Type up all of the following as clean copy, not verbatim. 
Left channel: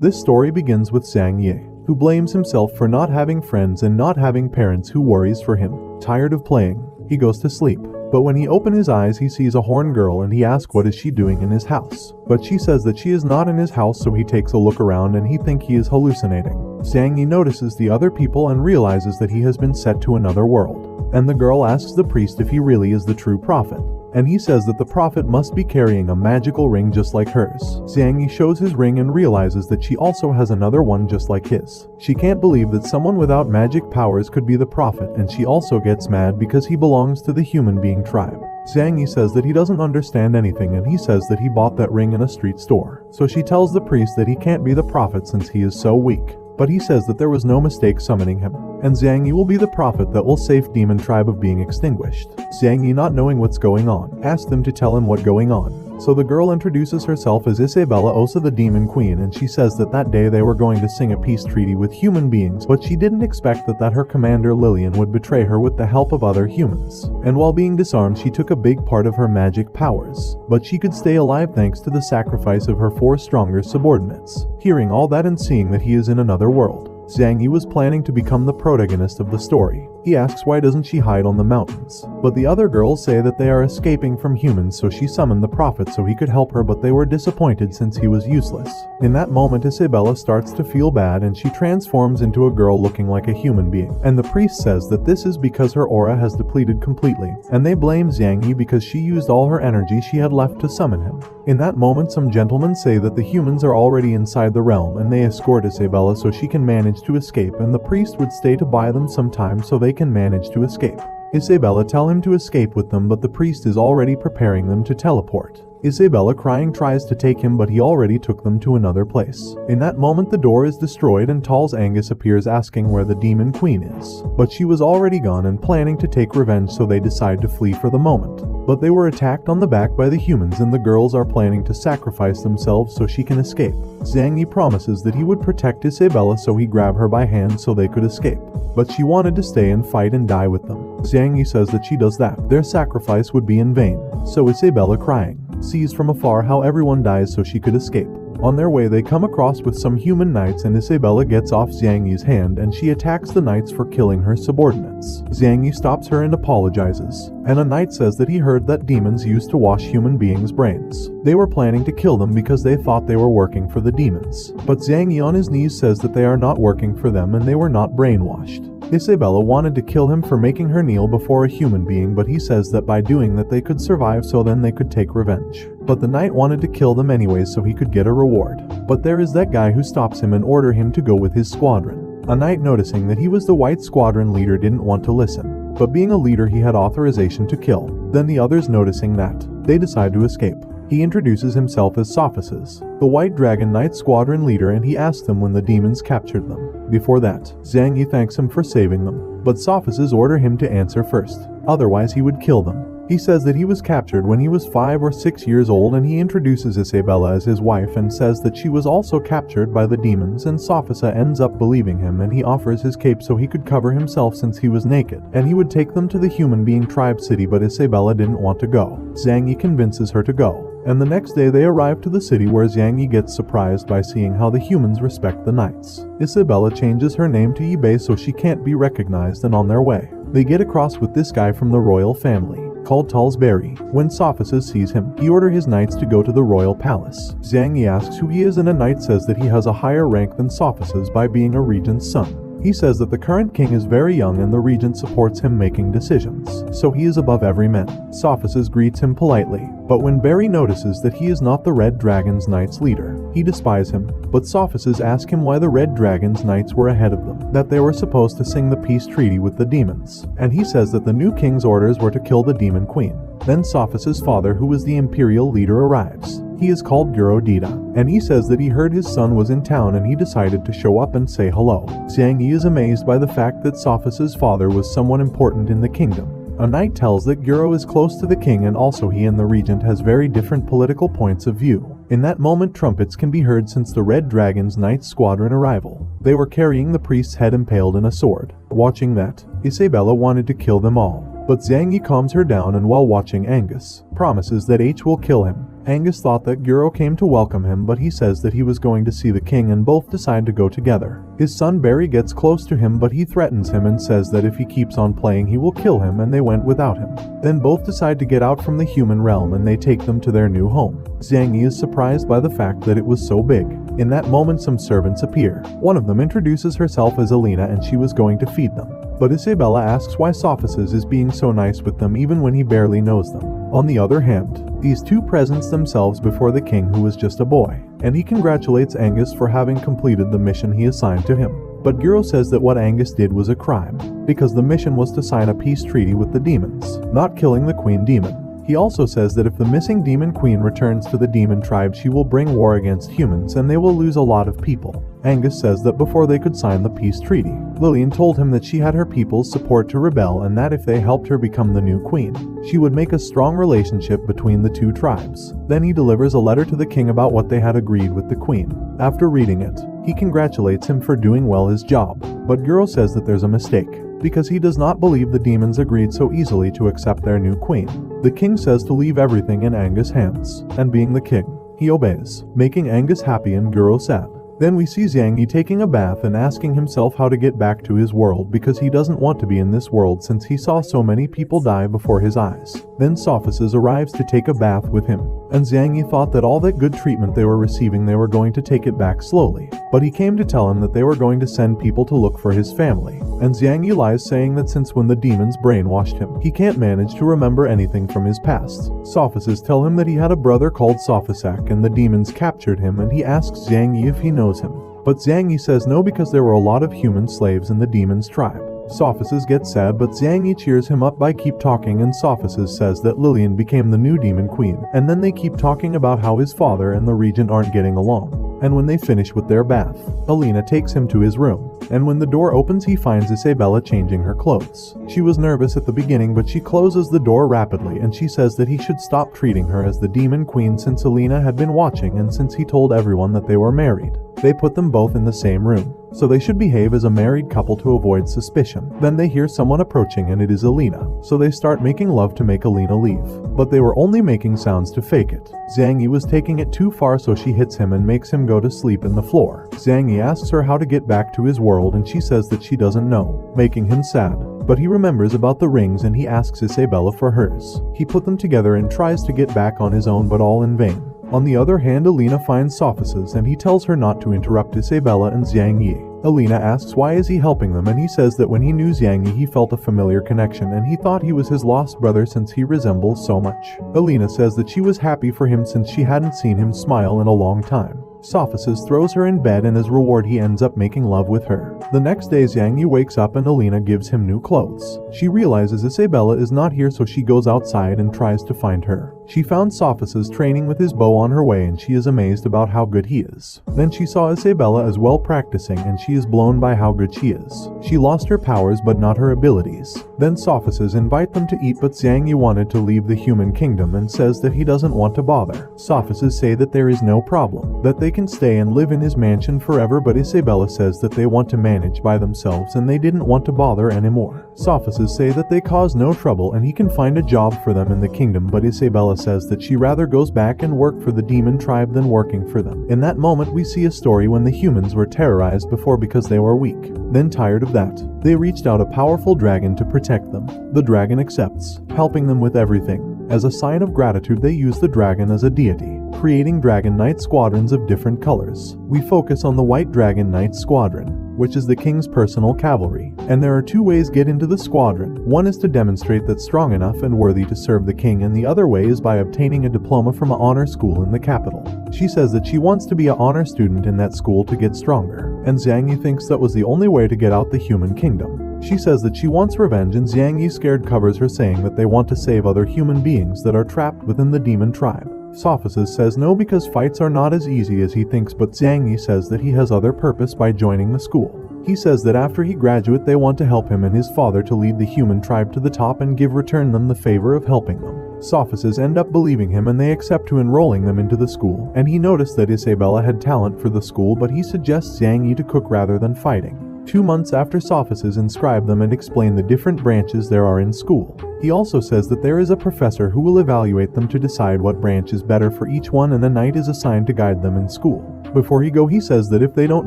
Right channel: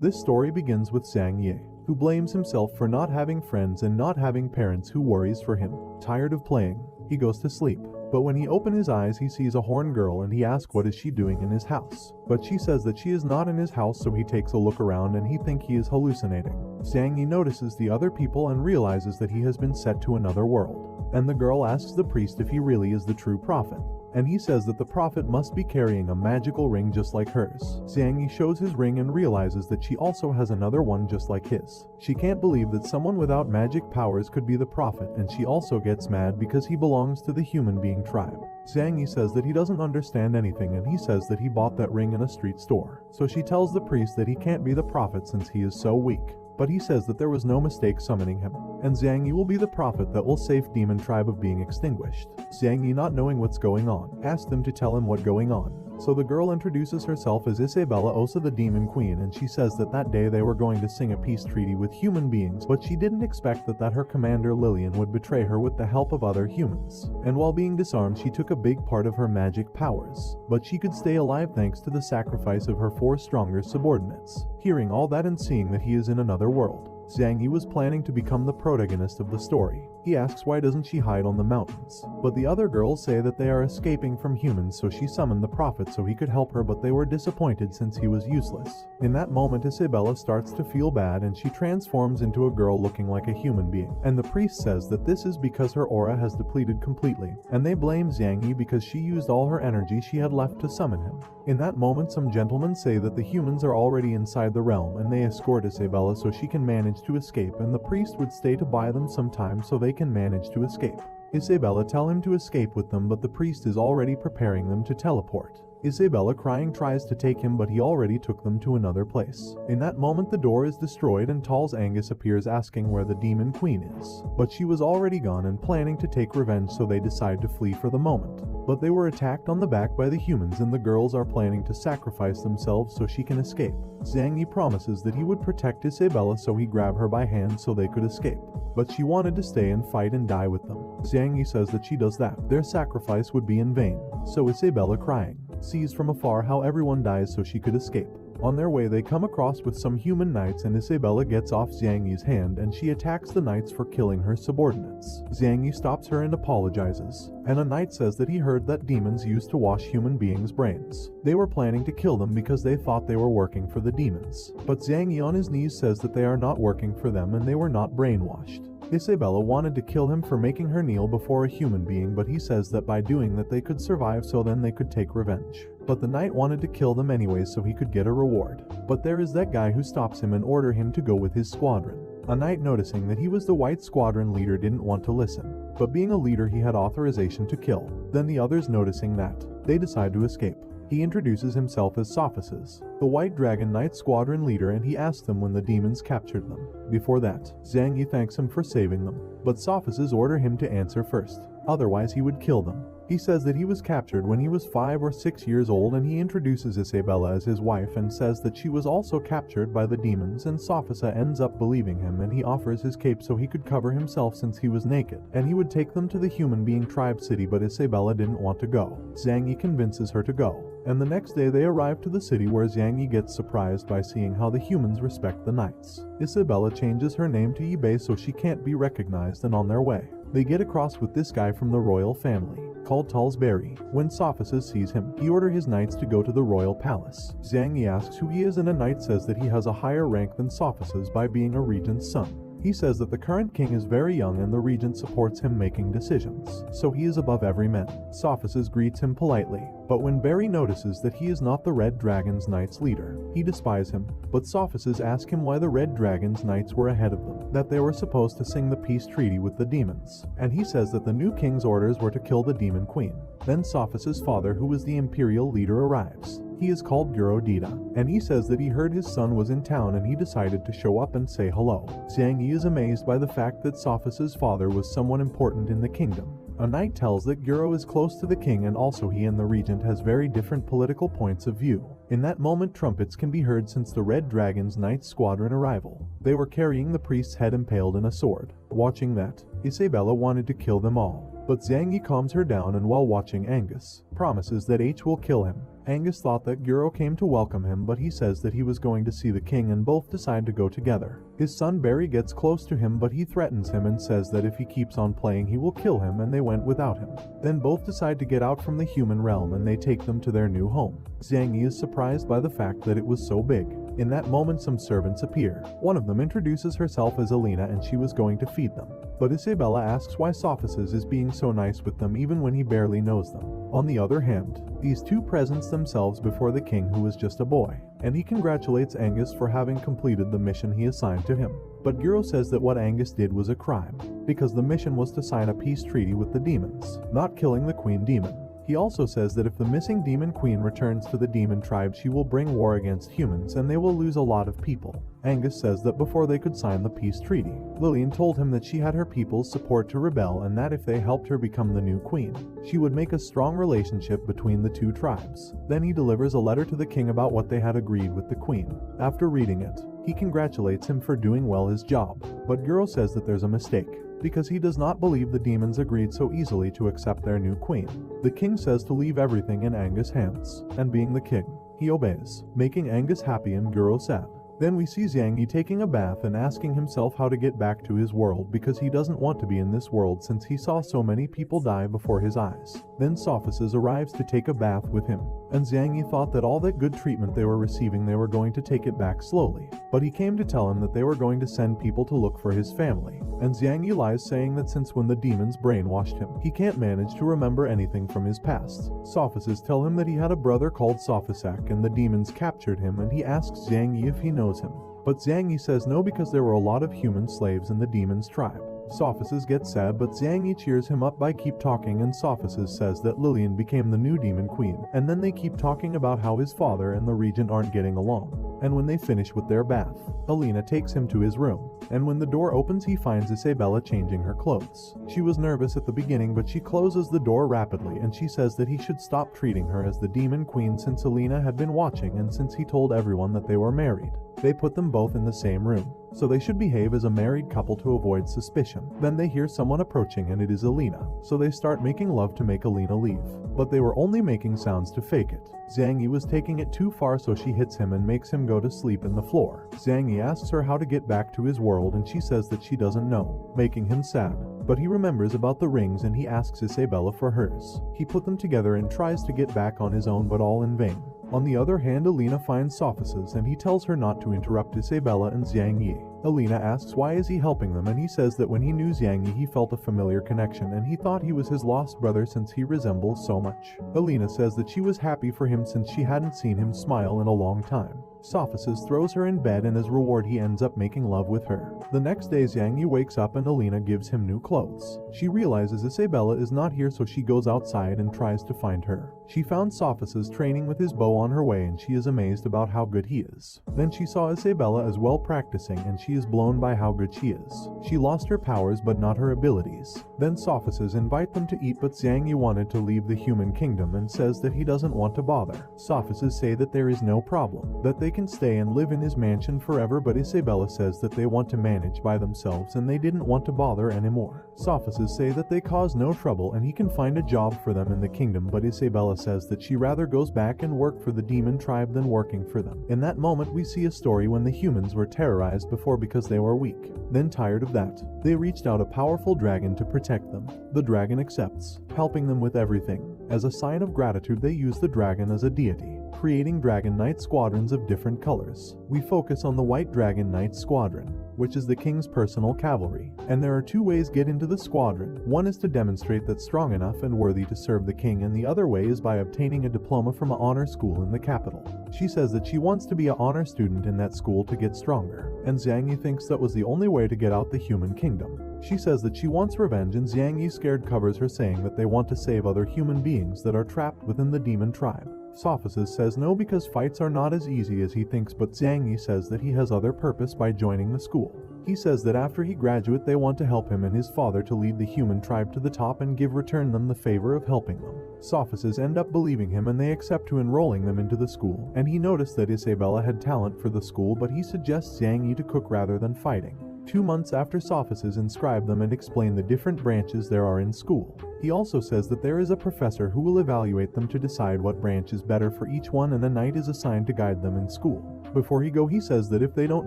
This story begins with Sang Ye, who blames himself for not having friends and not having parents who worries for him. Tired of playing, he goes to sleep. But when he opens his eyes, he sees a horn girl and he asks what is she doing in his house. But she says that she is not in his house, so he takes a look around and he thinks he is hallucinating. Sang Ye notices the other people and realizes that he has been sent to another world. And the girl asks the priest if he really is the true prophet. And he says that the prophet must be carrying a magical ring just like hers. Sang Ye shows his ring and realizes that she also has another one just like his. She can't believe that someone without magic powers could be the prophet, and she also gets mad because he belongs to the human being tribe. Sang Ye says that he doesn't understand anything, and he says that he bought that ring in a street store. So she tells the priest that he can't be the prophet since he is so weak. But he says that there was no mistake summoning him, and Sang Ye will be the prophet that will save demon tribe of being extinguished. Sang Ye, not knowing what's going on, asks them to tell him what's going on. So the girl introduces herself as Isabella Osa, the demon queen, and she says that day they were going to sing a peace treaty with human beings, but she didn't expect that her commander Lillian would betray her with the help of other humans. And while being disarmed, she took a big part of her magic powers, but she could stay alive thanks to the sacrifice of her 4 stronger subordinates. Hearing all that and seeing that he is in another world, Sang Ye was planning to become the protagonist of the story. He asks why doesn't she hide on the mountains, but the other girls say that they are escaping from humans, so she summoned the prophet so he could help her, but they were disappointed since he was useless. In that moment, Isabella starts to feel bad and she transforms into a girl looking like a human being, and the priest says that this is because her aura has depleted completely, and they blame Sang Ye because she used all her energy she had left to summon him. In that moment, some gentlemen say that the humans are already inside the realm, and they escort Isabella so she can manage to escape, and the priest would stay to buy them some time so they can manage to escape. Isabella tell him to escape with them, but the priest is already preparing them to teleport. Isabella, crying, tries to take him, but he already took them to another place. In that moment, the door is destroyed and Tal's Angus appears asking where the demon queen is. But she was already gone and planning to take revenge, so they decide to flee for the moment. But they were attacked on the back by the humans, and the girls are planning to sacrifice themselves so she can escape. Sang Ye promises that he would protect Isabella, so he grabbed her by hand so they could escape. But she wanted to stay and fight and die with them. Sang Ye says that she does that, their sacrifice would be in vain. So Isabella, crying, sees from afar how everyone dies so she could escape. On their way, they come across with some human knights, and Isabella gets off Sang Ye's hand and she attacks the knights for killing her subordinates. Sang Ye stops her and apologizes, and a knight says that he heard that demons used to wash human beings' brains. They were planning to kill them because they thought they were working for the demons. But Sang Ye on his knees says that they are not working for them and they were not brainwashed. Isabella wanted to kill him for making her kneel before a human being, but he says that by doing that they could survive, so then they could take revenge. But the knight wanted to kill them anyways so he could get a reward. But there is that guy who stops him and orders him to go with his squadron. A knight, noticing that he was the white squadron leader, didn't want to listen. But being a leader, he had authorization to kill. Then the others, noticing that, they decide to escape. He introduces himself as Sophises, the White Dragon Knight squadron leader, and he asks them when the demons captured them. Before that, Sang Ye thanks him for saving them, but Sophises order him to answer first, otherwise he would kill them. He says that he was captured when he was 5 or 6 years old, and he introduces Isabella as his wife and says that she was also captured by the demons, and Sophisa ends up believing him, and he offers his cape so he could cover himself since he was naked, and he would take them to the human being tribe city, but Isabella didn't want to go. Sang Ye convinces her to go, and the next day they arrive to the city, where Sang Ye gets surprised by seeing how the humans respect the knights. Isabella changes her name to Ibe so she can't be recognized, and on their way, they get across with this guy from the royal family called Talsbury. When Sophises sees him, he orders his knights to go to the royal palace. Sang Ye asks who he is, and a knight says that he has a higher rank than Sophises by being a regent's son. He says that the current king is very young and the regent supports him making decisions, so he is above every man. Sophises greets him politely, but when Barry notices that he is not the Red Dragon's Knights leader, he despises him, but Sophises asks him why the Red Dragon's Knights were ahead of them, that they were supposed to sing the peace treaty with the demons, and he says that the new king's orders were to kill the demon queen. Then Sophises' father, who was the imperial leader, arrives. He is called Guro Dita, and he says that he heard his son was in town and he decided to show up and say hello. Sang Ye is amazed by the fact that Sophises' father was someone important in the kingdom. A knight tells that Guro is close to the king, and also he and the regent has very different political points of view. In that moment, trumpets can be heard since the Red Dragon's Knight squadron arrival. They were carrying the priest's head impaled in a sword. Watching that, Isabella wanted to kill them all, but Sang Ye calms her down, and while watching, Angus promises that H will kill him, Angus thought that Guro came to welcome him, but he says that he was going to see the king and both decide to go together. His son Barry gets close to him, but he threatens him and says that if he keeps on playing he will kill him, and they went without him. Then both decide to get out from the human realm and they take them to their new home. Xiang Yi is surprised by the fact that it was so big. In that moment some servants appear. One of them introduces herself as Alina and she was going to feed them. But Isabella asks why Sophices is being so nice with them even when he barely knows them. On the other hand, these two presents themselves before the king, who was just a boy, and he congratulates Angus for having completed the mission he assigned to him. But Guro says that what Angus did was a crime, because the mission was to sign a peace treaty with the demons, not killing the queen demon. He also says that if the missing demon queen returns to the demon tribe, she will bring war against humans and they will lose a lot of people. Angus says that before they could sign the peace treaty, Lillian told him that she had her people's support to rebel and that if they helped her become the new queen, she would make a strong relationship between the two tribes. Then he delivers a letter to the king about what they had agreed with the queen. After reading it, he congratulates him for doing well his job, but Guro says that there's a mistake, because he does not believe the demons agreed so easily to accept their new queen. The king says to leave everything in Angus' hands, and being the king, he obeys, making Angus happy and Guro sad. Then we see Xiang Yi taking a bath and asking himself how to get back to his world because he doesn't want to be in this world since he saw so many people die before his eyes. Then Sophices arrives to take a bath with him, and Xiang Yi thought that all that good treatment they were receiving they were going to take it back slowly. But he came to tell him that they were going to send people to look for his family, and Xiang Yi lies, saying that since when the demons brainwashed him, he can't manage to remember anything from his past. Sophices tell him that he had a brother called Sophisac and the demons captured him, and he asks Xiang Yi if he knows him. But Xiang Yi says no because there were a lot of human slaves in the demon's tribe. Sophices gets sad, but Xiang Yi cheers him up by keep talking, and Sophices says that Lillian became the new demon queen, and then they keep talking about how his father and the regent aren't getting along. And when they finish with their bath, Alina takes him to his room, and when the door opens he finds Isabella changing her clothes. She was nervous at the beginning, but she closes the door rapidly and she says that he should stop treating her as the demon queen since Alina had been watching and since he told everyone that they were married. They put them both in the same room, so they should behave as a married couple to avoid suspicion. Then they hear someone approaching and it is Alina, so they start making love to make Alina leave. But they were only making sounds to fake it. Xiang Yi was taking it too far, so she hits him and makes him go to sleep in the floor. Xiang Yi asks her how to get back to his world and she says that she doesn't know, making him sad. But he remembers about the rings and he asks Isabella for hers. He put them together and tries to get back on his own, but all in vain. On the other hand, Alina finds Sophices and he tells her not to interrupt Isabella and Xiang Yi. Alina asks why is he helping them, and he says that when he knew Xiang Yi he felt a familiar connection and he thought he was his lost brother since he resembles so much. Alina says that she was happy for him since she hadn't seen him smile in a long time. Sophices throws her in bed and as reward he ends up making love with her. The next day Xiang Yi wakes up and Alina gives him new clothes. She realizes Isabella is not here, so she goes outside and tries to find her. She found Sophices training with his bow on her way and she is amazed about how good he is. Then she saw Isabella as well practicing and she is blown by how good she is. She lost her powers but not her abilities. Then Sophices invite them to eat, but Xiang Yi wanted to leave the human kingdom and says that he doesn't want to bother. Sophices say that there is no problem, that they can stay and live in his mansion forever, but Isabella says that they want to manage by themselves and they didn't want to bother anymore. Sophices say that they cause no trouble and he can find a job for them in the kingdom, but Isabella says that she rather goes back and work for the demon tribe than working for them. In that moment we see a story when the humans were terrorized before because they were weak. Then tired of that, they reached out a powerful dragon to protect them. The dragon accepts, helping them with everything. As a sign of gratitude they use the dragon as a deity, creating Dragon Knight squadrons of different colors. We focus on the White Dragon Knight Squadron, which is the king's personal cavalry, and there are two ways get into the squadron. One is to demonstrate that's strong enough and worthy to serve the king, and the other way is by obtaining a diploma from an honor school in the capital. She says that she wants to be an honor student in that school to get stronger, and Xiang Yi thinks that was the only way to get out the human kingdom. She says that she wants revenge, and Xiang Yi scared covers her, saying that they want to save other human beings that are trapped within the demon tribe. Sophices says no because fights are not as easy as he thinks, but Xiang Yi says that he has other purpose by joining the school. He says that after he graduates they want to help him and his father to lead the human tribe to the top and return them the favor of helping them. Sophices end up believing him and they accept to enrolling them into the school, and he noticed that Isabella had talent for the school, but he suggests Xiang Yi to cook rather than fighting. 2 months after sophists inscribe them and explain the different branches there are in school. He also says that there is a professor who will evaluate them to decide what branch is better for each one, and a knight is assigned to guide them in school. Before he go, he says that if they don't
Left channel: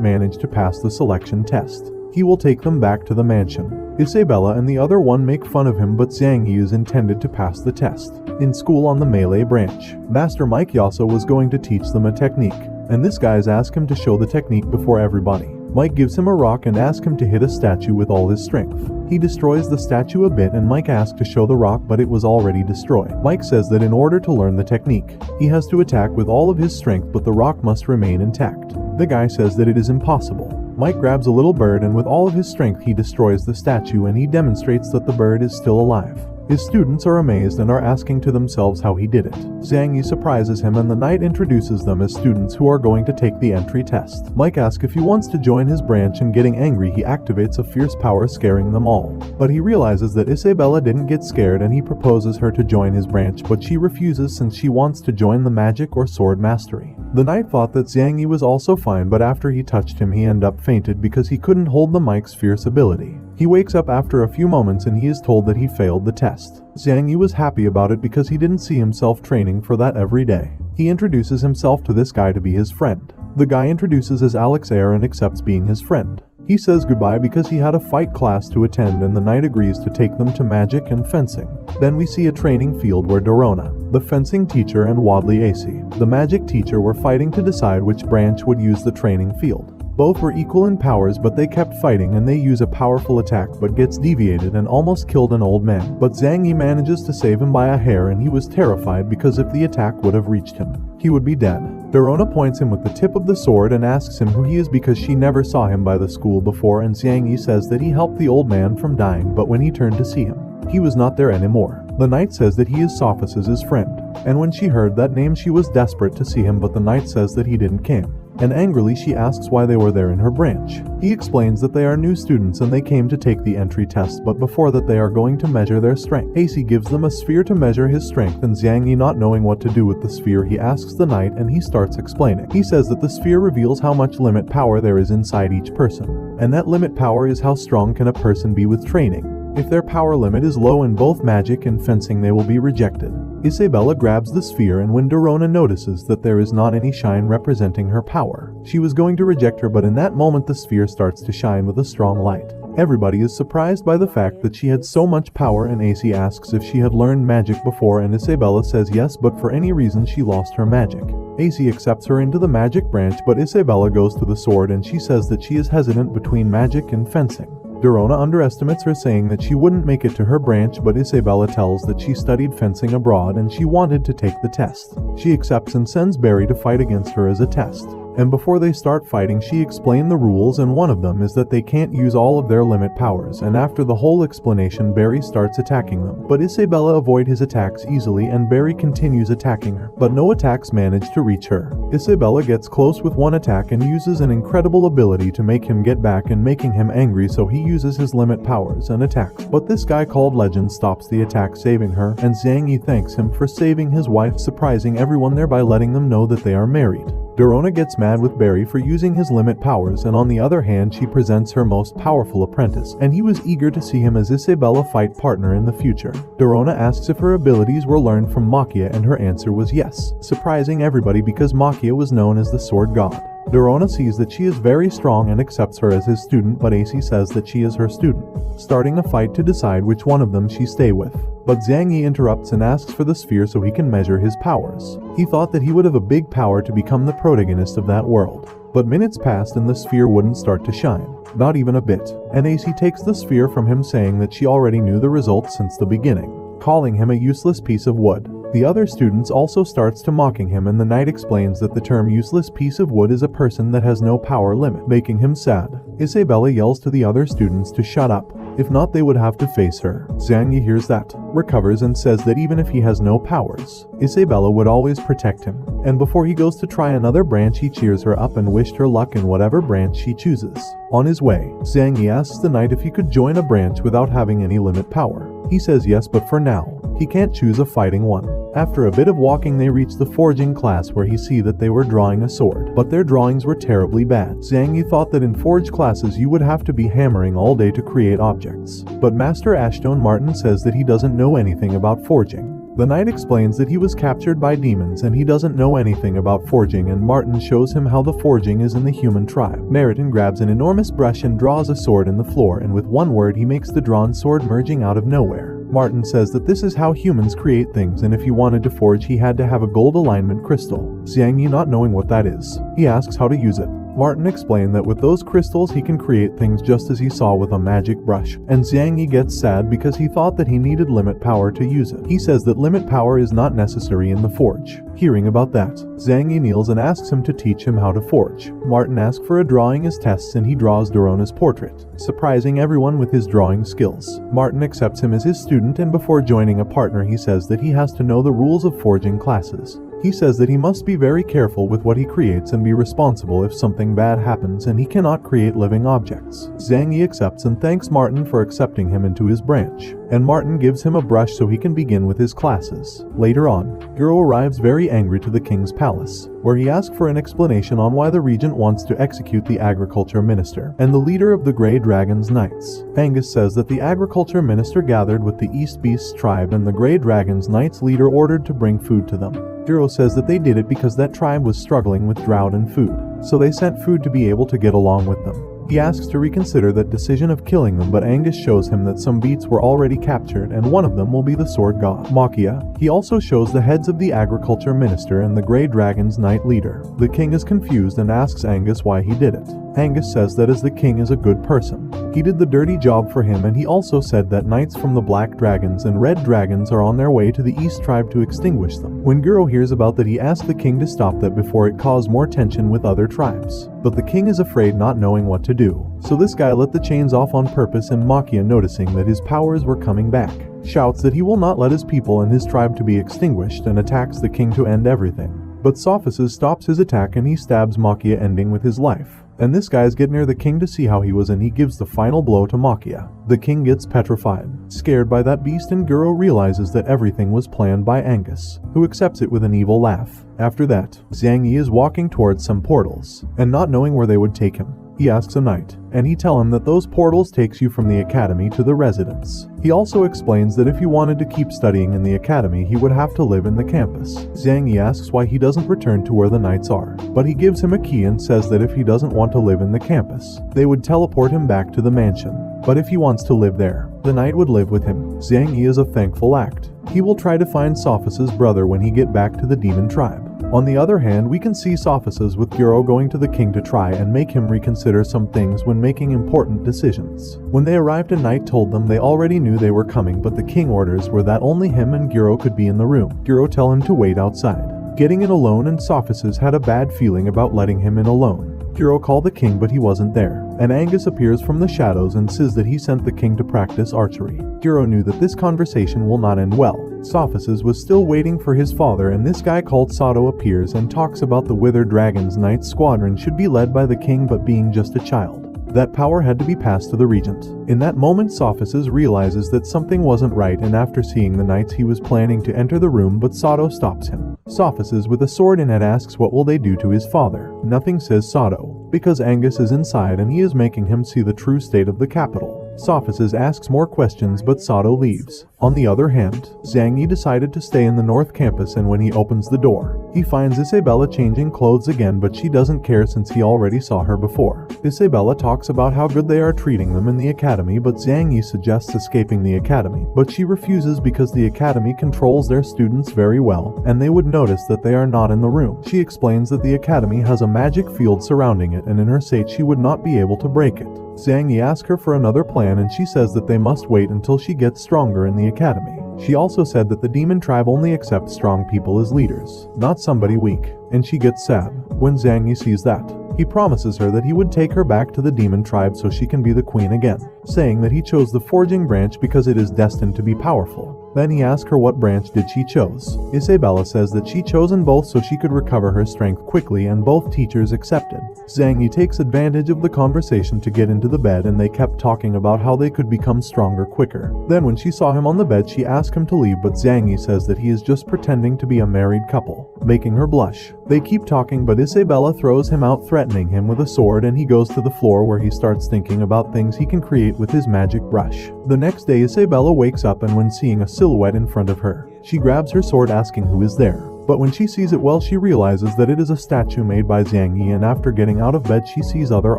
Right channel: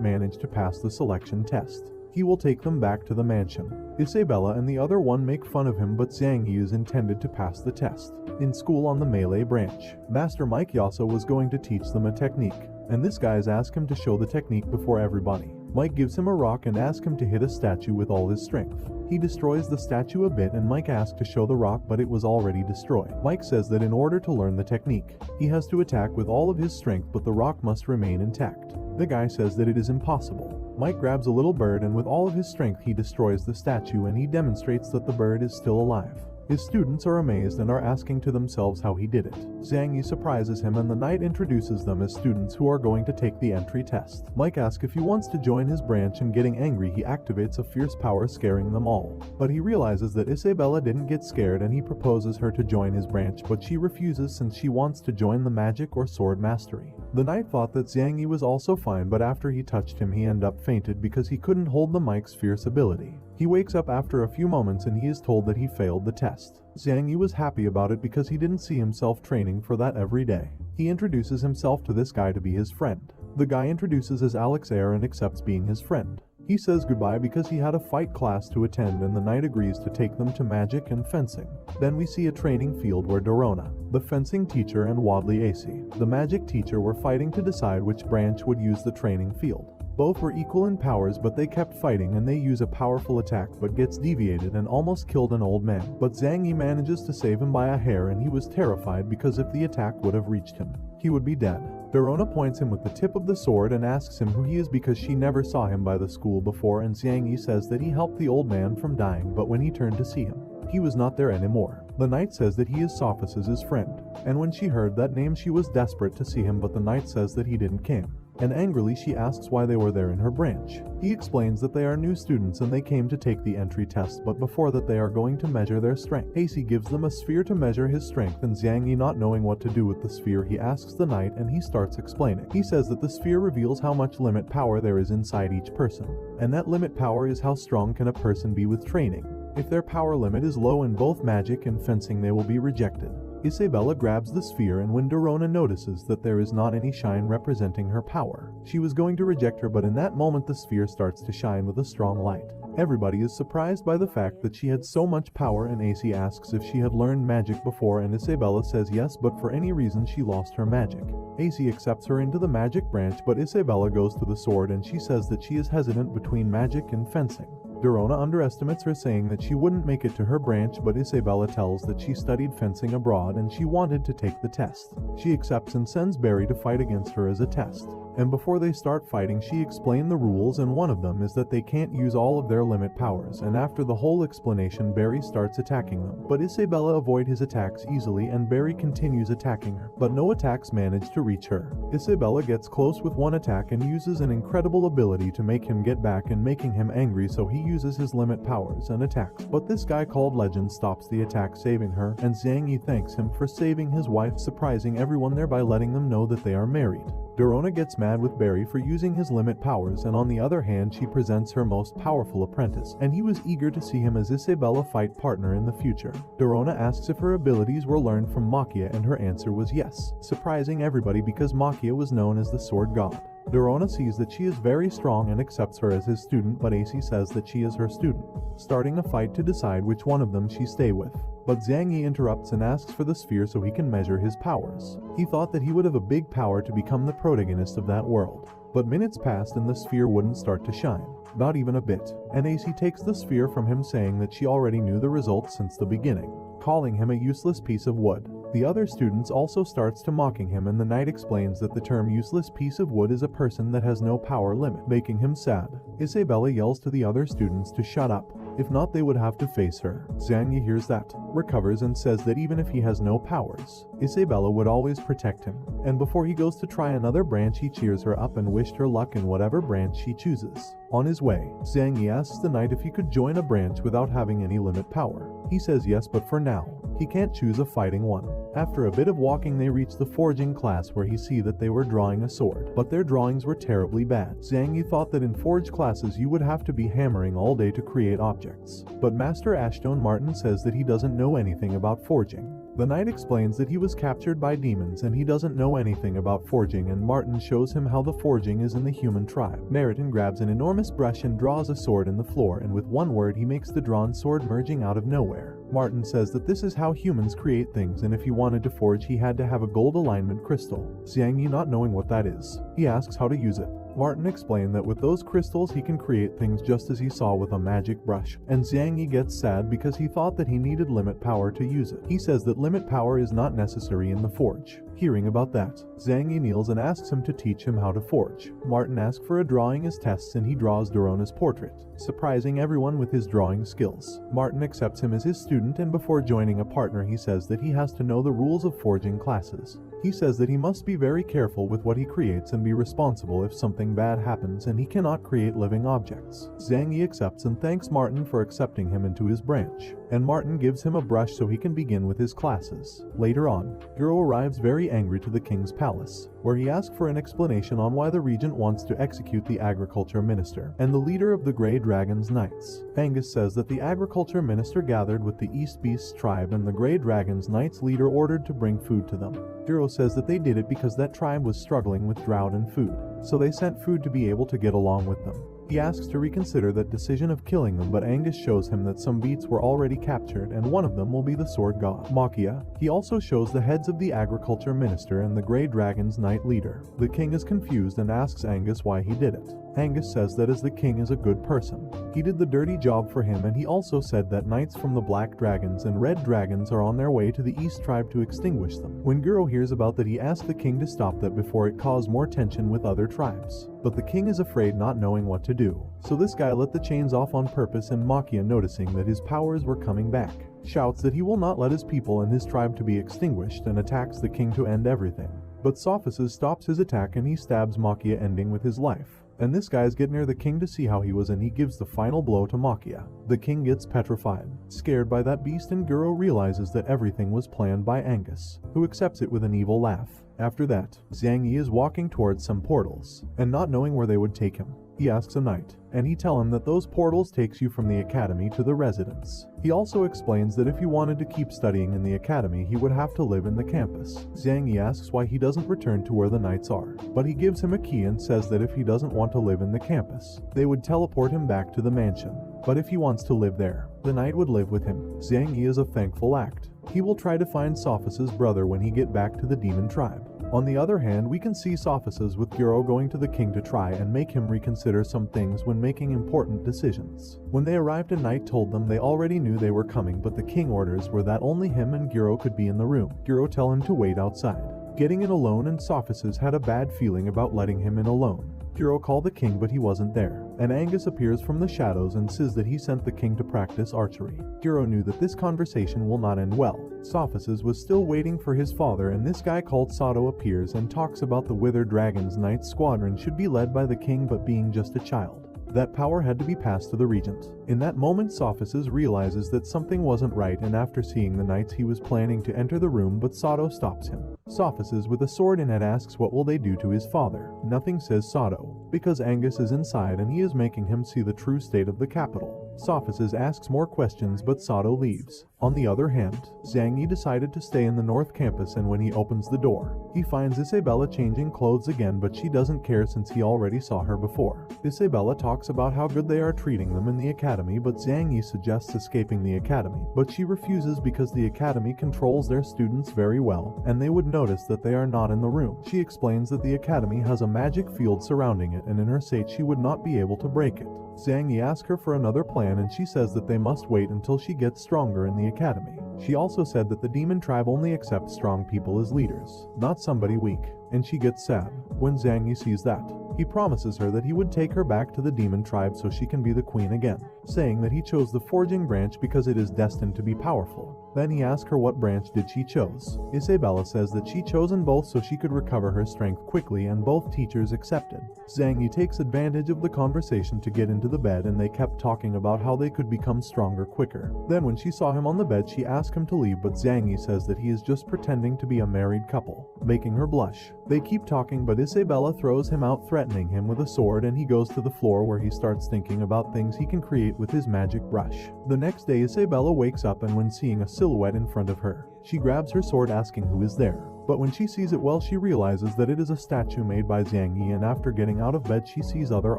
manage to pass the selection test, he will take them back to the mansion. Isabella and the other one make fun of him, but Zhang Yi is intended to pass the test. In school on the melee branch, Master Mike Yaso was going to teach them a technique, and this guy's asked him to show the technique before everybody. Mike gives him a rock and asks him to hit a statue with all his strength. He destroys the statue a bit, and Mike asks to show the rock, but it was already destroyed. Mike says that in order to learn the technique, he has to attack with all of his strength, but the rock must remain intact. The guy says that it is impossible. Mike grabs a little bird and with all of his strength he destroys the statue, and he demonstrates that the bird is still alive. His students are amazed and are asking to themselves how he did it. Zhang Yi surprises him, and the knight introduces them as students who are going to take the entry test. Mike asks if he wants to join his branch, and getting angry he activates a fierce power, scaring them all. But he realizes that Isabella didn't get scared, and he proposes her to join his branch, but she refuses since she wants to join the magic or sword mastery. The knight thought that Zhang Yi was also fine, but after he touched him he ended up fainted because he couldn't hold the Mike's fierce ability. He wakes up after a few moments and he is told that he failed the test. Zhang Yi was happy about it because he didn't see himself training for that every day. He introduces himself to this guy to be his friend. The guy introduces as Alex Air and accepts being his friend. He says goodbye because he had a fight class to attend, and the knight agrees to take them to magic and fencing. Then we see a training field where Dorona, the fencing teacher, and Wadley AC, the magic teacher, were fighting to decide which branch would use the training field. Both were equal in powers, but they kept fighting, and they use a powerful attack but gets deviated and almost killed an old man. But Zhang Yi manages to save him by a hair, and he was terrified because if the attack would have reached him, he would be dead. Dorona points him with the tip of the sword and asks him who he is because she never saw him by the school before, and Zhang Yi says that he helped the old man from dying, but when he turned to see him, he was not there anymore. The knight says that he is Sophus's friend, and when she heard that name she was desperate to see him, but the knight says that he didn't come. And angrily she asks why they were there in her branch. He explains that they are new students and they came to take the entry test, but before that they are going to measure their strength. AC gives them a sphere to measure his strength, and Zhang Yi, not knowing what to do with the sphere, he asks the knight and he starts explaining. He says that the sphere reveals how much limit power there is inside each person, and that limit power is how strong can a person be with training. If their power limit is low in both magic and fencing, they will be rejected. Isabella grabs the sphere, and when Dorona notices that there is not any shine representing her power, she was going to reject her, but in that moment the sphere starts to shine with a strong light. Everybody is surprised by the fact that she had so much power, and AC asks if she had learned magic before, and Isabella says yes, but for any reason she lost her magic. AC accepts her into the magic branch, but Isabella goes to the sword and she says that she is hesitant between magic and fencing. Dorona underestimates her, saying that she wouldn't make it to her branch, but Isabella tells that she studied fencing abroad and she wanted to take the test. She accepts and sends Barry to fight against her as a test. And before they start fighting, she explained the rules, and one of them is that they can't use all of their limit powers, and after the whole explanation Barry starts attacking them. But Isabella avoids his attacks easily, and Barry continues attacking her, but no attacks manage to reach her. Isabella gets close with one attack and uses an incredible ability to make him get back and making him angry, so he uses his limit powers and attacks. But this guy called Legend stops the attack, saving her, and Zhang Yi thanks him for saving his wife, surprising everyone there by letting them know that they are married. Dorona gets mad with Barry for using his limit powers, and on the other hand she presents her most powerful apprentice, and he was eager to see him as Isabella fight partner in the future. Dorona asks if her abilities were learned from Makia, and her answer was yes, surprising everybody because Makia was known as the sword god. Dorona sees that she is very strong and accepts her as his student, but AC says that she is her student, starting a fight to decide which one of them she stay with. But Zhang Yi interrupts and asks for the sphere so he can measure his powers. He thought that he would have a big power to become the protagonist of that world. But minutes passed and the sphere wouldn't start to shine. Not even a bit. And AC takes the sphere from him, saying that she already knew the results since the beginning, calling him a useless piece of wood. The other students also starts to mocking him, and the knight explains that the term useless piece of wood is a person that has no power limit, making him sad. Isabella yells to the other students to shut up, if not they would have to face her. Zhang Yi hears that, recovers, and says that even if he has no powers, Isabella would always protect him. And before he goes to try another branch, he cheers her up and wished her luck in whatever branch she chooses. On his way, Zhang Yi asks the knight if he could join a branch without having any limit power. He says yes, but for now, He can't choose a fighting one. After a bit of walking, they reach the forging class where he see that they were drawing a sword, but their drawings were terribly bad. Zhang Yi thought that in forge classes you would have to be hammering all day to create objects, but Master Ashton Martin says that he doesn't know anything about forging. The knight explains that he was captured by demons and he doesn't know anything about forging, and Martin shows him how the forging is in the human tribe. Meriton grabs an enormous brush and draws a sword in the floor, and with one word he makes the drawn sword merging out of nowhere. Martin says that this is how humans create things, and if he wanted to forge he had to have a gold alignment crystal. Zhang Yi, not knowing what that is, he asks how to use it. Martin explained that with those crystals he can create things just as he saw with a magic brush, and Zhang Yi gets sad because he thought that he needed limit power to use it. He says that limit power is not necessary in the forge. Hearing about that, Zhang Yi kneels and asks him to teach him how to forge. Martin asks for a drawing as tests and he draws Dorona's portrait, surprising everyone with his drawing skills. Martin accepts him as his student, and before joining a partner he says that he has to know the rules of forging classes. He says that he must be very careful with what he creates and be responsible if something bad happens, and he cannot create living objects. Zhang Yi accepts and thanks Martin for accepting him into his branch, and Martin gives him a brush so he can begin with his classes. Later on, Guro arrives very angry to the king's palace, where he asks for an explanation on why the regent wants to execute the agriculture minister and the leader of the Grey Dragon's Knights. Angus says that the agriculture minister gathered with the East Beast's tribe, and the Grey Dragon's Knights leader ordered to bring food to them. Guro says that they did it because that tribe was struggling with drought and food, so they sent food to be able to get along with them. He asks to reconsider that decision of killing them, but Angus shows him that some beats were already captured and one of them will be the sword god, Makia. He also shows the heads of the agriculture minister and the Grey Dragon's Knight leader. The king is confused and asks Angus why he did it. Angus says that as the king is a good person, he did the dirty job for him, and he also said that knights from the Black Dragons and Red Dragons are on their way to the East tribe to extinguish them. When Guro hears about that, he asks the king to stop that before it caused more tension with other tribes. But the king is afraid, not knowing what to do. So this guy let the chains off on purpose, and Makia, noticing that his powers were coming back, shouts that he will not let his people and his tribe to be extinguished and attacks the king to end everything. But Sophisis stops his attack and he stabs Makia, ending with his life. And this guys get near the king to see how he was, and he gives the final blow to Makia. The king gets petrified, scared by that beast, and Guro realizes that everything was planned by Angus, who accepts it with an evil laugh. After that, Zhang Yi is walking towards some portals, and not knowing where they would take him, he asks a knight, and he tells him that those portals takes you from the academy to the residence. He also explains that if he wanted to keep studying in the academy, he would have to live in the campus. Zhang Yi asks why he doesn't return to where the knights are, but he gives him a key and says that if he doesn't want to live in the campus, they would teleport him back to the mansion. But if he wants to live there, the knight would live with him. Zhang Yi is a thankful act. He will try to find Sophis's brother when he get back to the demon tribe. On the other hand, we can see Sophisis with Guro going to the king to try and make him reconsider some things when making important decisions. When they arrived, a knight told them they already knew they were coming, but the king orders were that only him and Guro could be in the room. Guro tell him to wait outside, getting it alone, and Sophisis had a bad feeling about letting him in alone. Guro called the king, but he wasn't there, and Angus appears from the shadows and says that he sent the king to practice archery. Guro knew that this conversation will not end well. Sophisis was still waiting for his father, and this guy called Sato appears and talks about the Wither Dragon's Knight squadron should be led by the king, but being just a child, that power had to be passed to the regent. In that moment, Sophisis realizes that something wasn't right, and after seeing the knights he was planning to enter the room, but Sato stops him. Sophisis with a sword in it asks what will they do to his father. Nothing, says Sato, because Angus is inside and he is making him see the true state of the capital. Sophisis asks more questions, but Sato leaves. On the other hand, Zhang Yi decided to stay in the North Campus, and when he opens the door, he finds Isabella changing clothes again, but she doesn't care since he already saw her before. Isabella talks about how good they are treating them in the academy, but Zhang Yi suggests escaping the academy, but she refuses because the academy controls their students very well, and they would notice that they are not in the room. She explains that the academy has a magic field surrounding it, and in her state she would not be able to break it. Zhang Yi asks her for another plan, and she says that they must wait until she gets stronger in the academy. She also said that the demon tribe only accepts strong people as leaders, not somebody weak, and she gets sad when Zhang Yi sees that. He promises her that he would take her back to the demon tribe so she can be the queen again, saying that he chose the forging branch because it is destined to be powerful. Then he asks her what branch did she chose. Isabella says that she chosen both so she could recover her strength quickly, and both teachers accepted. Zhang Yi takes advantage of the conversation to get into the bed, and they kept talking about how they could become stronger quicker. Then when she saw him on the bed, she asked him to leave, but Zhang Yi says that he is just pretending to be a married couple, making her blush. They keep talking, but Isabella throws him out, threatening him with a sword, and he goes to the floor where he starts thinking about things he can create with his magic brush. The next day, Isabella wakes up, and when seeing a silhouette in front of her, she grabs her sword asking who is there. But when she sees it well, she realizes that it is a statue made by Zhang Yi, and after getting out of bed she sees other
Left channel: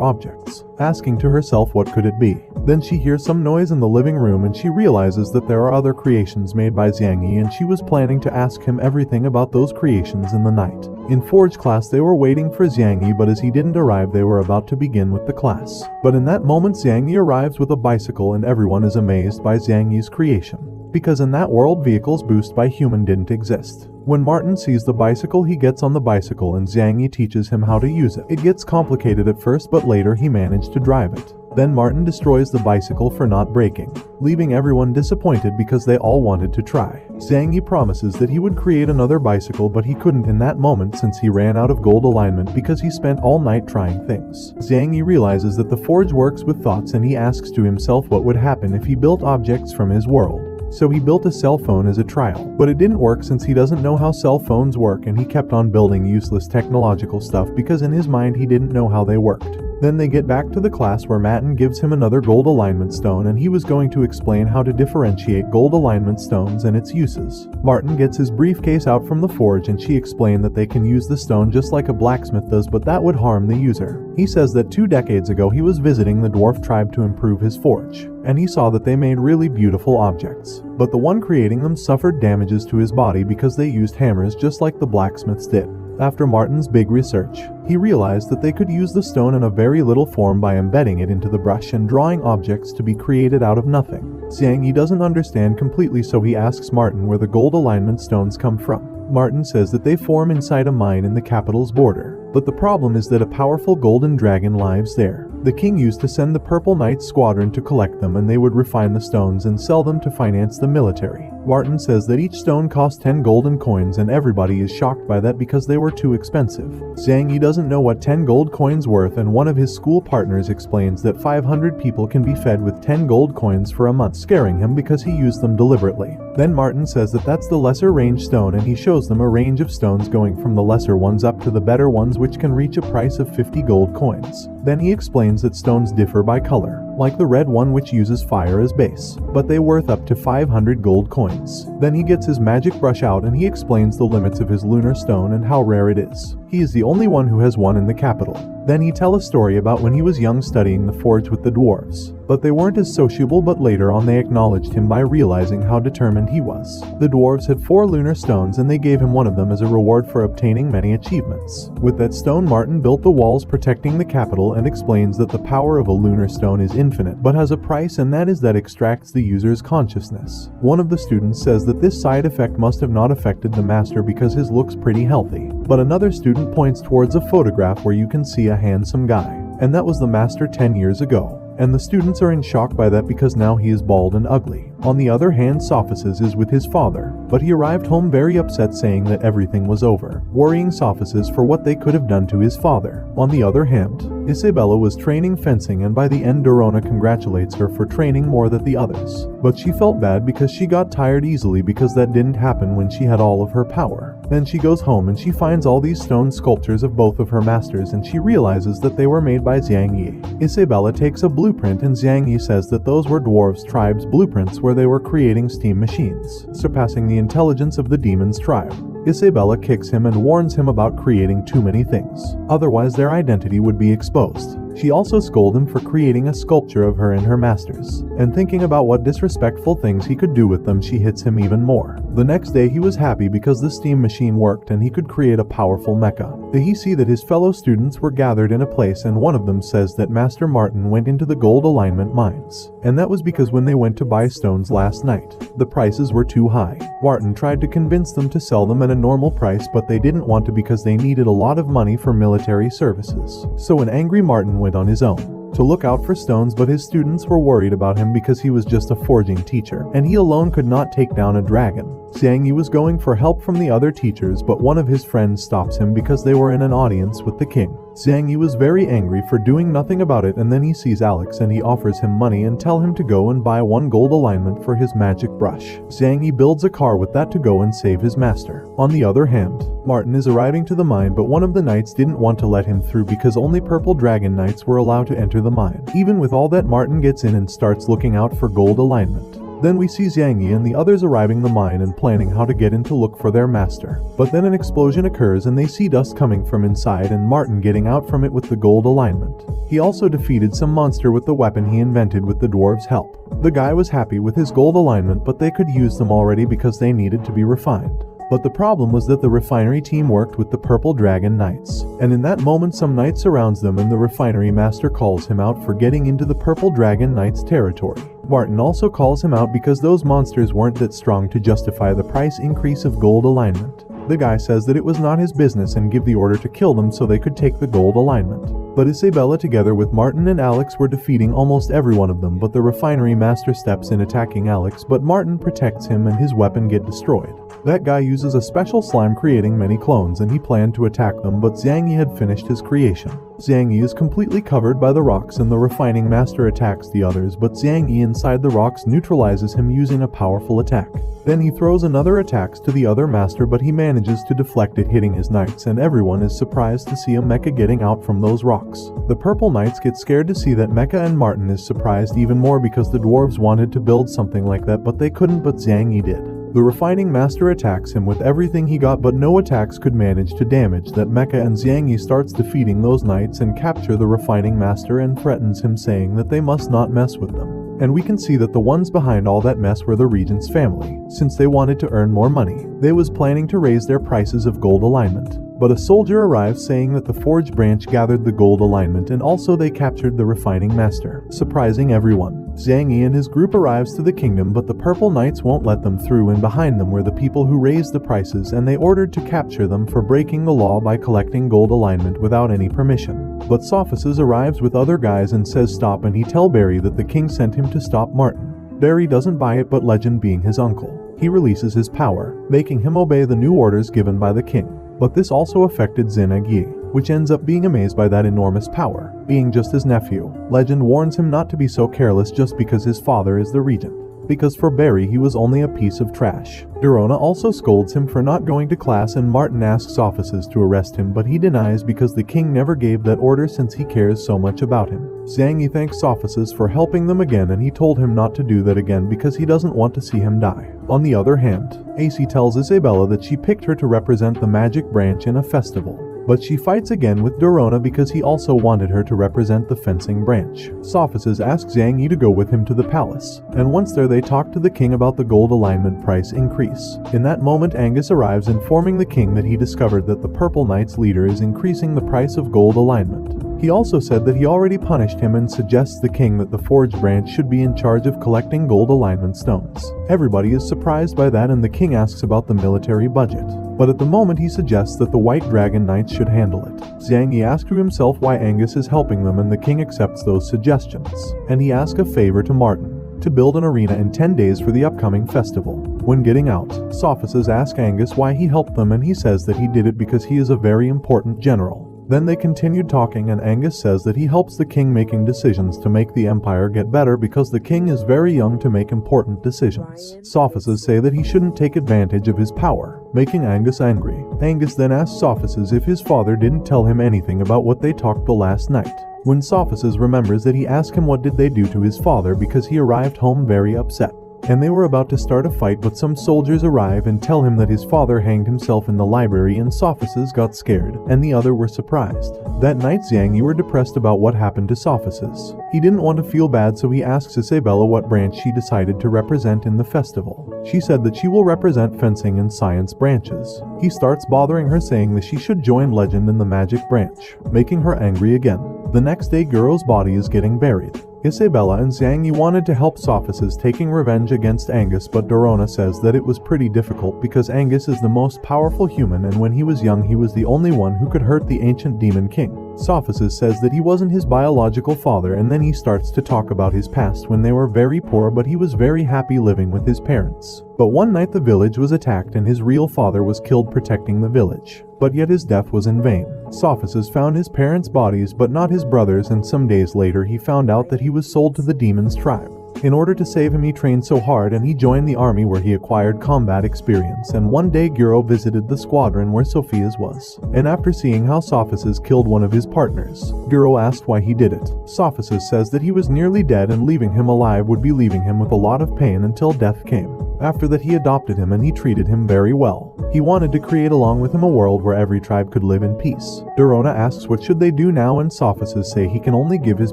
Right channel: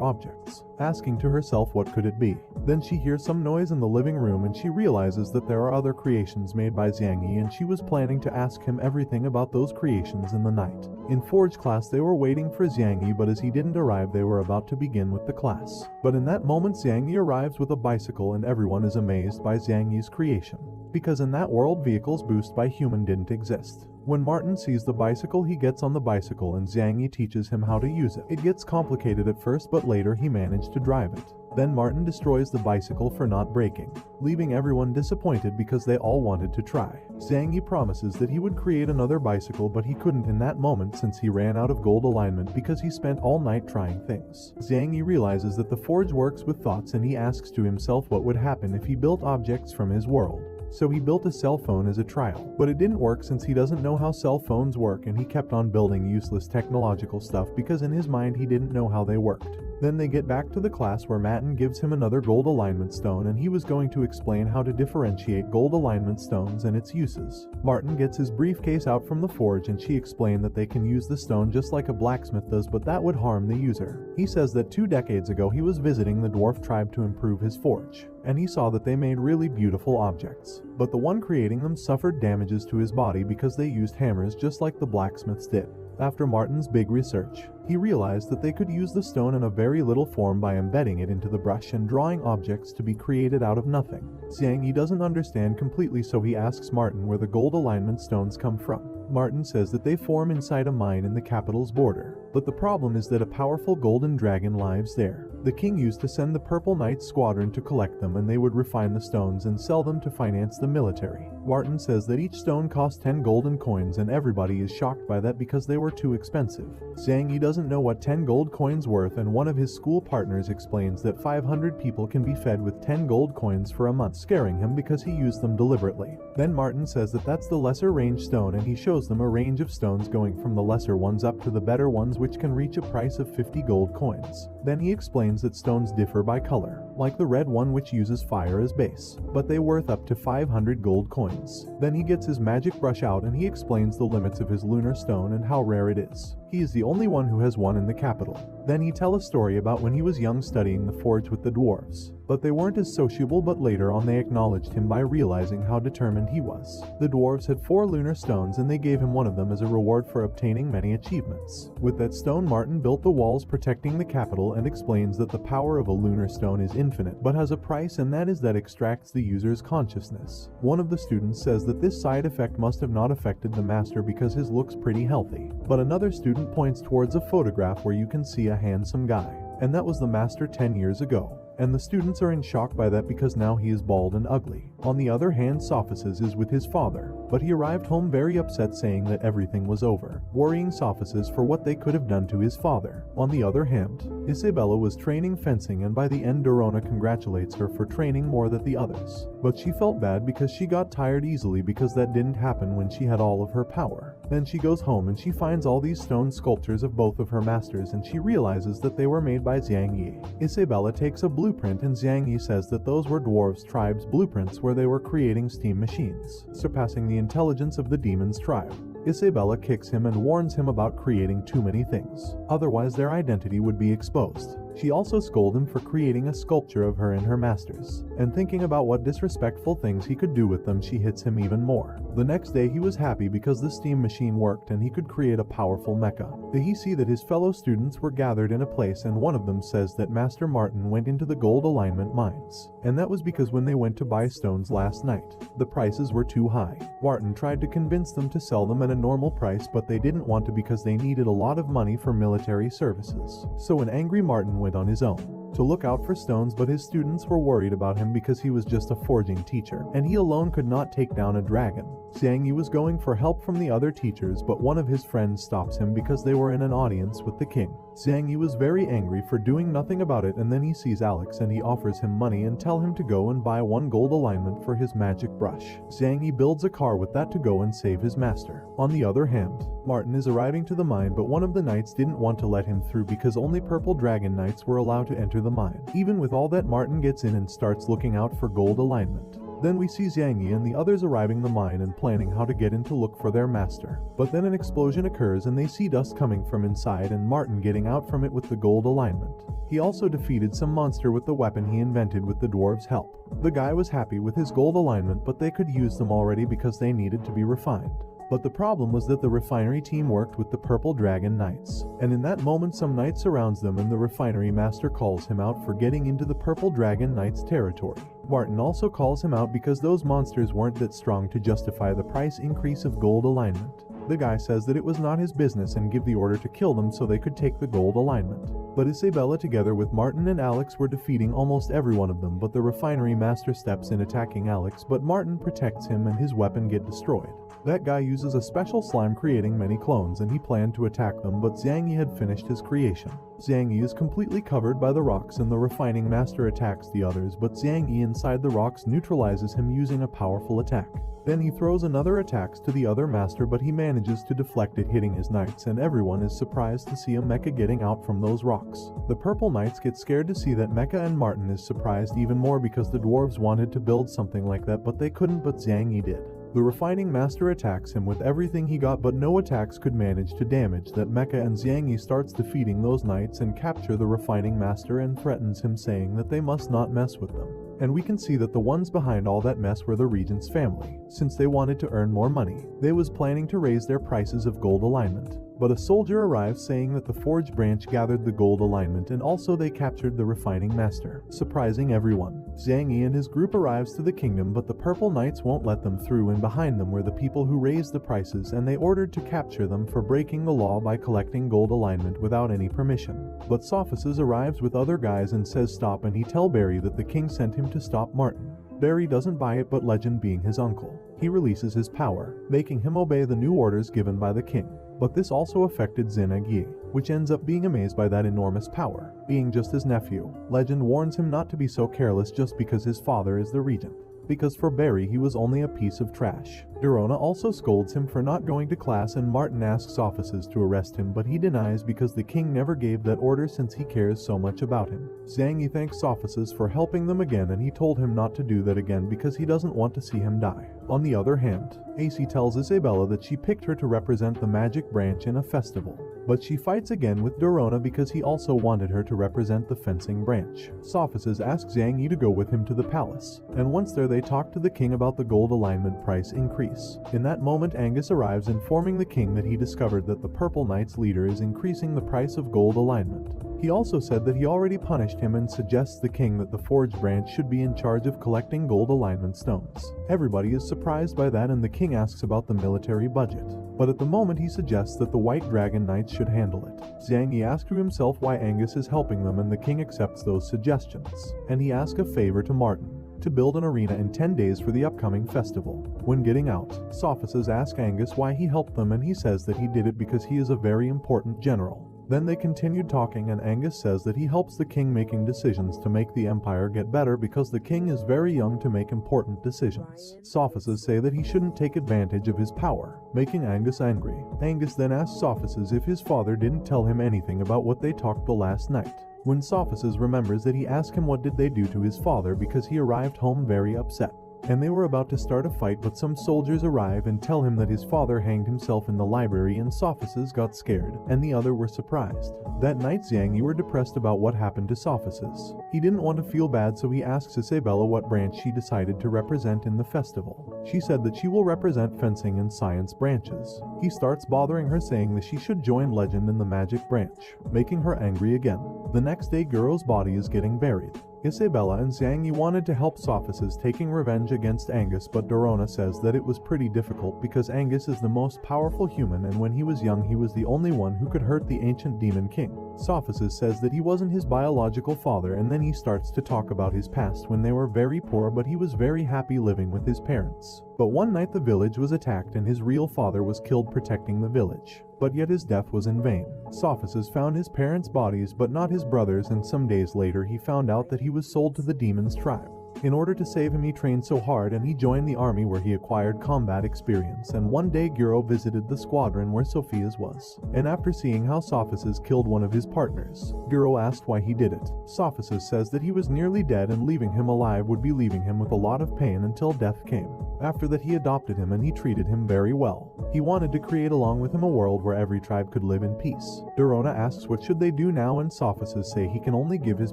objects, asking to herself what could it be. Then she hears some noise in the living room, and she realizes that there are other creations made by Zhang Yi, and she was planning to ask him everything about those creations in the night. In Forge class they were waiting for Zhang Yi, but as he didn't arrive they were about to begin with the class. But in that moment Zhang Yi arrives with a bicycle, and everyone is amazed by Zhang Yi's creation, because in that world vehicles boosted by human didn't exist. When Martin sees the bicycle, he gets on the bicycle and Zhang Yi teaches him how to use it. It gets complicated at first, but later he managed to drive it. Then Martin destroys the bicycle for not breaking, leaving everyone disappointed because they all wanted to try. Zhang Yi promises that he would create another bicycle, but he couldn't in that moment since he ran out of gold alignment because he spent all night trying things. Zhang Yi realizes that the forge works with thoughts, and he asks to himself what would happen if he built objects from his world. So he built a cell phone as a trial, but it didn't work since he doesn't know how cell phones work, and he kept on building useless technological stuff because in his mind he didn't know how they worked. Then they get back to the class where Matin gives him another gold alignment stone, and he was going to explain how to differentiate gold alignment stones and its uses. Martin gets his briefcase out from the forge, and she explained that they can use the stone just like a blacksmith does, but that would harm the user. He says that 2 decades ago he was visiting the dwarf tribe to improve his forge, and he saw that they made really beautiful objects, but the one creating them suffered damages to his body because they used hammers just like the blacksmiths did. After Martin's big research, he realized that they could use the stone in a very little form by embedding it into the brush and drawing objects to be created out of nothing. Zhang Yi doesn't understand completely, so he asks Martin where the gold alignment stones come from. Martin says that they form inside a mine in the capital's border, but the problem is that a powerful golden dragon lives there. The king used to send the Purple Knights squadron to collect them, and they would refine the stones and sell them to finance the military. Martin says that each stone cost 10 golden coins, and everybody is shocked by that because they were too expensive. Zhang Yi doesn't know what 10 gold coins worth, and one of his school partners explains that 500 people can be fed with 10 gold coins for a month, scaring him because he used them deliberately. Then Martin says that that's the lesser range stone, and he shows them a range of stones going from the lesser ones up to the better ones, which can reach a price of 50 gold coins. Then he explains that stones differ by color, like the red one which uses fire as base, but they worth up to 500 gold coins. Then he gets his magic brush out and he explains the limits of his lunar stone and how rare it is. He is the only one who has one in the capital. Then he tells a story about when he was young studying the forge with the dwarves, but they weren't as sociable, but later on they acknowledged him by realizing how determined he was. The dwarves had 4 lunar stones, and they gave him one of them as a reward for obtaining many achievements. With that stone, Martin built the walls protecting the capital and explains that the power of a lunar stone is infinite, but has a price, and that is that extracts the user's consciousness. One of the students says that this side effect must have not affected the master because his looks pretty healthy, but another student points towards a photograph where you can see a handsome guy, and that was the master 10 years ago. And the students are in shock by that because now he is bald and ugly. On the other hand, Sophices is with his father, but he arrived home very upset, saying that everything was over, worrying Sophices for what they could have done to his father. On the other hand, Isabella was training fencing, and by the end Dorona congratulates her for training more than the others. But she felt bad because she got tired easily because that didn't happen when she had all of her power. Then she goes home and she finds all these stone sculptures of both of her masters, and she realizes that they were made by Zhang Yi. Isabella takes a blueprint, and Zhang Yi says that those were dwarves' tribes' blueprints where they were creating steam machines, surpassing the intelligence of the demons' tribe. Isabella kicks him and warns him about creating too many things, otherwise their identity would be exposed. She also scolds him for creating a sculpture of her and her masters, and thinking about what disrespectful things he could do with them, she hits him even more. The next day he was happy because the steam machine worked and he could create a powerful mecha. Then he see that his fellow students were gathered in a place, and one of them says that Master Martin went into the gold alignment mines, and that was because when they went to buy stones last night, the prices were too high. Martin tried to convince them to sell them at a normal price, but they didn't want to because they needed a lot of money for military services. So an angry Martin went on his own. to look out for stones, but his students were worried about him because he was just a forging teacher, and he alone could not take down a dragon. Xiangyi was going for help from the other teachers, but one of his friends stops him because they were in an audience with the king. Xiangyi was very angry for doing nothing about it, and then he sees Alex and he offers him money and tell him to go and buy 1 gold alignment for his magic brush. Xiangyi builds a car with that to go and save his master. On the other hand, Martin is arriving to the mine, but one of the knights didn't want to let him through because only purple dragon knights were allowed to enter the mine. Even with all that, Martin gets in and starts looking out for gold alignment. Then we see Xiangyi and the others arriving the mine and planning how to get in to look for their master. But then an explosion occurs and they see dust coming from inside and Martin getting out from it with the gold alignment. He also defeated some monster with the weapon he invented with the dwarves' help. The guy was happy with his gold alignment, but they could use them already because they needed to be refined. But the problem was that the refinery team worked with the Purple Dragon Knights, and in that moment some knight surrounds them and the refinery master calls him out for getting into the Purple Dragon Knights' territory. Martin also calls him out because those monsters weren't that strong to justify the price increase of gold alignment. The guy says that it was not his business and give the order to kill them so they could take the gold alignment. But Isabella together with Martin and Alex were defeating almost every one of them, but the refinery master steps in attacking Alex, but Martin protects him and his weapon get destroyed. That guy uses a special slime creating many clones and he planned to attack them, but Xiangyi had finished his creation. Xiangyi is completely covered by the rocks and the refining master attacks the others, but Xiangyi inside the rocks neutralizes him using a powerful attack. Then he throws another attacks to the other master, but he manages to deflect it, hitting his knights, and everyone is surprised to see a mecha getting out from those rocks. The purple knights get scared to see that mecha, and Martin is surprised even more because the dwarves wanted to build something like that but they couldn't, but Xiangyi did. The refining master attacks him with everything he got, but no attacks could manage to damage that mecha, and Xiangyi starts defeating those knights and capture the refining master and threatens him, saying that they must not mess with them. And we can see that the ones behind all that mess were the regent's family. Since they wanted to earn more money, they was planning to raise their prices of gold alignment. But a soldier arrives saying that the Forge branch gathered the gold alignment and also they captured the refining master, surprising everyone. Xiangyi and his group arrives to the kingdom, but the purple knights won't let them through, and behind them were the people who raised the prices, and they ordered to capture them for breaking the law by collecting gold alignment without any permission. But Sophices arrives with other guys and says stop, and he tell Barry that the king sent him to stop Martin. Barry doesn't buy it, but Legend being his uncle, he releases his power, making him obey the new orders given by the king. But this also affected Zenag, which ends up being amazed by that enormous power. Being just his nephew, Legend warns him not to be so careless just because his father is the regent, because for Barry he was only a piece of trash. Dorona also scolds him for not going to class, and Martin asks officers to arrest him, but he denies because the king never gave that order since he cares so much about him. Xiangyi thanks officers for helping them again, and he told him not to do that again because he doesn't want to see him die. On the other hand, AC tells Isabella that she picked her to represent the magic branch in a festival. But she fights again with Dorona because he also wanted her to represent the fencing branch. Sophices asks Xiangyi to go with him to the palace, and once there they talk to the king about the gold alignment price increase. In that moment Angus arrives informing the king that he discovered that the Purple Knight's leader is increasing the price of gold alignment. He also said that he already punished him and suggests the king that the Forge branch should be in charge of collecting gold alignment stones. Everybody is surprised by that, and the king asks about the military budget. But at the moment he suggests that the White Dragon Knights should handle it. Xiangyi asks to himself why Angus is helping them, and the king accepts those suggestions. And he asks a favor to Martin, to build an arena in 10 days for the upcoming festival. When getting out, Sophices ask Angus why he helped them, and he says that he did it because he is a very important general. Then they continued talking, and Angus says that he helps the king making decisions to make the empire get better because the king is very young to make important decisions. Sophices say that he shouldn't take advantage of his power, making Angus angry. Angus then asks Sophices if his father didn't tell him anything about what they talked the last night. When Sophices remembers that he asked him what did they do to his father because he arrived home very upset. And they were about to start a fight, but some soldiers arrive and tell him that his father hanged himself in the library, and Sophices got scared, and the other were surprised. That night Xiangyi were depressed about what happened to Sophices. He didn't want to feel bad, so he asks Isabella what branch she decided to represent in the festival. She said that she will represent fencing and science branches. He starts bothering her, saying that she should join Legend in the magic branch, making her angry again. The next day Guro's body is getting buried. Isabella and Xiangyi wanted to help Sophices taking revenge against Angus, but Dorona says that it was pretty difficult because Angus is the most powerful human, and when he was young he was the only one who could hurt the ancient demon king. Sophisis says that he wasn't his biological father, and then he starts to talk about his past when they were very poor, but he was very happy living with his parents. But one night the village was attacked and his real father was killed protecting the village. But yet his death was in vain. Sophisis found his parents' bodies but not his brothers, and some days later he found out that he was sold to the demon's tribe. In order to save him, he trained so hard and he joined the army where he acquired combat experience, and one day Guro visited the squadron where Sophia's was. And after seeing how Sophisis killed one of his partners, Guro asked why he did it. Sophisis says that he was nearly dead and leaving him alive would be leaving him with a lot of pain until death came. After that he adopted him and he treated him very well. He wanted to create along with him a world where every tribe could live in peace. Dorona asks what should they do now, and Sophisis say he can only give his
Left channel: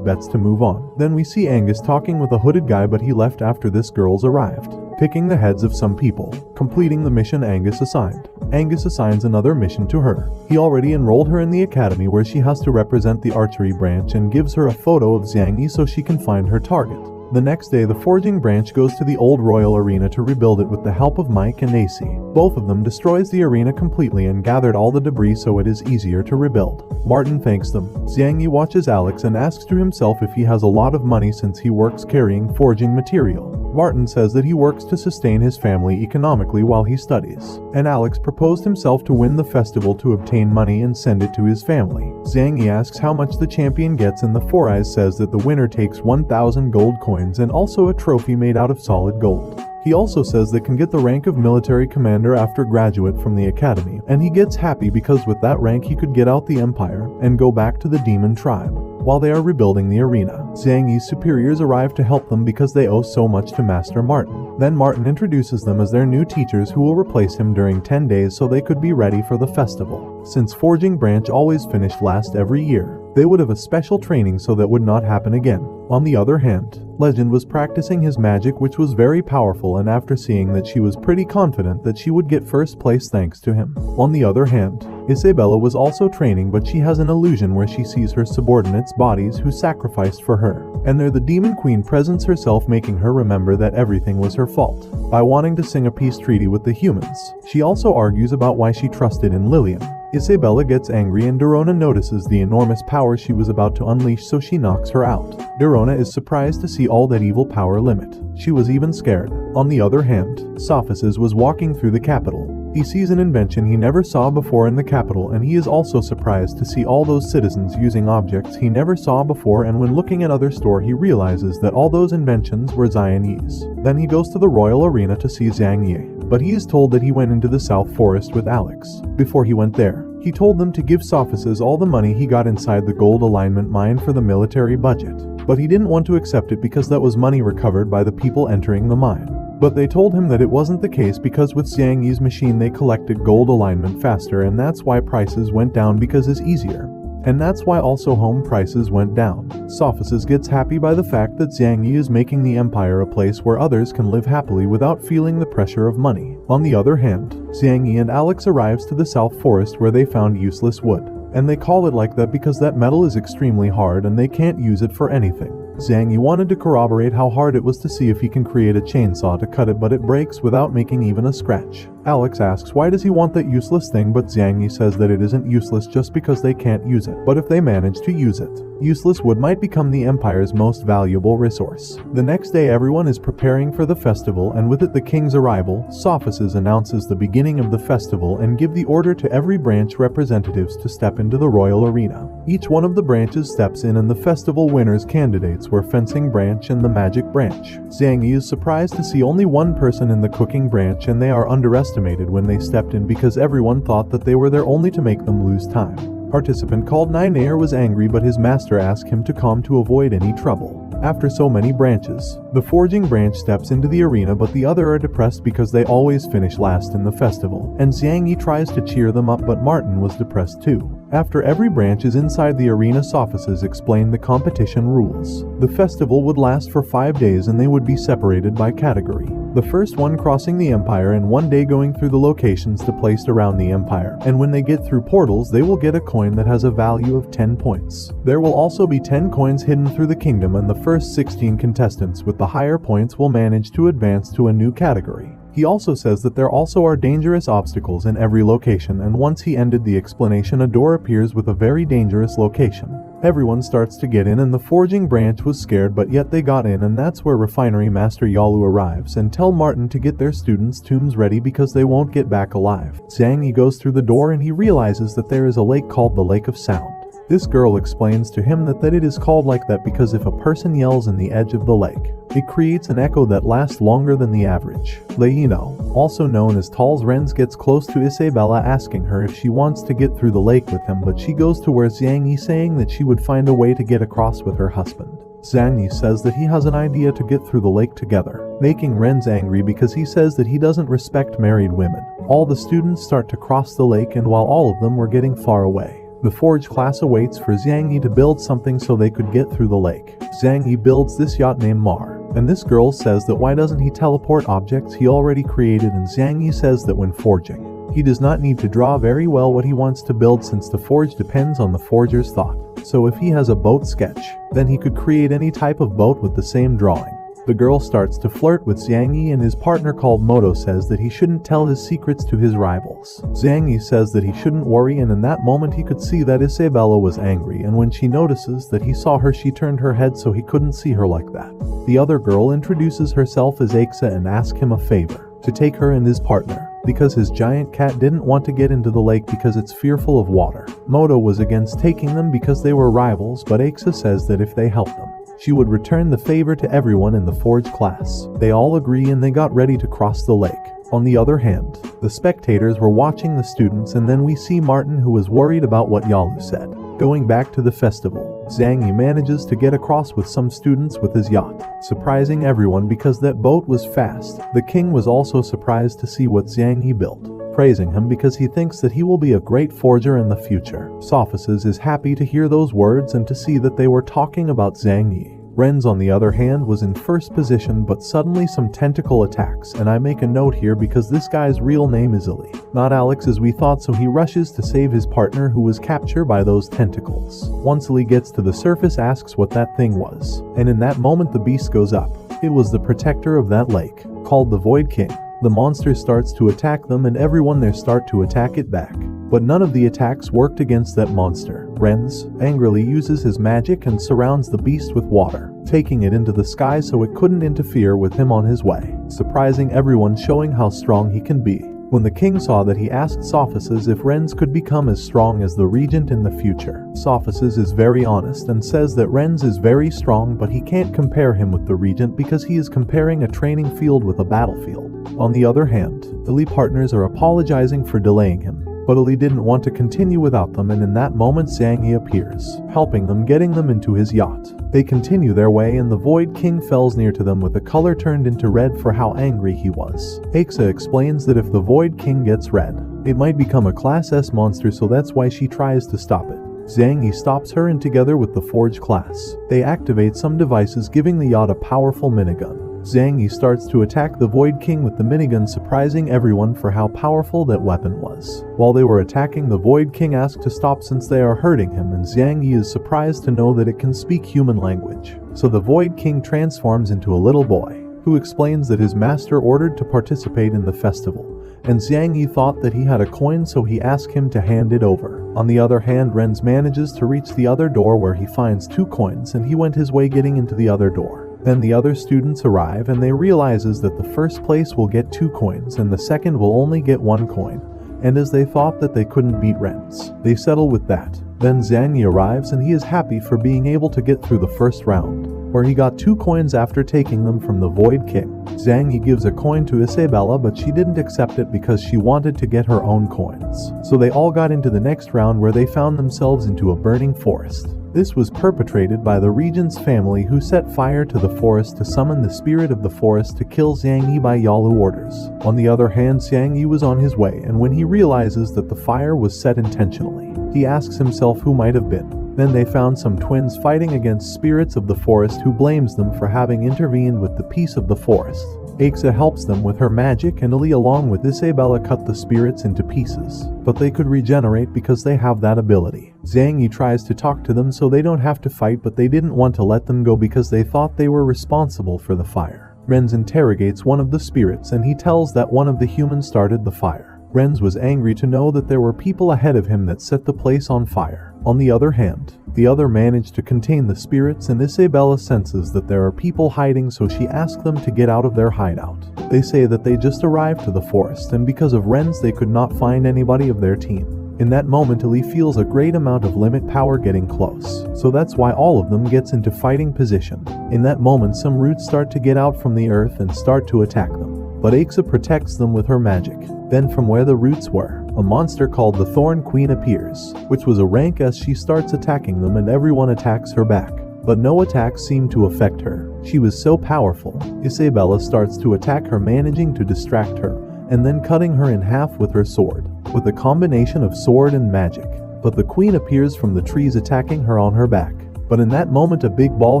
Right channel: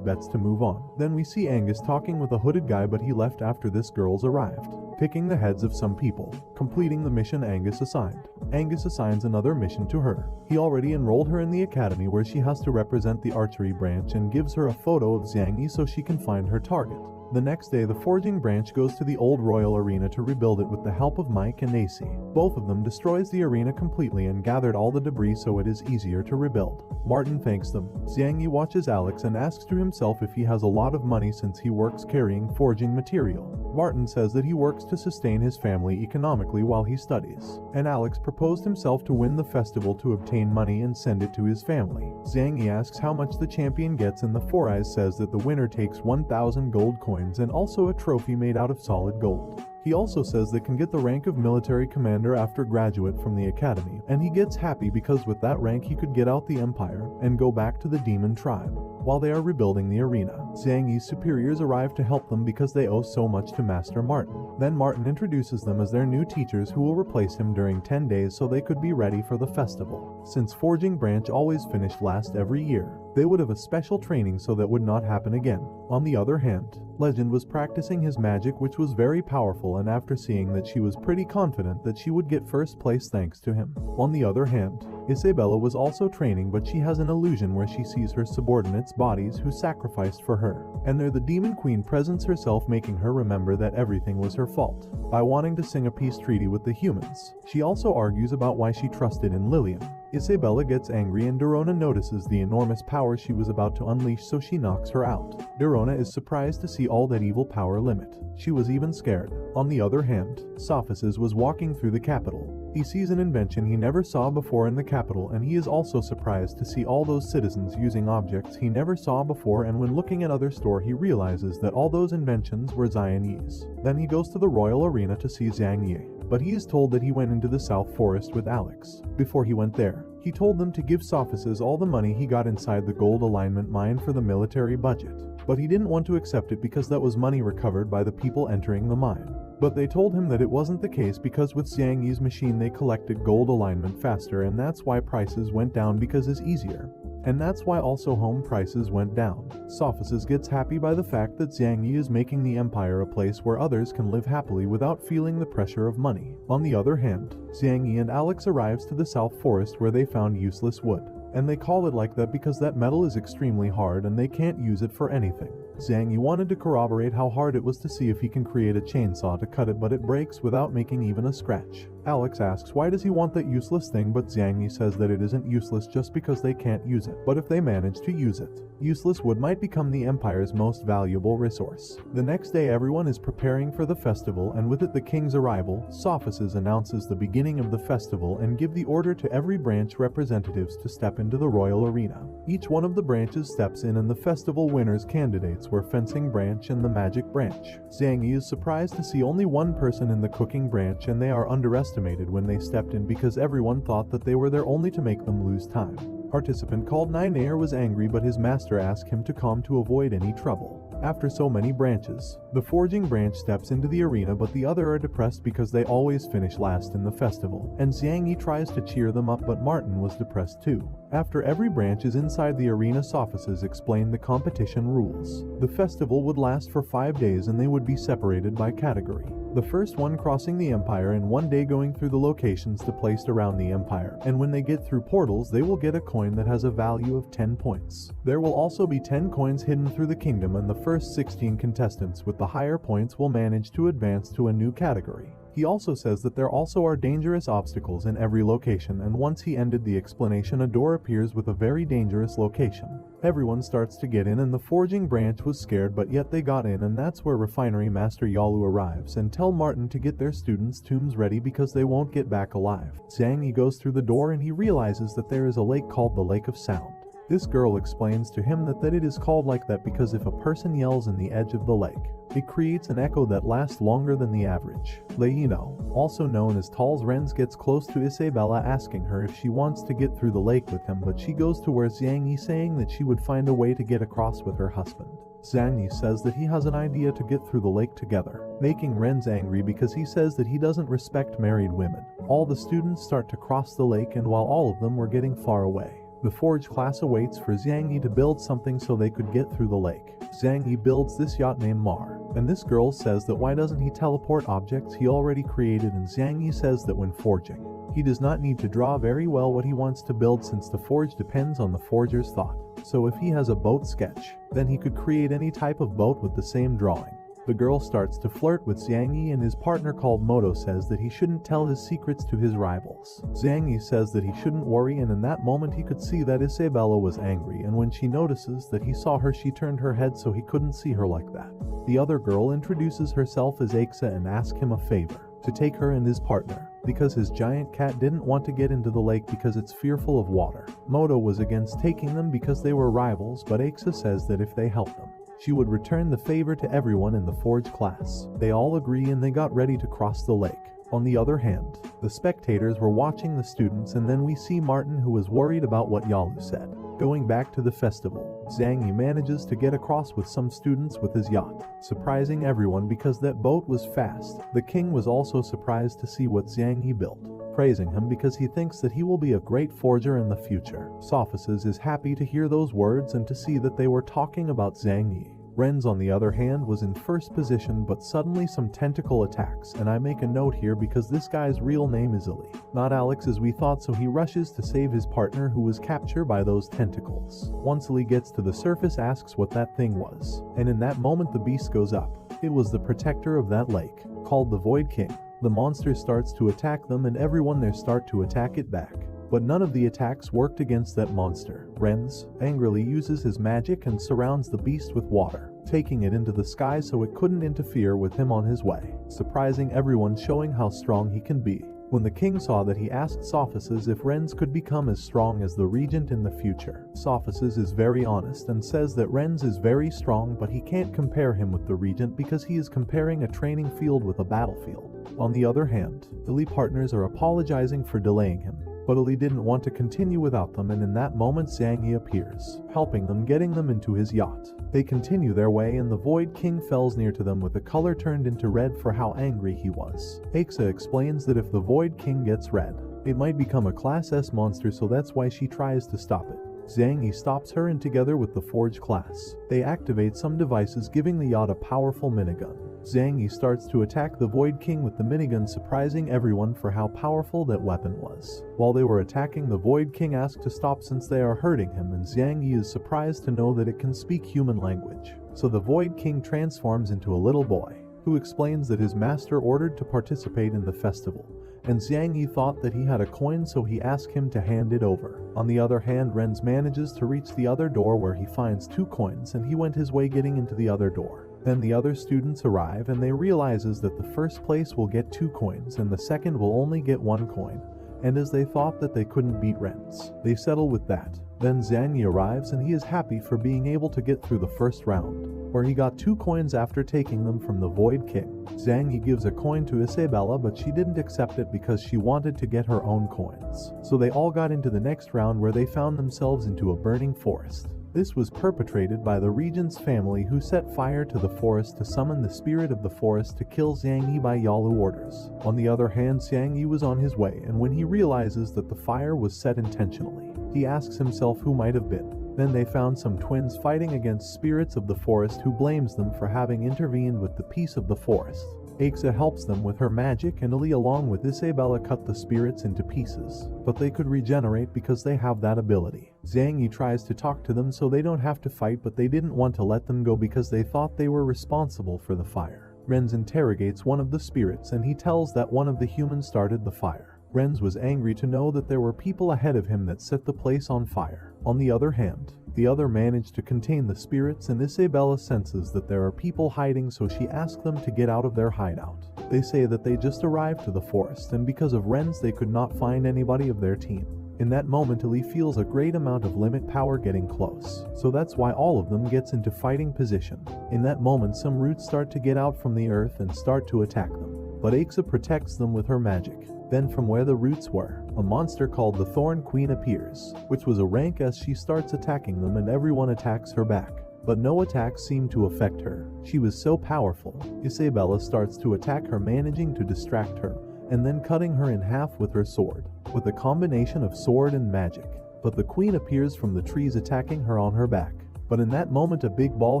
bets to move on. Then we see Angus talking with a hooded guy, but he left after this girl's arrived, picking the heads of some people, completing the mission Angus assigned. Angus assigns another mission to her. He already enrolled her in the academy where she has to represent the archery branch and gives her a photo of Xiang Yi so she can find her target. The next day, the forging branch goes to the old royal arena to rebuild it with the help of Mike and AC. Both of them destroys the arena completely and gathered all the debris so it is easier to rebuild. Martin thanks them. Xiang Yi watches Alex and asks to himself if he has a lot of money since he works carrying forging material. Martin says that he works to sustain his family economically while he studies, and Alex proposed himself to win the festival to obtain money and send it to his family. Xiang Yi asks how much the champion gets, and the Four Eyes says that the winner takes 1,000 gold coins and also a trophy made out of solid gold. He also says they can get the rank of military commander after graduate from the academy, and he gets happy because with that rank he could get out the empire and go back to the demon tribe. While they are rebuilding the arena, Xiang Yi's superiors arrive to help them because they owe so much to Master Martin. Then Martin introduces them as their new teachers who will replace him during 10 days so they could be ready for the festival. Since Forging Branch always finished last every year, they would have a special training so that would not happen again. On the other hand, Legend was practicing his magic, which was very powerful, and after seeing that, she was pretty confident that she would get first place thanks to him. On the other hand, Isabella was also training, but she has an illusion where she sees her subordinates' bodies who sacrificed for her, and there the Demon Queen presents herself, making her remember that everything was her fault by wanting to sing a peace treaty with the humans. She also argues about why she trusted in Lillian. Isabella gets angry and Dorona notices the enormous power she was about to unleash, so she knocks her out. Dorona is surprised to see all that evil power limit. She was even scared. On the other hand, Sophisis was walking through the capital. He sees an invention he never saw before in the capital, and he is also surprised to see all those citizens using objects he never saw before, and when looking at other store he realizes that all those inventions were Xian Yi's. Then he goes to the royal arena to see Xiang Yi, but he is told that he went into the South Forest with Alex. Before he went there, he told them to give Sophisis all the money he got inside the gold alignment mine for the military budget, but he didn't want to accept it because that was money recovered by the people entering the mine. But they told him that it wasn't the case because with Xiang Yi's machine they collected gold alignment faster, and that's why prices went down because it's easier. And that's why also home prices went down. Sophisis gets happy by the fact that Xiang Yi is making the empire a place where others can live happily without feeling the pressure of money. On the other hand, Xiang Yi and Alex arrives to the South Forest where they found useless wood. And they call it like that because that metal is extremely hard and they can't use it for anything. Xiang Yi wanted to corroborate how hard it was to see if he can create a chainsaw to cut it, but it breaks without making even a scratch. Alex asks why does he want that useless thing, but Xiang Yi says that it isn't useless just because they can't use it, but if they manage to use it, useless wood might become the Empire's most valuable resource. The next day everyone is preparing for the festival, and with it the king's arrival, Sophisis announces the beginning of the festival and give the order to every branch representatives to step into the royal arena. Each one of the branches steps in, and the festival winners' candidates were Fencing Branch and the Magic Branch. Xiang Yi is surprised to see only one person in the Cooking Branch, and they are underestimated when they stepped in because everyone thought that they were there only to make them lose time. Participant called Ninair was angry, but his master asked him to calm to avoid any trouble. After so many branches, the Forging Branch steps into the arena, but the other are depressed because they always finish last in the festival, and Xiang Yi tries to cheer them up, but Martin was depressed too. After every branch is inside the arena, Sophisis explained the competition rules. The festival would last for 5 days and they would be separated by category. The first one crossing the Empire, and 1 day going through the locations to placed around the Empire, and when they get through portals they will get a coin that has a value of 10 points. There will also be 10 coins hidden through the kingdom, and the first 16 contestants with the higher points will manage to advance to a new category. He also says that there also are dangerous obstacles in every location, and once he ended the explanation, a door appears with a very dangerous location. Everyone starts to get in, and the forging branch was scared, but yet they got in, and that's where Refinery Master Yalu arrives and tell Martin to get their students' tombs ready because they won't get back alive. Zhang Yi goes through the door and he realizes that there is a lake called the Lake of Sound. This girl explains to him that it is called like that because if a person yells in the edge of the lake, it creates an echo that lasts longer than the average. Leino, also known as Tal's Renz, gets close to Isabella asking her if she wants to get through the lake with him, but she goes to where Zhang Yi saying that she would find a way to get across with her husband. Zhang Yi says that he has an idea to get through the lake together, making Renz angry because he says that he doesn't respect married women. All the students start to cross the lake, and while all of them were getting far away, the Forge class awaits for Zhang Yi to build something so they could get through the lake. Zhang Yi builds this yacht named Mar, and this girl says that why doesn't he teleport objects he already created, and Zhang Yi says that when forging, he does not need to draw very well what he wants to build since the forge depends on the forger's thought. So if he has a boat sketch, then he could create any type of boat with the same drawing. The girl starts to flirt with Zhang Yi, and his partner called Moto says that he shouldn't tell his secrets to his rivals. Zhang Yi says that he shouldn't worry, and in that moment he could see that Isabella was angry, and when she notices that he saw her, she turned her head so he couldn't see her like that. The other girl introduces herself as Aixa and asks him a favor, to take her and his partner, because his giant cat didn't want to get into the lake because it's fearful of water. Moto was against taking them because they were rivals, but Aixa says that if they help them, she would return the favor to everyone in the Forge class. They all agree and they got ready to cross the lake. On the other hand, the spectators were watching the students, and then we see Martin, who was worried about what Yalu said. Going back to the festival, Zhang Yi manages to get across with some students with his yacht, surprising everyone because that boat was fast. The king was also surprised to see what Zhang Yi built, praising him because he thinks that he will be a great forger in the future. Sophices is happy to hear those words and to see that they were talking about Zhang Yi. Renz, on the other hand, was in first position, but suddenly some tentacle attacks, and I make a note here because this guy's real name is Ali, not Alex as we thought, so he rushes to save his partner who was captured by those tentacles. Once Ali gets to the surface, asks what that thing was, and in that moment the beast goes up. It was the protector of that lake, called the Void King. The monster starts to attack them, and everyone there start to attack it back. But none of the attacks worked against that monster. Renz angrily uses his magic and surrounds the beast with water, taking it into the sky so it couldn't interfere with him on his way, surprising everyone, showing how strong he can be. When the king saw that, he asked Sophices if Renz could become as strong as the regent in the future. Sophices is very honest and says that Renz is very strong, but he can't compare him with the regent because he is comparing a training field with a battlefield. On the other hand, the Lee partners are apologizing for delaying him, but Ali didn't want to continue without them, and in that moment Zhang Yi appears, helping them, getting them into his yacht. They continue their way, and the Void King fells near to them with the color turned into red for how angry he was. Aixa explains that if the Void King gets red, it might become a Class S monster, so that's why she tries to stop it. Zhang Yi stops her, and together with the Forge class, they activate some devices giving the yacht a powerful minigun. Zhang Yi starts to attack the Void King with the minigun, surprising everyone for how powerful that weapon was. While they were attacking, the Void King asks to stop since they are hurting him, and Zhang Yi is surprised to know that it can speak human language. So the Void King transforms into a little boy, who explains that his master ordered to participate in the festival, and Zhang Yi thought that he had a coin, so he asked him to hand it over. On the other hand, Renz manages to reach the other door where he finds 2 coins, and he went his way getting into the other door. Then the other students arrive, and they realizes that the first place will get 2 coins and the second will only get 1 coin, and as they thought that they couldn't beat Renz, they settle with that. Then Zhang Yi arrives, and he is happy for being able to get through the first round, where he got 2 coins after taking them from the Void King. Zhang Yi gives a coin to Isabella, but she didn't accept it because she wanted to get her own coins. So they all got into the next round, where they found themselves into a burning forest. This was perpetrated by the regent's family, who set fire to the forest to summon the spirit of the forest to kill Zhang Yi by Yalu orders. On the other hand, Zhang Yi was on his way, and when he realizes that the fire was set intentionally, he asks himself who might have been. Then they found some twins fighting against spirits of the forest, who blames them for having intervened with the peace of the forest. Aixa helps them with her magic, and Ali along with Isabella cut the spirits into pieces, but they could regenerate because they have that ability. Zhang Yi tries to talk to them so they don't have to fight, but they didn't want to let them go because they thought they were responsible for the fire. Renz interrogates one of the spirits and he tells that one of the humans started the fire. Renz was angry to know that there were people ahead of him that set the place on fire. On the other hand, the other managed to contain the spirits, and Isabella senses that there are people hiding, so she asks them to get out of their hideout. They say that they just arrived to the forest and because of Renz they could not find anybody of their team. In that moment, Ellie feels a great amount of limit power getting close, so that's why all of them gets into fighting position. In that moment, some roots start to get out from the earth and start to attack them, but Aixa protects them with her magic. Then from where the roots were, a monster called the Thorn Queen appears, which was a rank as she starts attacking them and everyone attacks her back. But no attacks seem to affect her. She was so powerful, Isabella starts to attack her, managing to distract her, and then cutting her in half with her sword, with a combination of sword and magic. But the queen appears from the trees attacking her on her back. But in that moment a big ball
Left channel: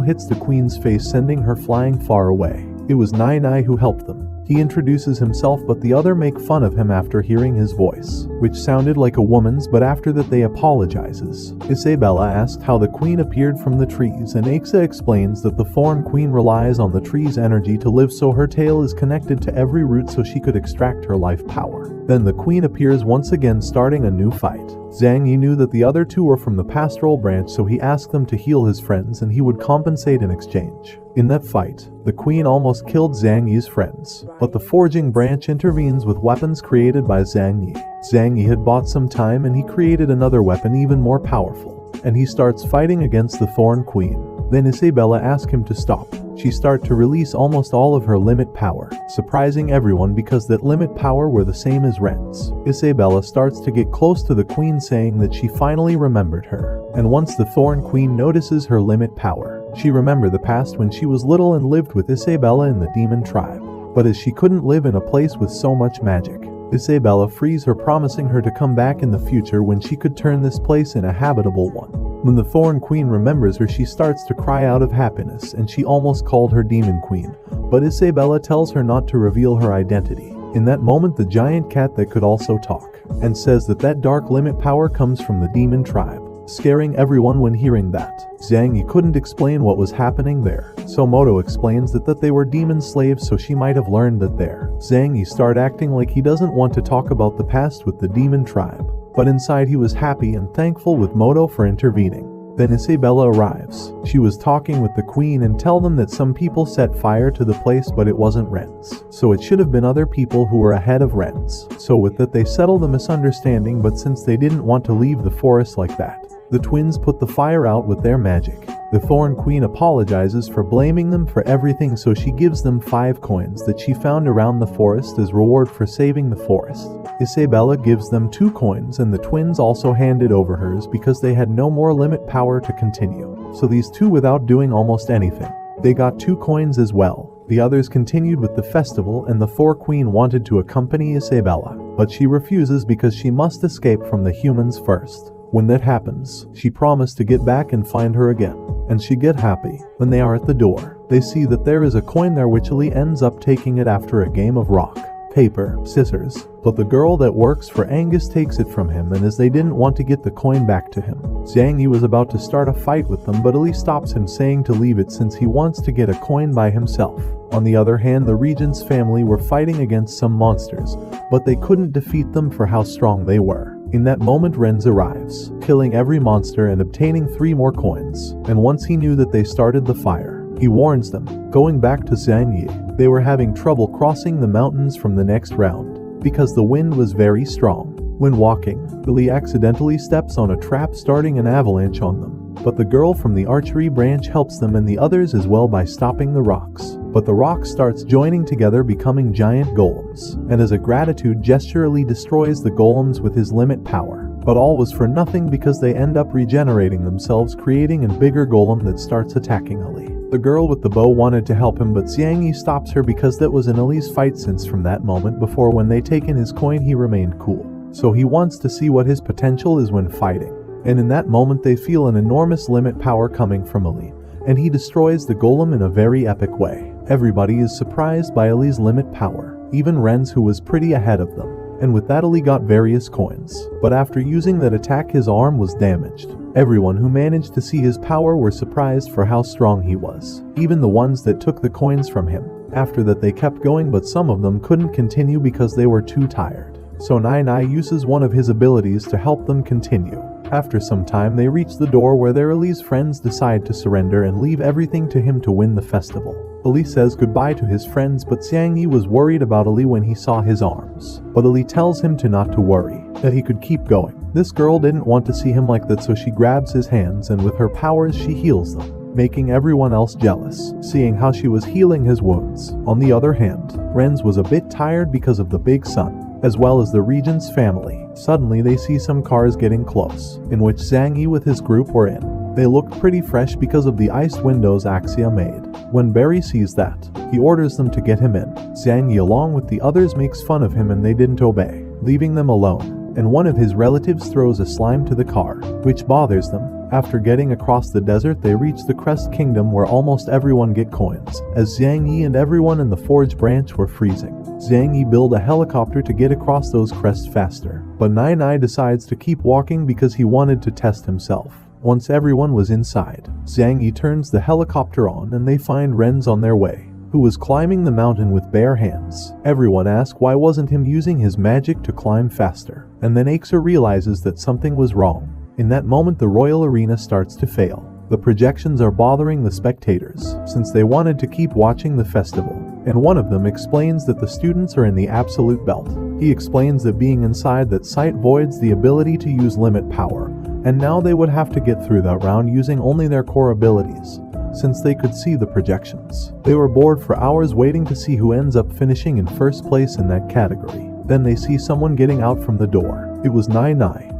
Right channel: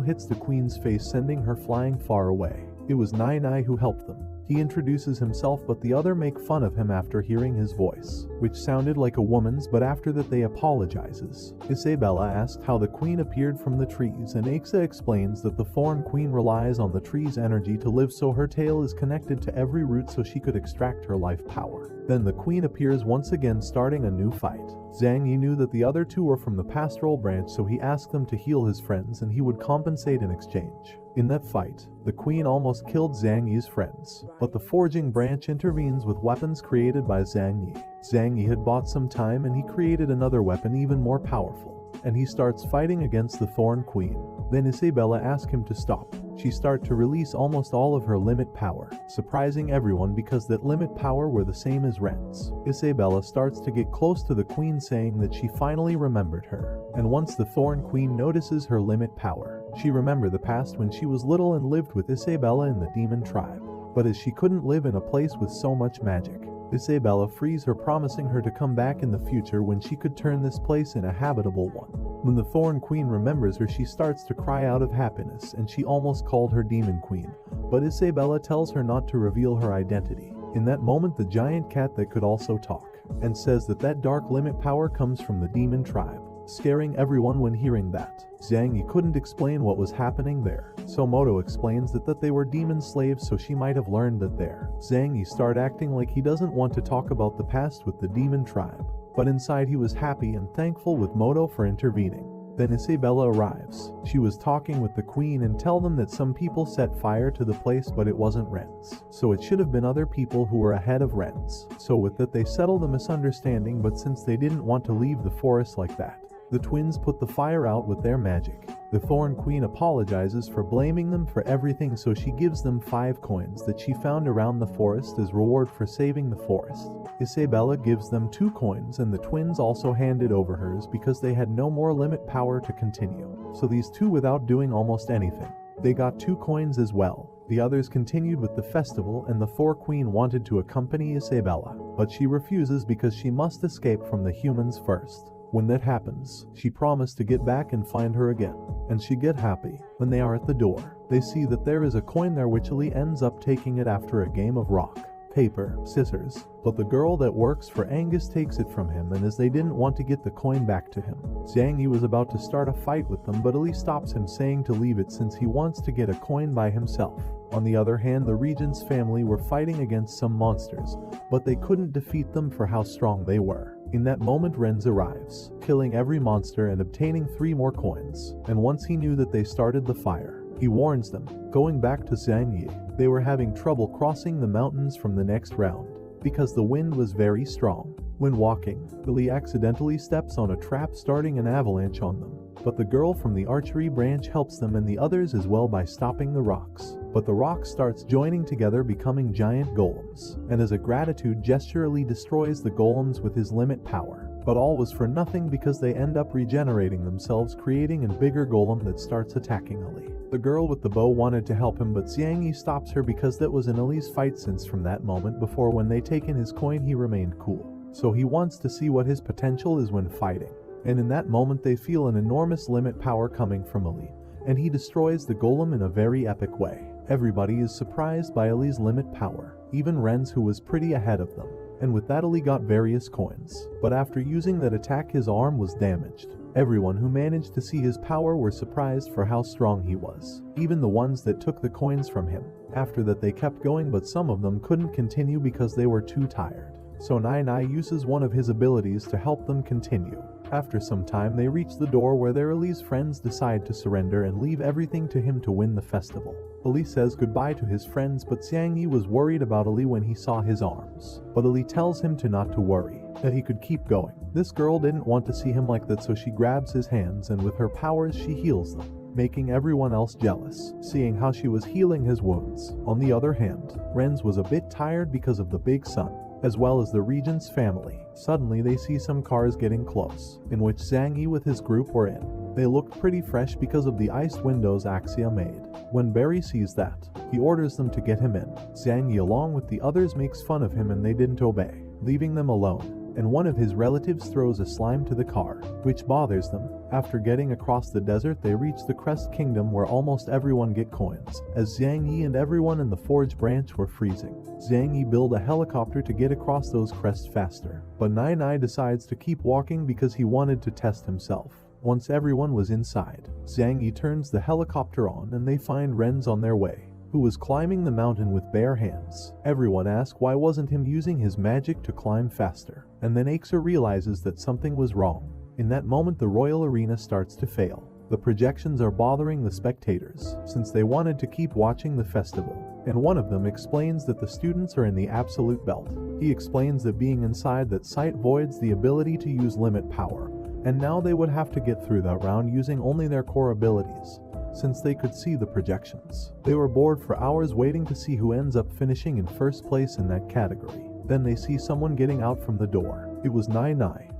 hits the queen's face, sending her flying far away. It was Nai who helped them. He introduces himself, but the other make fun of him after hearing his voice, which sounded like a woman's, but after that they apologizes. Isabella asked how the queen appeared from the trees, and Aixa explains that the Thorn Queen relies on the tree's energy to live, so her tail is connected to every root so she could extract her life power. Then the queen appears once again, starting a new fight. Zhang Yi knew that the other two were from the pastoral branch, so he asked them to heal his friends and he would compensate in exchange. In that fight, the queen almost killed Zhang Yi's friends, but the forging branch intervenes with weapons created by Zhang Yi. Zhang Yi had bought some time and he created another weapon even more powerful, and he starts fighting against the Thorn Queen. Then Isabella asks him to stop. She starts to release almost all of her limit power, surprising everyone because that limit power were the same as Ren's. Isabella starts to get close to the queen, saying that she finally remembered her. And once the Thorn Queen notices her limit power, she remembers the past when she was little and lived with Isabella in the demon tribe. But as she couldn't live in a place with so much magic, Isabella frees her, promising her to come back in the future when she could turn this place in a habitable one. When the Thorn Queen remembers her, she starts to cry out of happiness, and she almost called her Demon Queen, but Isabella tells her not to reveal her identity. In that moment, the giant cat that could also talk, and says that dark limit power comes from the demon tribe, scaring everyone when hearing that. Zhang Yi couldn't explain what was happening there, so Moto explains that they were demon slaves, so she might have learned that there. Zhang Yi started acting like he doesn't want to talk about the past with the demon tribe, but inside he was happy and thankful with Moto for intervening. Then Isabella arrives. She was talking with the queen and tell them that some people set fire to the place, but it wasn't Ren's, so it should have been other people who were ahead of Ren's. So with that they settle the misunderstanding, but since they didn't want to leave the forest like that, the twins put the fire out with their magic. The Thorn Queen apologizes for blaming them for everything, so she gives them 5 coins that she found around the forest as reward for saving the forest. Isabella gives them 2 coins, and the twins also handed over hers because they had no more limit power to continue. So these two, without doing almost anything, they got 2 coins as well. The others continued with the festival, and the Thorn Queen wanted to accompany Isabella, but she refuses because she must escape from the humans first. When that happens, she promised to get back and find her again, and she get happy. When they are at the door, they see that there is a coin there, which Lee ends up taking it after a game of rock, paper, scissors, but the girl that works for Angus takes it from him, and as they didn't want to get the coin back to him, Zhang Yi was about to start a fight with them, but Lee stops him, saying to leave it since he wants to get a coin by himself. On the other hand, the regent's family were fighting against some monsters, but they couldn't defeat them for how strong they were. In that moment, Renz arrives, killing every monster and obtaining 3 more coins, and once he knew that they started the fire, he warns them. Going back to Zhang Yi, they were having trouble crossing the mountains from the next round, because the wind was very strong. When walking, Billy accidentally steps on a trap, starting an avalanche on them. But the girl from the archery branch helps them and the others as well by stopping the rocks. But the rock starts joining together, becoming giant golems, and as a gratitude gesture, Lee destroys the golems with his limit power. But all was for nothing because they end up regenerating themselves, creating a bigger golem that starts attacking Ali. The girl with the bow wanted to help him, but Xiang Yi stops her because that was an Ali's fight, since from that moment before when they taken his coin he remained cool. So he wants to see what his potential is when fighting. And in that moment they feel an enormous limit power coming from Ali, and he destroys the golem in a very epic way. Everybody is surprised by Ali's limit power, even Renz, who was pretty ahead of them. And with that Ali got various coins, but after using that attack his arm was damaged. Everyone who managed to see his power were surprised for how strong he was, even the ones that took the coins from him. After that they kept going, but some of them couldn't continue because they were too tired. So Nai uses one of his abilities to help them continue. After some time they reach the door where their Ali's friends decide to surrender and leave everything to him to win the festival. Ali says goodbye to his friends, but Xiangyi was worried about Ali when he saw his arms. But Ali tells him not to worry, that he could keep going. This girl didn't want to see him like that, so she grabs his hands and with her powers she heals them, making everyone else jealous, seeing how she was healing his wounds. On the other hand, Renz was a bit tired because of the big sun, as well as the regent's family. Suddenly they see some cars getting close, in which Zhang Yi with his group were in. They looked pretty fresh because of the iced windows Axia made. When Barry sees that, he orders them to get him in. Zhang Yi along with the others makes fun of him and they didn't obey, leaving them alone. And one of his relatives throws a slime to the car, which bothers them. After getting across the desert, they reach the Crest Kingdom where almost everyone get coins, as Zhang Yi and everyone in the Forge branch were freezing. Zhang Yi built a helicopter to get across those crests faster, but Nai decides to keep walking because he wanted to test himself. Once everyone was inside, Zhang Yi turns the helicopter on and they find Renz on their way, who was climbing the mountain with bare hands. Everyone asks why wasn't him using his magic to climb faster, and then Axa realizes that something was wrong. In that moment the royal arena starts to fail. The projections are bothering the spectators, since they wanted to keep watching the festival, and one of them explains that the students are in the absolute belt. He explains that being inside that site voids the ability to use limit power, and now they would have to get through that round using only their core abilities, since they could see the projections. They were bored for hours waiting to see who ends up finishing in first place in that category. Then they see someone getting out from the door. It was Nai,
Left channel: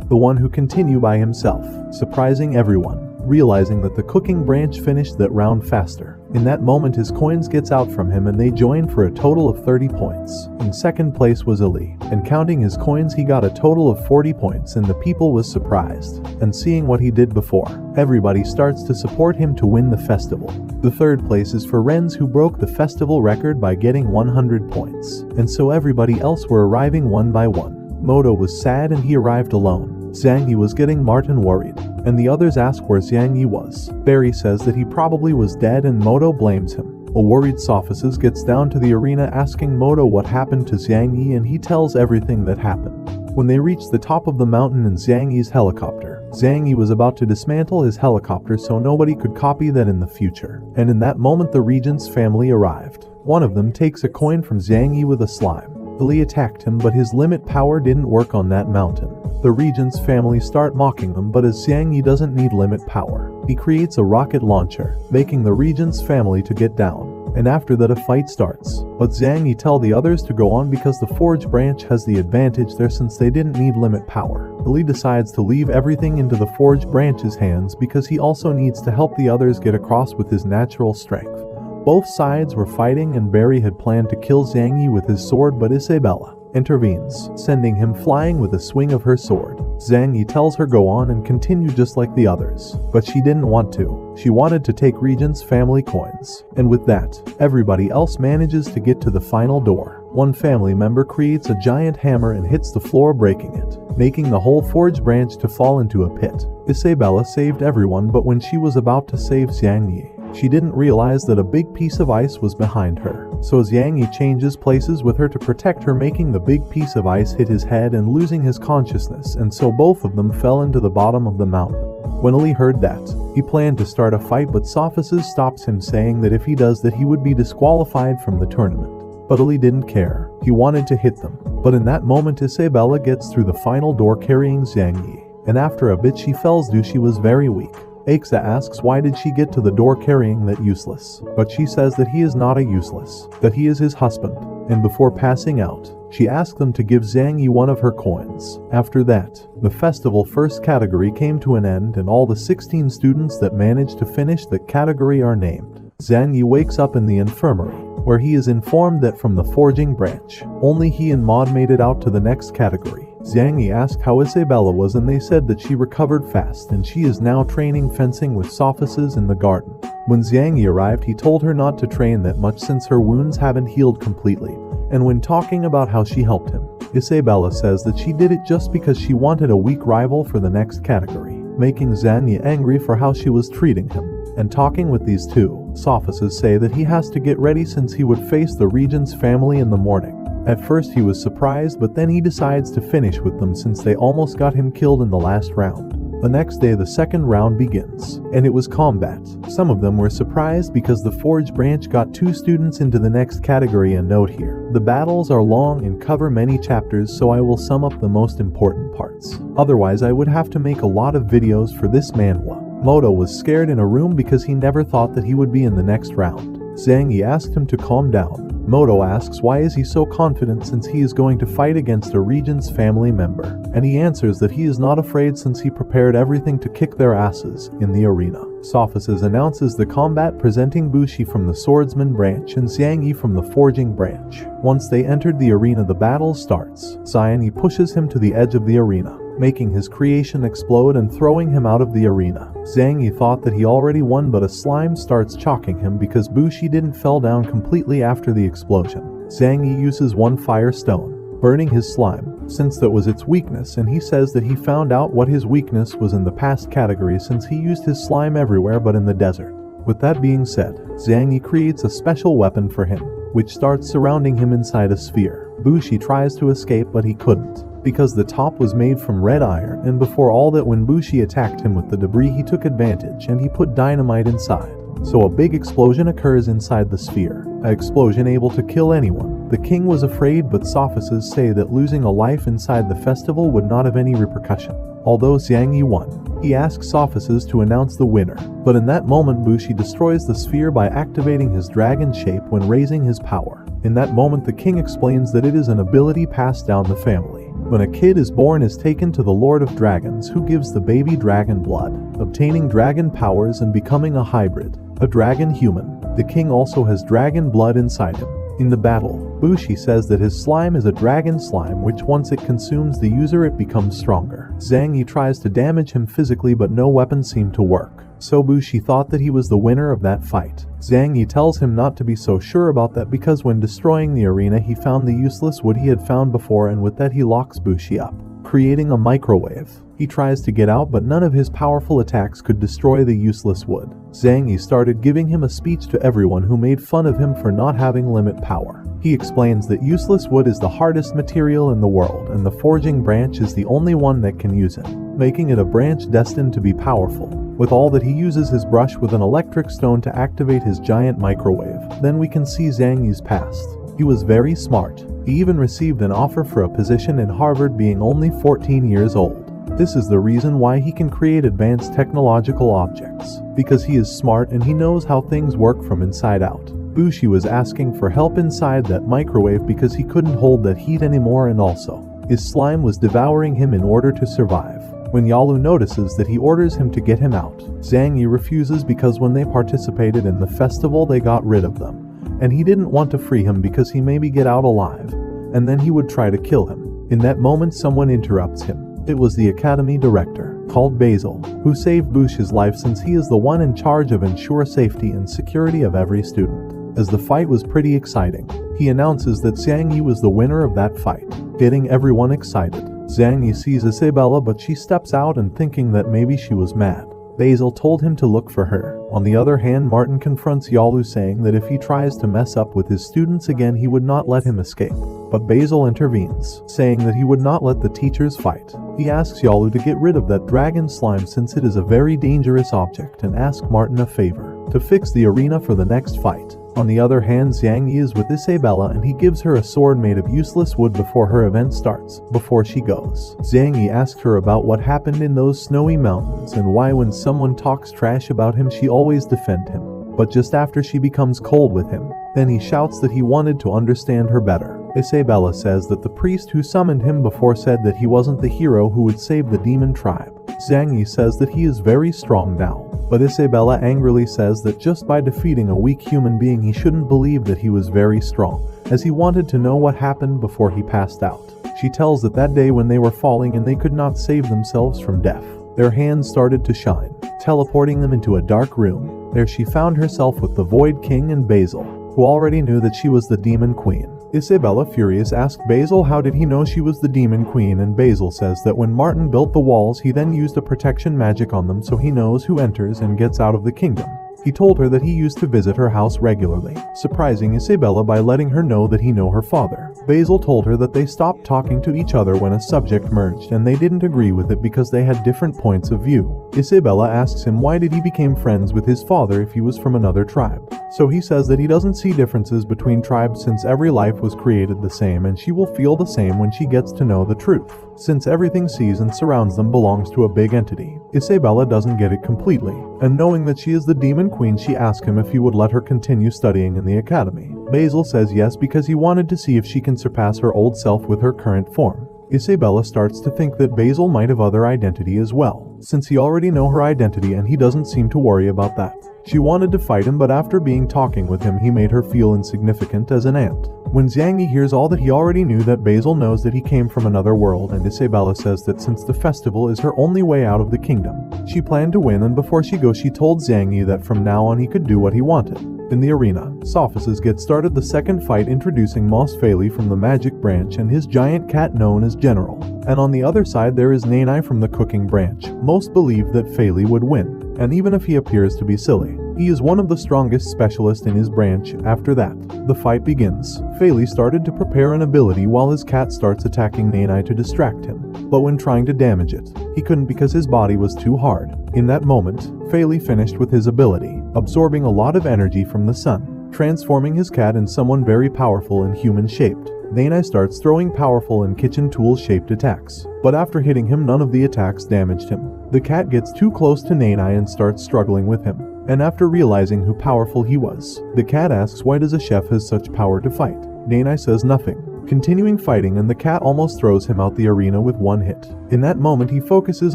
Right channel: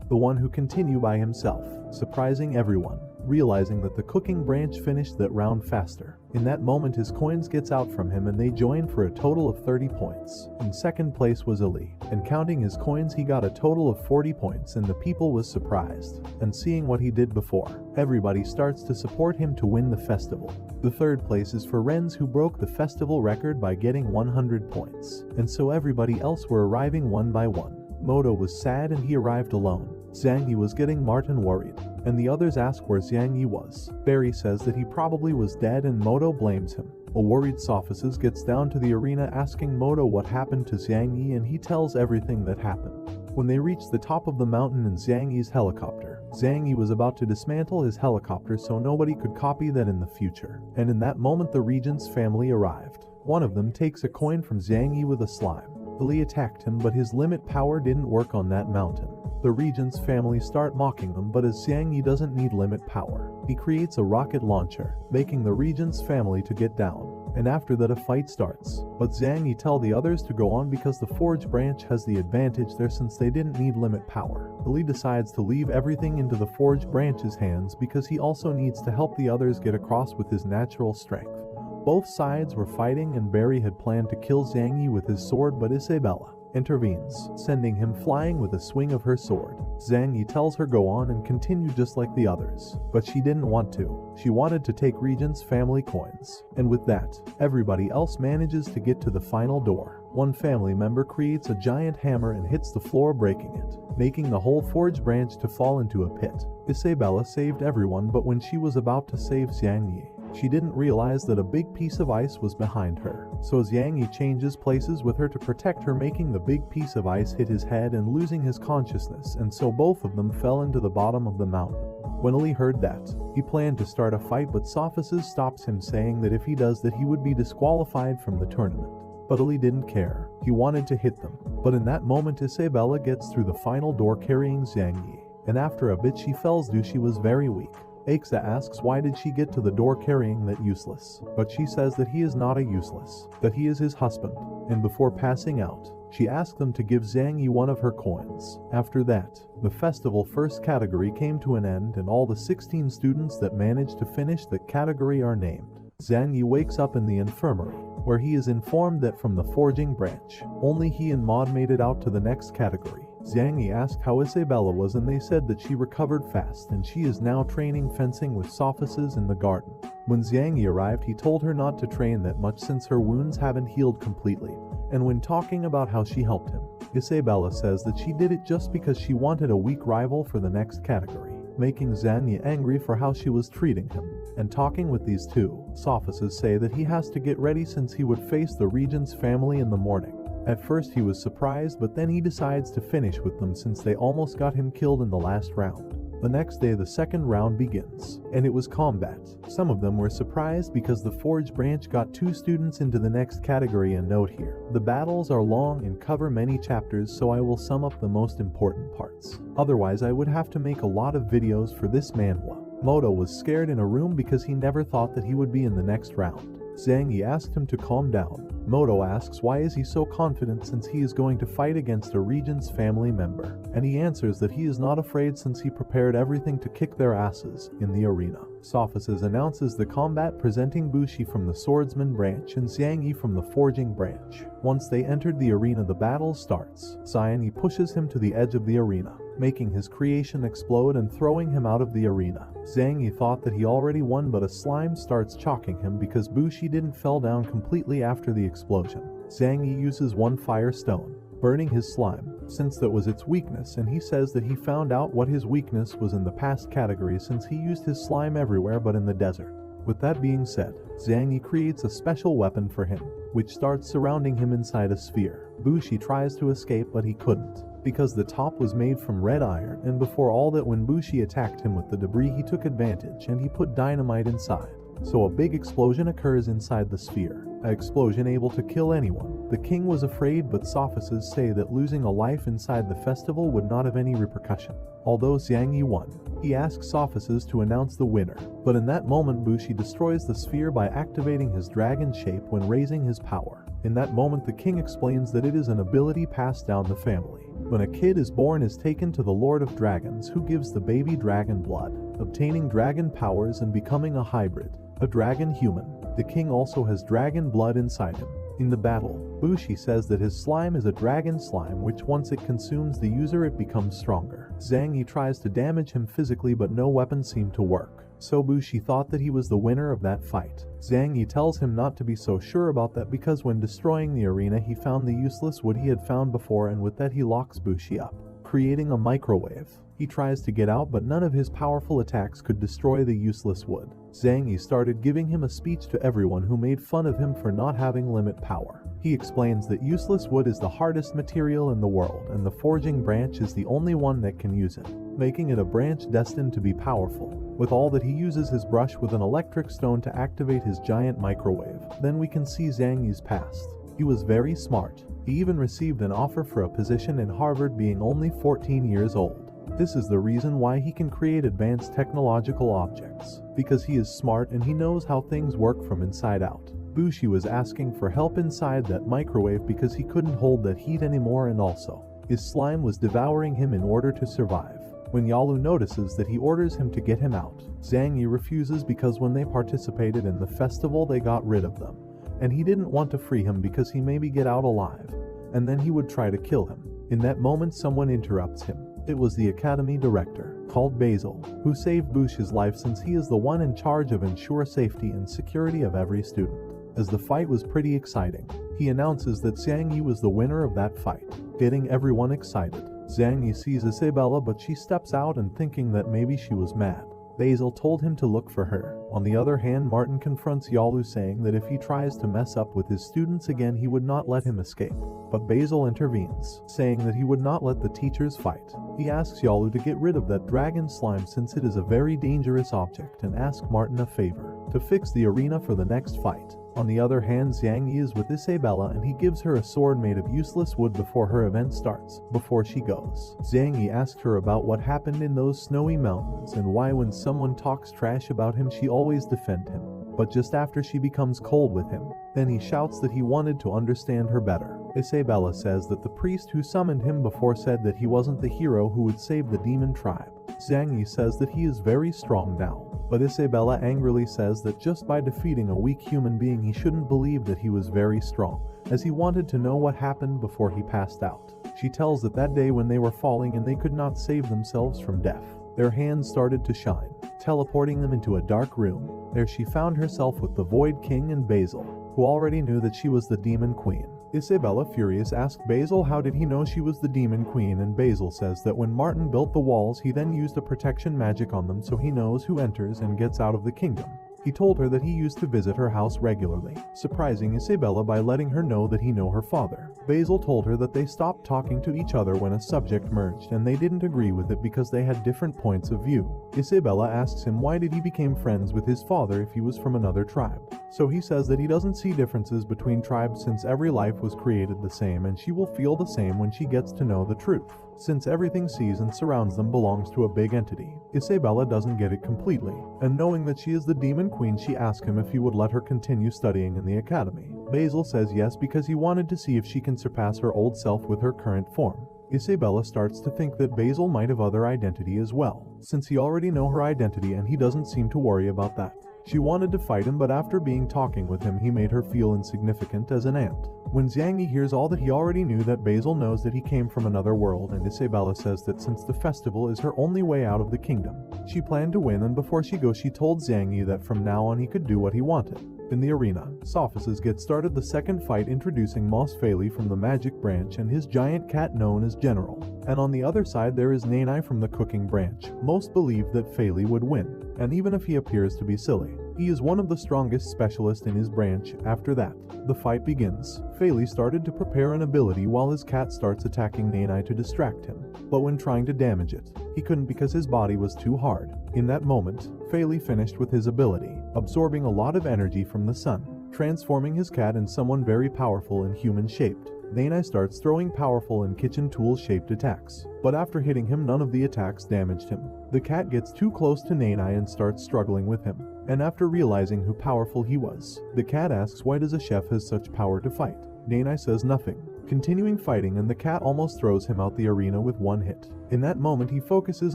the one who continued by himself, surprising everyone, realizing that the cooking branch finished that round faster. In that moment his coins gets out from him and they join for a total of 30 points. In second place was Ali, and counting his coins he got a total of 40 points, and the people was surprised. And seeing what he did before, everybody starts to support him to win the festival. The third place is for Renz, who broke the festival record by getting 100 points, and so everybody else were arriving one by one. Moto was sad and he arrived alone. Zhang Yi was getting Martin worried, and the others ask where Zhang Yi was. Barry says that he probably was dead and Moto blames him. A worried Sophists gets down to the arena asking Moto what happened to Zhang Yi, and he tells everything that happened. When they reach the top of the mountain in Zhang Yi's helicopter, Zhang Yi was about to dismantle his helicopter so nobody could copy that in the future, and in that moment the regent's family arrived. One of them takes a coin from Zhang Yi with a slime. Ali attacked him, but his limit power didn't work on that mountain. The regent's family start mocking them, but as Zhang Yi doesn't need limit power, he creates a rocket launcher, making the regent's family to get down. And after that a fight starts, but Zhang Yi tell the others to go on because the Forge branch has the advantage there since they didn't need limit power. Ali decides to leave everything into the Forge branch's hands because he also needs to help the others get across with his natural strength. Both sides were fighting and Barry had planned to kill Zhang Yi with his sword, but Isabella intervenes, sending him flying with a swing of her sword. Zhang Yi tells her go on and continue just like the others, but she didn't want to. She wanted to take Regent's family coins, and with that, everybody else manages to get to the final door. One family member creates a giant hammer and hits the floor, breaking it, making the whole Forge branch to fall into a pit. Isabella saved everyone, but when she was about to save Zhang Yi, she didn't realize that a big piece of ice was behind her. So Zhang Yi changes places with her to protect her, making the big piece of ice hit his head and losing his consciousness, and so both of them fell into the bottom of the mountain. When Ali heard that, he planned to start a fight, but Sophists stops him, saying that if he does that he would be disqualified from the tournament. But Ali didn't care. He wanted to hit them. But in that moment Isabella gets through the final door carrying Zhang Yi, and after a bit she fells due she was very weak. Axa asks why did she get to the door carrying that useless, but she says that he is not a useless, that he is his husband, and before passing out, she asked them to give Zhang Yi one of her coins. After that, the festival first category came to an end and all the 16 students that managed to finish the category are named. Zhang Yi wakes up in the infirmary, where he is informed that from the forging branch, only he and Maud made it out to the next category. Zhang Yi asked how Isabella was and they said that she recovered fast and she is now training fencing with Sophists in the garden. When Zhang Yi arrived he told her not to train that much since her wounds haven't healed completely, and when talking about how she helped him, Isabella says that she did it just because she wanted a weak rival for the next category. making Zhang Yi angry for how she was treating him. And talking with these two, officers say that he has to get ready since he would face the regent's family in the morning. At first he was surprised, but then he decides to finish with them since they almost got him killed in the last round. The next day the second round begins, and it was combat. Some of them were surprised because the Forge branch got 2 students into the next category. And note here, the battles are long and cover many chapters, so I will sum up the most important parts. Otherwise I would have to make a lot of videos for this manhwa. Moto was scared in a room because he never thought that he would be in the next round. Zhang Yi asked him to calm down. Moto asks why is he so confident since he is going to fight against a regent's family member, and he answers that he is not afraid since he prepared everything to kick their asses in the arena. Sophices announces the combat, presenting Bushi from the swordsman branch and Zhang Yi from the forging branch. Once they entered the arena the battle starts. Zhang Yi pushes him to the edge of the arena, making his creation explode and throwing him out of the arena. Zhang Yi thought that he already won, but a slime starts chalking him because Bushi didn't fell down completely after the explosion. Zhang Yi uses one fire stone, burning his slime, since that was its weakness, and he says that he found out what his weakness was in the past category since he used his slime everywhere but in the desert. With that being said, Zhang Yi creates a special weapon for him, which starts surrounding him inside a sphere. Bushi tries to escape but he couldn't, because the top was made from red iron, and before all that when Bushi attacked him with the debris he took advantage and he put dynamite inside. So a big explosion occurs inside the sphere, an explosion able to kill anyone. The king was afraid, but sophists say that losing a life inside the festival would not have any repercussion. Although Zhang Yi won, he asks sophists to announce the winner, but in that moment Bushi destroys the sphere by activating his dragon shape when raising his power. In that moment the king explains that it is an ability passed down the family. When a kid is born is taken to the Lord of Dragons, who gives the baby dragon blood, obtaining dragon powers and becoming a hybrid, a dragon human. The king also has dragon blood inside him. In the battle, Bushi says that his slime is a dragon slime, which once it consumes the user it becomes stronger. Zhang Yi tries to damage him physically but no weapon seemed to work, so Bushi thought that he was the winner of that fight. Zhang Yi tells him not to be so sure about that because when destroying the arena he found the useless wood he had found before, and with that he locks Bushi up, creating a microwave. He tries to get out but none of his powerful attacks could destroy the useless wood. Zhang Yi started giving him a speech to everyone who made fun of him for not having limit power. He explains that useless wood is the hardest material in the world and the forging branch is the only one that can use it, making it a branch destined to be powerful. With all that he uses his brush with an electric stone to activate his giant microwave. Then we can see Zhang Yi's past. He was very smart. He even received an offer for a position in Harvard being only 14 years old. This is the reason why he can create advanced technological objects, because he is smart and he knows how things work from inside out. Bushi was asking for help inside that microwave because he couldn't hold that heat anymore, and also, his slime was devouring him in order to survive. When Yalu notices that, he orders him to get him out. Zhang Yi refuses because when they participated in the festival they got rid of them, and he didn't want to free him because he maybe get out alive, and then he would try to kill him. In that moment someone interrupts him. It was the academy director, called Basil, who saved Bushi's life since he is the one in charge of ensure safety and security of every student. As the fight was pretty exciting, he announces that Zhang Yi was the winner of that fight, getting everyone excited. Zhang Yi sees Isabella but she steps out and thinking that maybe she was mad. Basil told him to look for her. On the other hand, Martin confronts Yalu saying that if he tries to mess up with his students again he would not let him escape. But Basil intervenes, saying that he would not let the teachers fight. He asks Yalu to get rid of that dragon slime since it is a very dangerous object, and asks Martin a favor, to fix the arena for the next fight. On the other hand, Zhang Yi is with Isabella and he gives her a sword made of useless wood before her event starts. Before she goes, Zhang Yi asks her about what happened in those snowy mountains and why when someone talks trash about him she always defend him. But just after she becomes cold with him, then he shouts that he wanted to understand her better. Isabella says that the priest who summoned him before said that he wasn't the hero who would save the demon tribe. Zhang Yi says that he is very strong now, but Isabella angrily says that just by defeating a weak human being he shouldn't believe that he was very strong, as he wanted to know what happened before he passed out. She tells that day when they were falling and they could not save themselves from death, their hands started to shine, teleporting them into a dark room. There she found herself with the Void King and Basil. who already knew that she was the Demon Queen. Isabella, furious, asked Basil how did he know she was the Demon Queen, and Basil says that when Martin built the walls he then used a protection magic on them so he knows who enters and gets out of the kingdom. He told her that he used to visit her house regularly, surprising Isabella by letting her know that he knew her father. Basil told her that they stopped talking to each other when a subject merged and they didn't agree with it because they had different points of view. Isabella asks him why did he become friends with his father if he was from another tribe. So he says that he doesn't see differences between tribes since every life was created the same, and she will feel the same when she gets to know the truth, since everything sees and surrounds them belongs to a big entity. Isabella doesn't get it completely, and knowing that she is the Demon Queen, she asks him if he would let her continue studying in the academy. Basil says yes because he wanted to see if she can surpass her old self with her current form. Isabella starts to think that Basil might have other identity as well, since he already know her identity and he doesn't seem to worry about that. She wanted to fight him, but after talking with him he made her feel insignificant as an ant. When Xiangyi hears all that, he already knew that Basil knows that he came from another world, and Isabella says that since the festival is her only way out of the kingdom, she planned to win, and before she goes she told Xiangyi that from now on he could do what he wanted. In the arena, Sophists get started the second fight, introducing Moss Faley from the magic branch and his giant cat known as General. And on the other side there is Nanai from the cooking branch. Most believe that Faley would win, and even if he appears to be silly, he is one of the strongest specialists in his branch. After that, the fight begins. Faley started to prepare an ability while his cat starts attacking Nanai to distract him, but when trying to damage it, he couldn't because his body was too hard. In that moment, Faley finished with his ability, absorbing a lot of energy from the sun, transforming his cat in someone very powerful and human-shaped. Nanai starts throwing powerful and kitchen tool-shaped attacks, but after hitting him none of the attacks damaged him. The cat gets too close to Nanai and starts struggling with him, and after realizing how powerful he was, the cat asks why does a chef has such power to fight. Nanai says nothing, continuing fighting, and the cat almost throws him out the arena with one hit. In that moment he focuses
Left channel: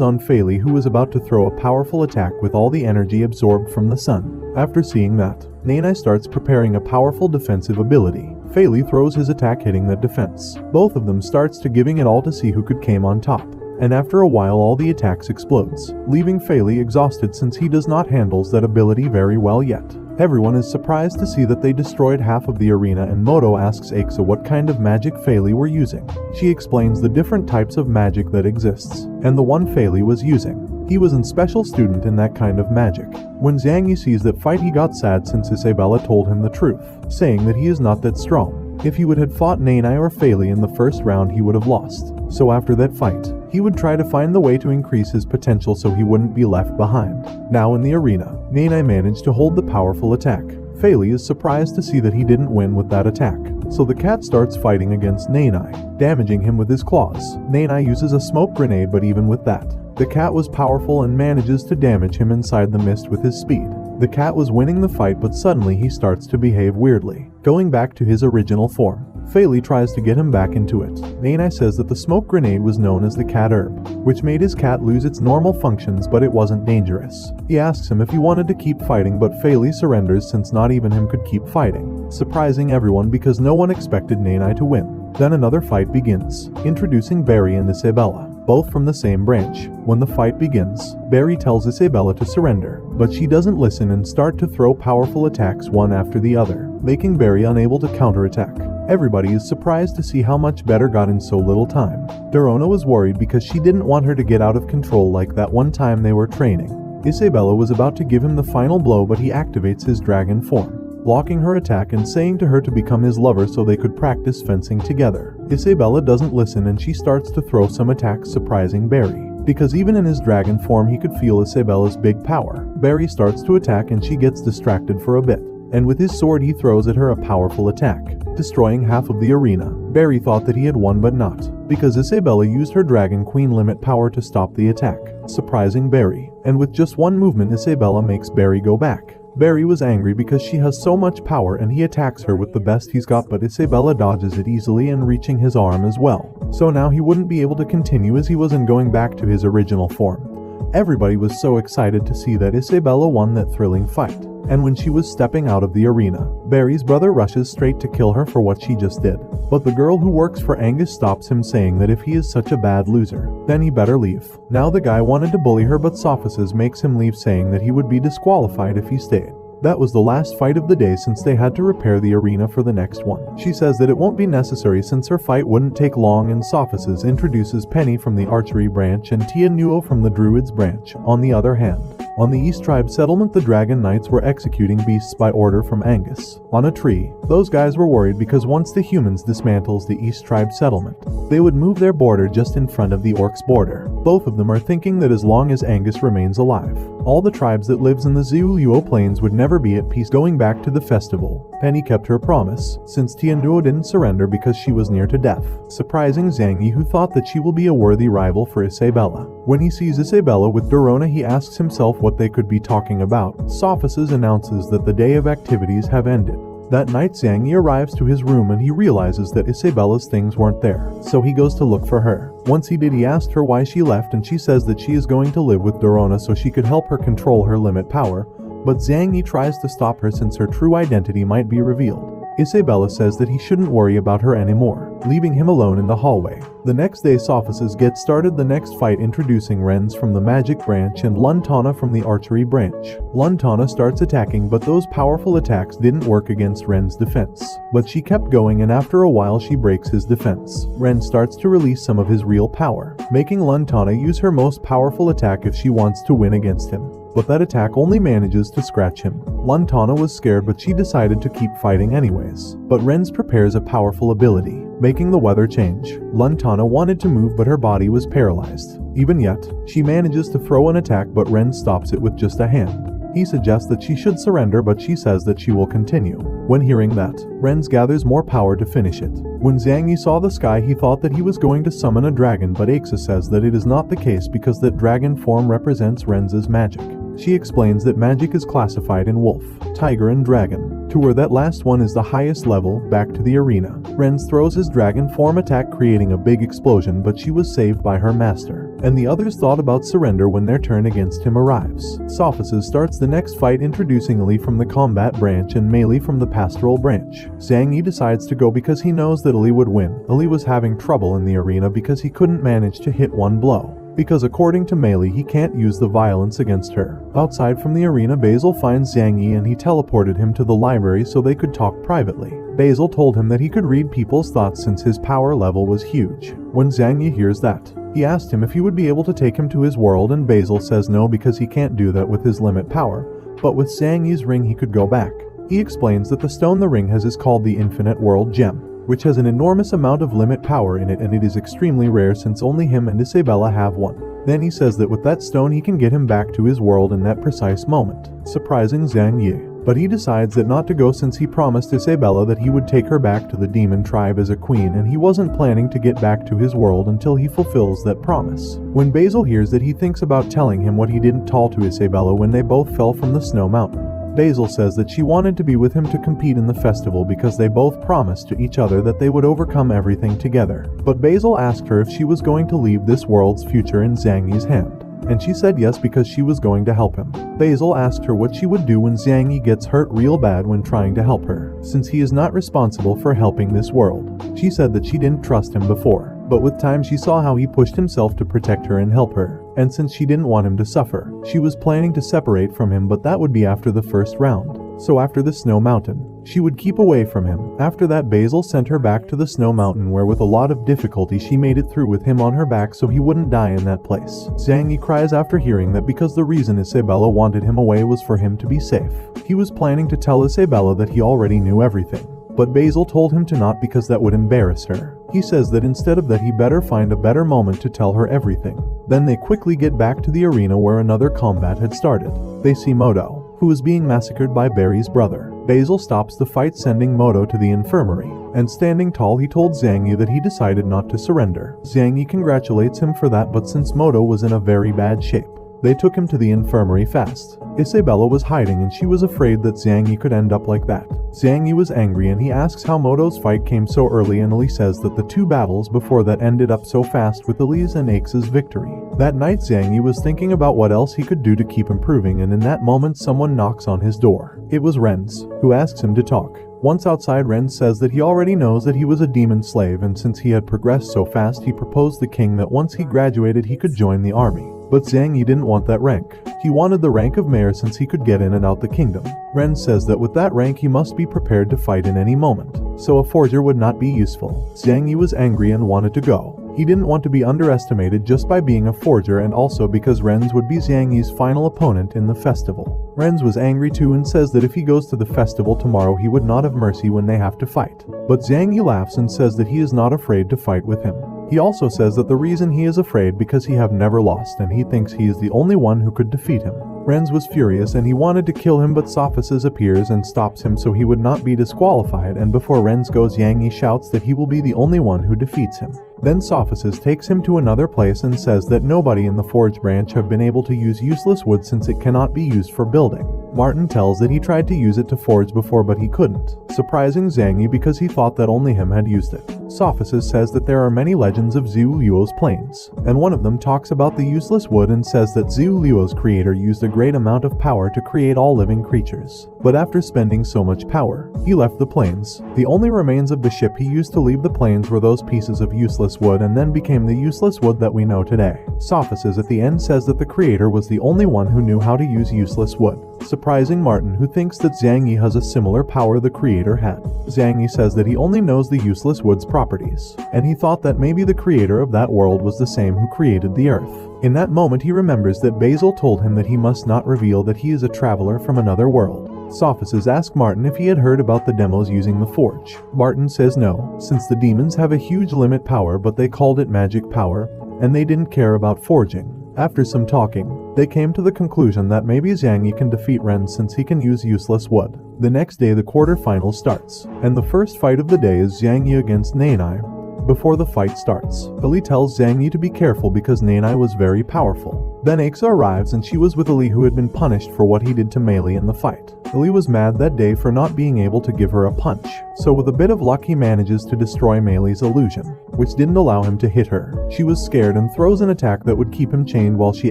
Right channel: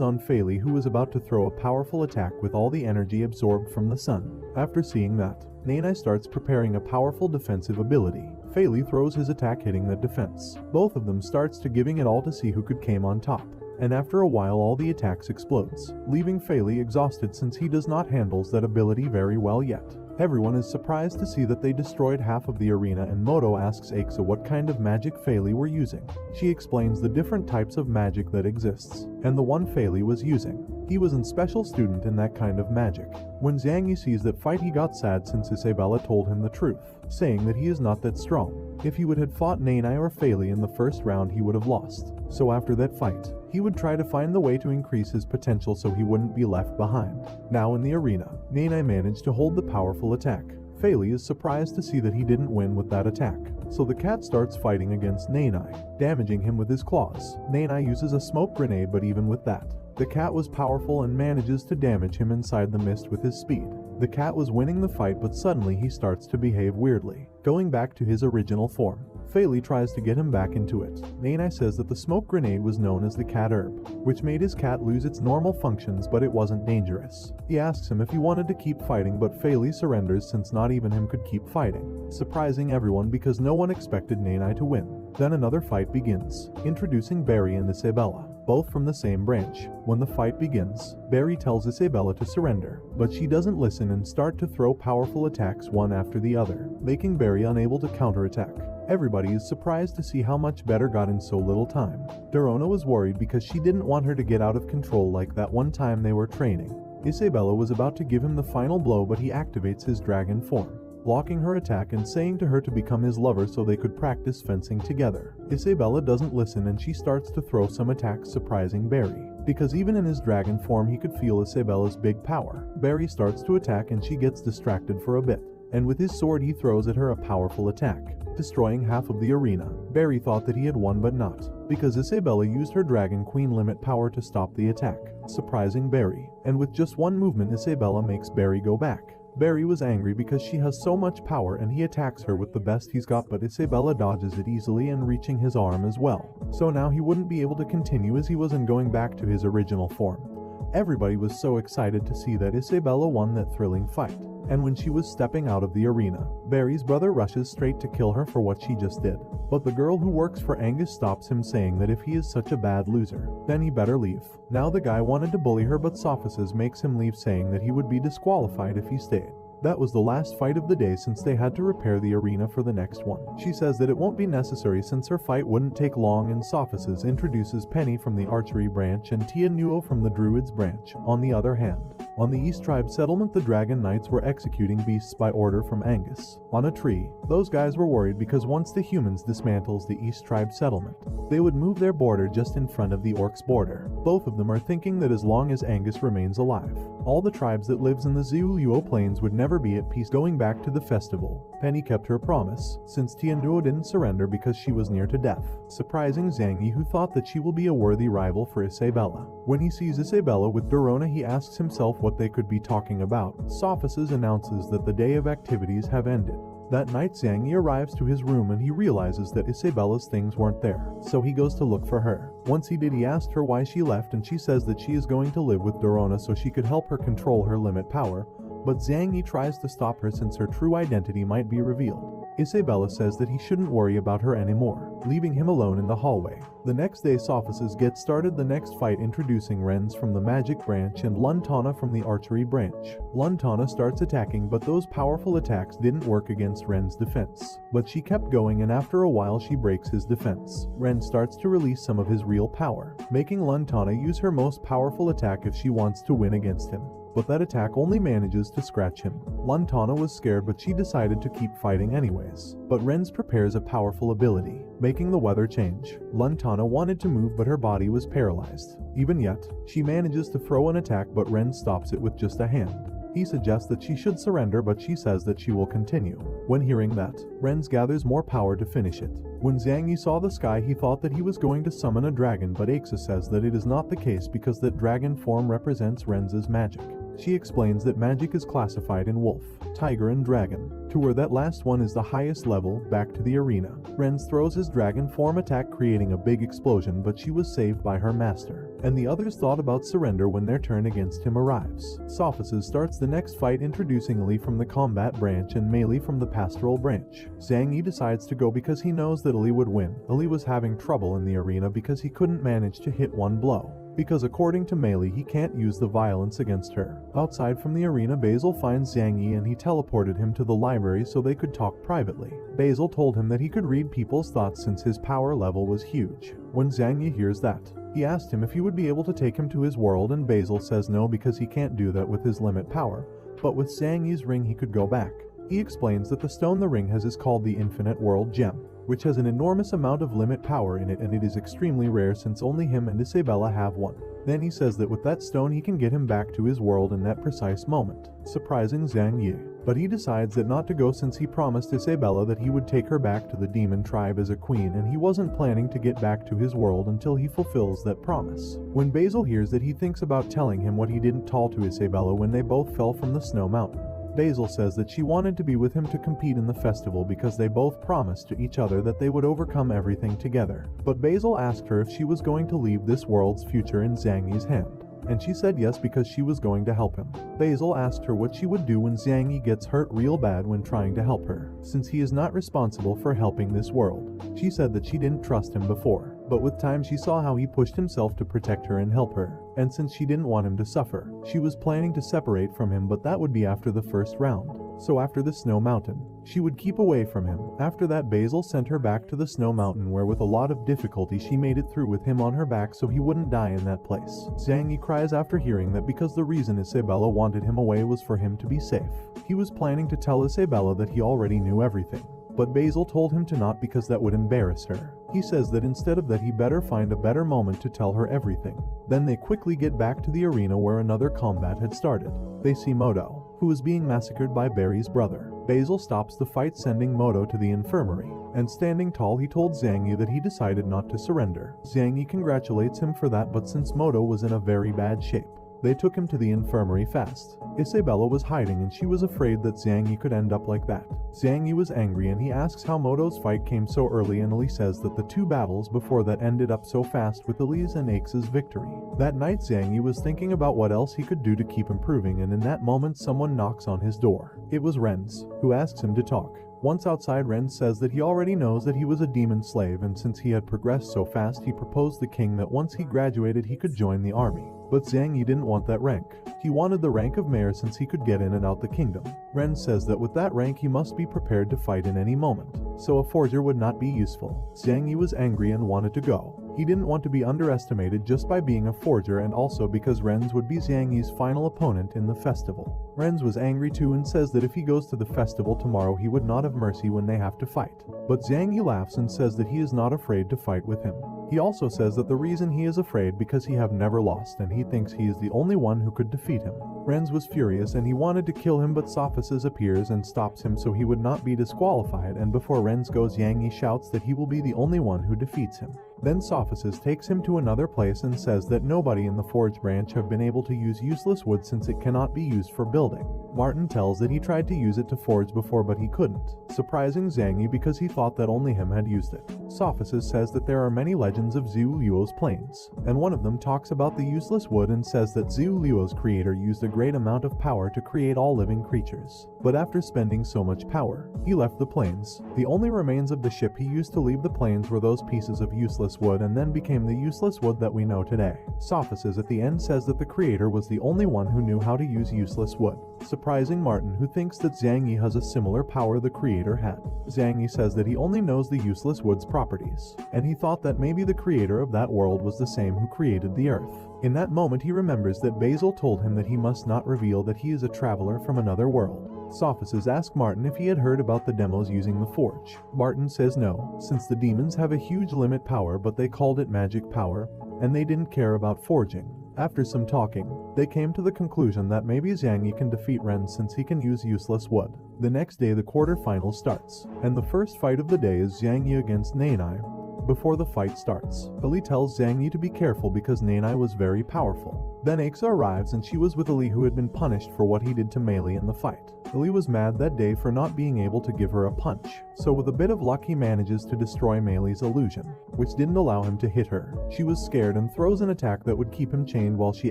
on Faley, who is about to throw a powerful attack with all the energy absorbed from the sun. After seeing that, Nanai starts preparing a powerful defensive ability. Faley throws his attack hitting that defense. Both of them starts to giving it all to see who could came on top. And after a while all the attacks explodes, leaving Faley exhausted since he does not handles that ability very well yet. Everyone is surprised to see that they destroyed half of the arena, and Moto asks Aixa what kind of magic Faley were using. She explains the different types of magic that exists, and the one Faley was using. He was a special student in that kind of magic. When Xiangyi sees that fight he got sad since Isabella told him the truth, saying that he is not that strong. If he would have fought Nanai or Faley in the first round he would have lost. So after that fight, he would try to find the way to increase his potential so he wouldn't be left behind. Now in the arena, Nanai managed to hold the powerful attack. Faley is surprised to see that he didn't win with that attack, so the cat starts fighting against Nanai, damaging him with his claws. Nanai uses a smoke grenade, but even with that, the cat was powerful and manages to damage him inside the mist with his speed. The cat was winning the fight, but suddenly he starts to behave weirdly, going back to his original form. Faley tries to get him back into it. Nanai says that the smoke grenade was known as the cat herb, which made his cat lose its normal functions, but it wasn't dangerous. He asks him if he wanted to keep fighting, but Faley surrenders since not even him could keep fighting, surprising everyone because no one expected Nanai to win. Then another fight begins, introducing Barry and Isabella, both from the same branch. When the fight begins, Barry tells Isabella to surrender, but she doesn't listen and start to throw powerful attacks one after the other, making Barry unable to counterattack. Everybody is surprised to see how much better got in so little time. Dorona was worried because she didn't want her to get out of control like that one time they were training. Isabella was about to give him the final blow, but he activates his dragon form, blocking her attack and saying to her to become his lover so they could practice fencing together. Isabella doesn't listen and she starts to throw some attacks, surprising Barry, because even in his dragon form he could feel Isabella's big power. Barry starts to attack and she gets distracted for a bit, and with his sword he throws at her a powerful attack, destroying half of the arena. Barry thought that he had won, but not, because Isabella used her Dragon Queen limit power to stop the attack, surprising Barry, and with just one movement Isabella makes Barry go back. Barry was angry because she has so much power and he attacks her with the best he's got, but Isabella dodges it easily and reaching his arm as well. So now he wouldn't be able to continue as he wasn't going back to his original form. Everybody was so excited to see that Isabella won that thrilling fight. And when she was stepping out of the arena, Barry's brother rushes straight to kill her for what she just did. But the girl who works for Angus stops him, saying that if he is such a bad loser, then he better leave. Now the guy wanted to bully her, but Sophists makes him leave, saying that he would be disqualified if he stayed. That was the last fight of the day since they had to repair the arena for the next one. She says that it won't be necessary since her fight wouldn't take long, and Sophices introduces Penny from the archery branch and Tia Nuo from the druids branch. On the other hand, on the East Tribe settlement, the Dragon Knights were executing beasts by order from Angus. On a tree, those guys were worried because once the humans dismantles the East Tribe settlement, they would move their border just in front of the Orcs' border. Both of them are thinking that as long as Angus remains alive, all the tribes that lives in the Zuluo Plains would never be at peace. Going back to the festival, Penny kept her promise, since Tianduo didn't surrender because she was near to death, surprising Zhang Yi, who thought that she will be a worthy rival for Isabella. When he sees Isabella with Dorona, he asks himself what they could be talking about. Sophices announces that the day of activities have ended. That night, Zhang Yi arrives to his room and he realizes that Isabella's things weren't there, so he goes to look for her. Once he did, he asked her why she left, and she says that she is going to live with Dorona so she could help her control her limit power, but Zhang Yi tries to stop her since her true identity might be revealed. Isabella says that he shouldn't worry about her anymore, leaving him alone in the hallway. The next day, Sophices gets started the next fight, introducing Renz from the magic branch and Luntana from the archery branch. Luntana starts attacking, but those powerful attacks didn't work against Ren's defense. But she kept going, and after a while she breaks his defense. Ren starts to release some of his real power, making Luntana use her most powerful attack if she wants to win against him. But that attack only manages to scratch him. Luntana was scared, but she decided to keep fighting anyways. But Renz prepares a powerful ability, making the weather change. Luntana wanted to move, but her body was paralyzed. Even yet, she manages to throw an attack, but Renz stops it with just a hand. He suggests that she should surrender, but she says that she will continue. When hearing that, Renz gathers more power to finish it. When Zhang Yi saw the sky, he thought that he was going to summon a dragon, but Aixa says that it is not the case because that dragon form represents Renz's magic. She explains that magic is classified in wolf, tiger, and dragon, to where that last one is the highest level. Back to the arena, Renz throws his dragon form attack, creating a big explosion, but she was saved by her master, and the others thought about surrender when their turn against him arrives. Sophices starts the next fight, introducing Li from the combat branch and Mei Li from the pastoral branch. Zhang Yi decides to go because he knows that Li would win. Li was having trouble in the arena because he couldn't manage to hit one blow, because according to Mei Li, he can't use the violence against her. Outside from the arena, Basil finds Zhang Yi and he teleported him to the library so they could talk privately. Basil told him that he could read people's thoughts since his power level was huge. When Zhang Yi hears that, he asked him if he would be able to take him to his world, and Basil says no because he can't do that with his limit power, but with Zhang Yi's ring he could go back. He explains that the stone the ring has is called the Infinite World Gem, which has an enormous amount of limit power in it, and it is extremely rare since only him and Isabella have one. Then he says that with that stone he can get him back to his world in that precise moment, surprising Zhang Yi. But he decides that not to go since he promised Isabella that he would take her back to the demon tribe as a queen, and he wasn't planning to get back to his world until he fulfills that promise. When Basil hears that, he thinks about telling him what he didn't tell to Isabella when they both fell from the snow mountain. Basil says that she wanted to be with him to compete in the festival because they both promised to each other that they would overcome everything together. But Basil asked her if she was going to leave this world's future in Zhang Yi's hand, and she said yes because she was going to help him. Basil asked her what she would do when Zhang Yi gets hurt real bad when trying to help her, since he is not responsible for helping this world. She said that she didn't trust him before, but with time she saw how he pushed himself to protect her and help her, and since she didn't want him to suffer, she was planning to separate from him, but that would be after the first round. So after the snow mountain, she would keep away from him. After that, Basil sent her back to the snow mountain, where with a lot of difficulty she made it through with him on her back so he wouldn't die in that place. Zhang Yi cries after hearing that because the reason Isabella wanted him away was for him to be safe. He was planning to tell Isabella that he already knew everything, but Basil told him to not because that would embarrass her. He says that instead of that he better find a better moment to tell her everything. Then they quickly get back to the arena where another combat had started. They see Moto, who is being massacred by Barry's brother. Basil stops the fight, sending Moto to the infirmary, and standing tall he told Zhang Yi that he decided not to surrender. Zhang Yi congratulates him for that, but since Moto was in a very bad shape, they took him to the infirmary fast. Isabella was hiding and she was afraid that Zhang Yi could end up like that. Zhang Yi was angry and he asks how Moto's fight came so early, and Ali says that the two battles before that ended up so fast with Ali's and Aix's victory. That night Zhang Yi was thinking about what else he could do to keep improving, and in that moment someone knocks on his door. It was Renz, who asks him to talk. Once outside, Renz says that he already knows that he was a demon slave, and since he had progressed so fast he proposed the king that once he graduated he could join the army. but Zhang Yi didn't want that rank. He wanted the rank of mayor since he could get in and out the kingdom. Ren says that with that rank he must be prepared to fight in any moment, so a forger would not be useful. Zhang Yi was angry and wanted to go. He didn't want to be underestimated just by being a forger, and also because Ren's would be Zhang Yi's final opponent in the festival. Ren's was angry too and says that if he goes to the festival tomorrow he would not have mercy when they have to fight. But Zhang Yi laughs and says that he is not afraid to fight with him. He also says that the reason he is afraid because he have never lost and he thinks he is the only one who could defeat him. Ren's was furious and he wanted to kill him, but Sophices appears and stops him so he would not be disqualified, and before Ren's goes Zhang Yi shouts that he will be the only one who defeats him. Then Sophices takes him to another place and says that nobody in the forge branch have been able to use useless wood since it cannot be used for building. Martin tells that he tried to use it to forge before but he couldn't, surprising Zhang Yi because he thought that only him had used it. Sophices says that there are many legends of Zhu Luo's plains, and one of them talks about the useless wood and says that Zhu Luo's creator used a great amount of power to create all living creatures. But after spending so much power, he left the plains. The only remains of the ship he used to leave the plains were those pieces of useless wood, and then became the useless wood that we know today. Sophices at the end says that the creator was the only one who knew how to use useless wood, surprising Martin, who thinks that Zhang Yi has a similar power the creator had. Zhang Yi says that he only knows the useless wood's properties, and he thought that maybe the creator of that world was the same who created the earth. In that moment he remembers that Basil told him that he must not reveal that he is a traveler from another world. Sophices ask Martin if he had heard about the demos using the forge. Martin says no, since the demons have a huge limit power, but they called it magic power, and they didn't care about forging. After some talking, they came to the conclusion that maybe Zhang Yi can defeat Ren since he can use useless wood. The next day the quarterfinal starts, and the first fight of the day is Zhang Yi against Nanai. Before the fight starts, Ali tells Zhang Yi to be careful because Nanai was very powerful. Then Aixa arrives and she was with Ali, who had been punished for what he did to Meili in the fight. Ali was mad that day for not being able to give her a punch, so with a bit of luck he manages to destroy Meili's illusion, which didn't allow him to hit her. She was scared and throws an attack that would keep him chained while she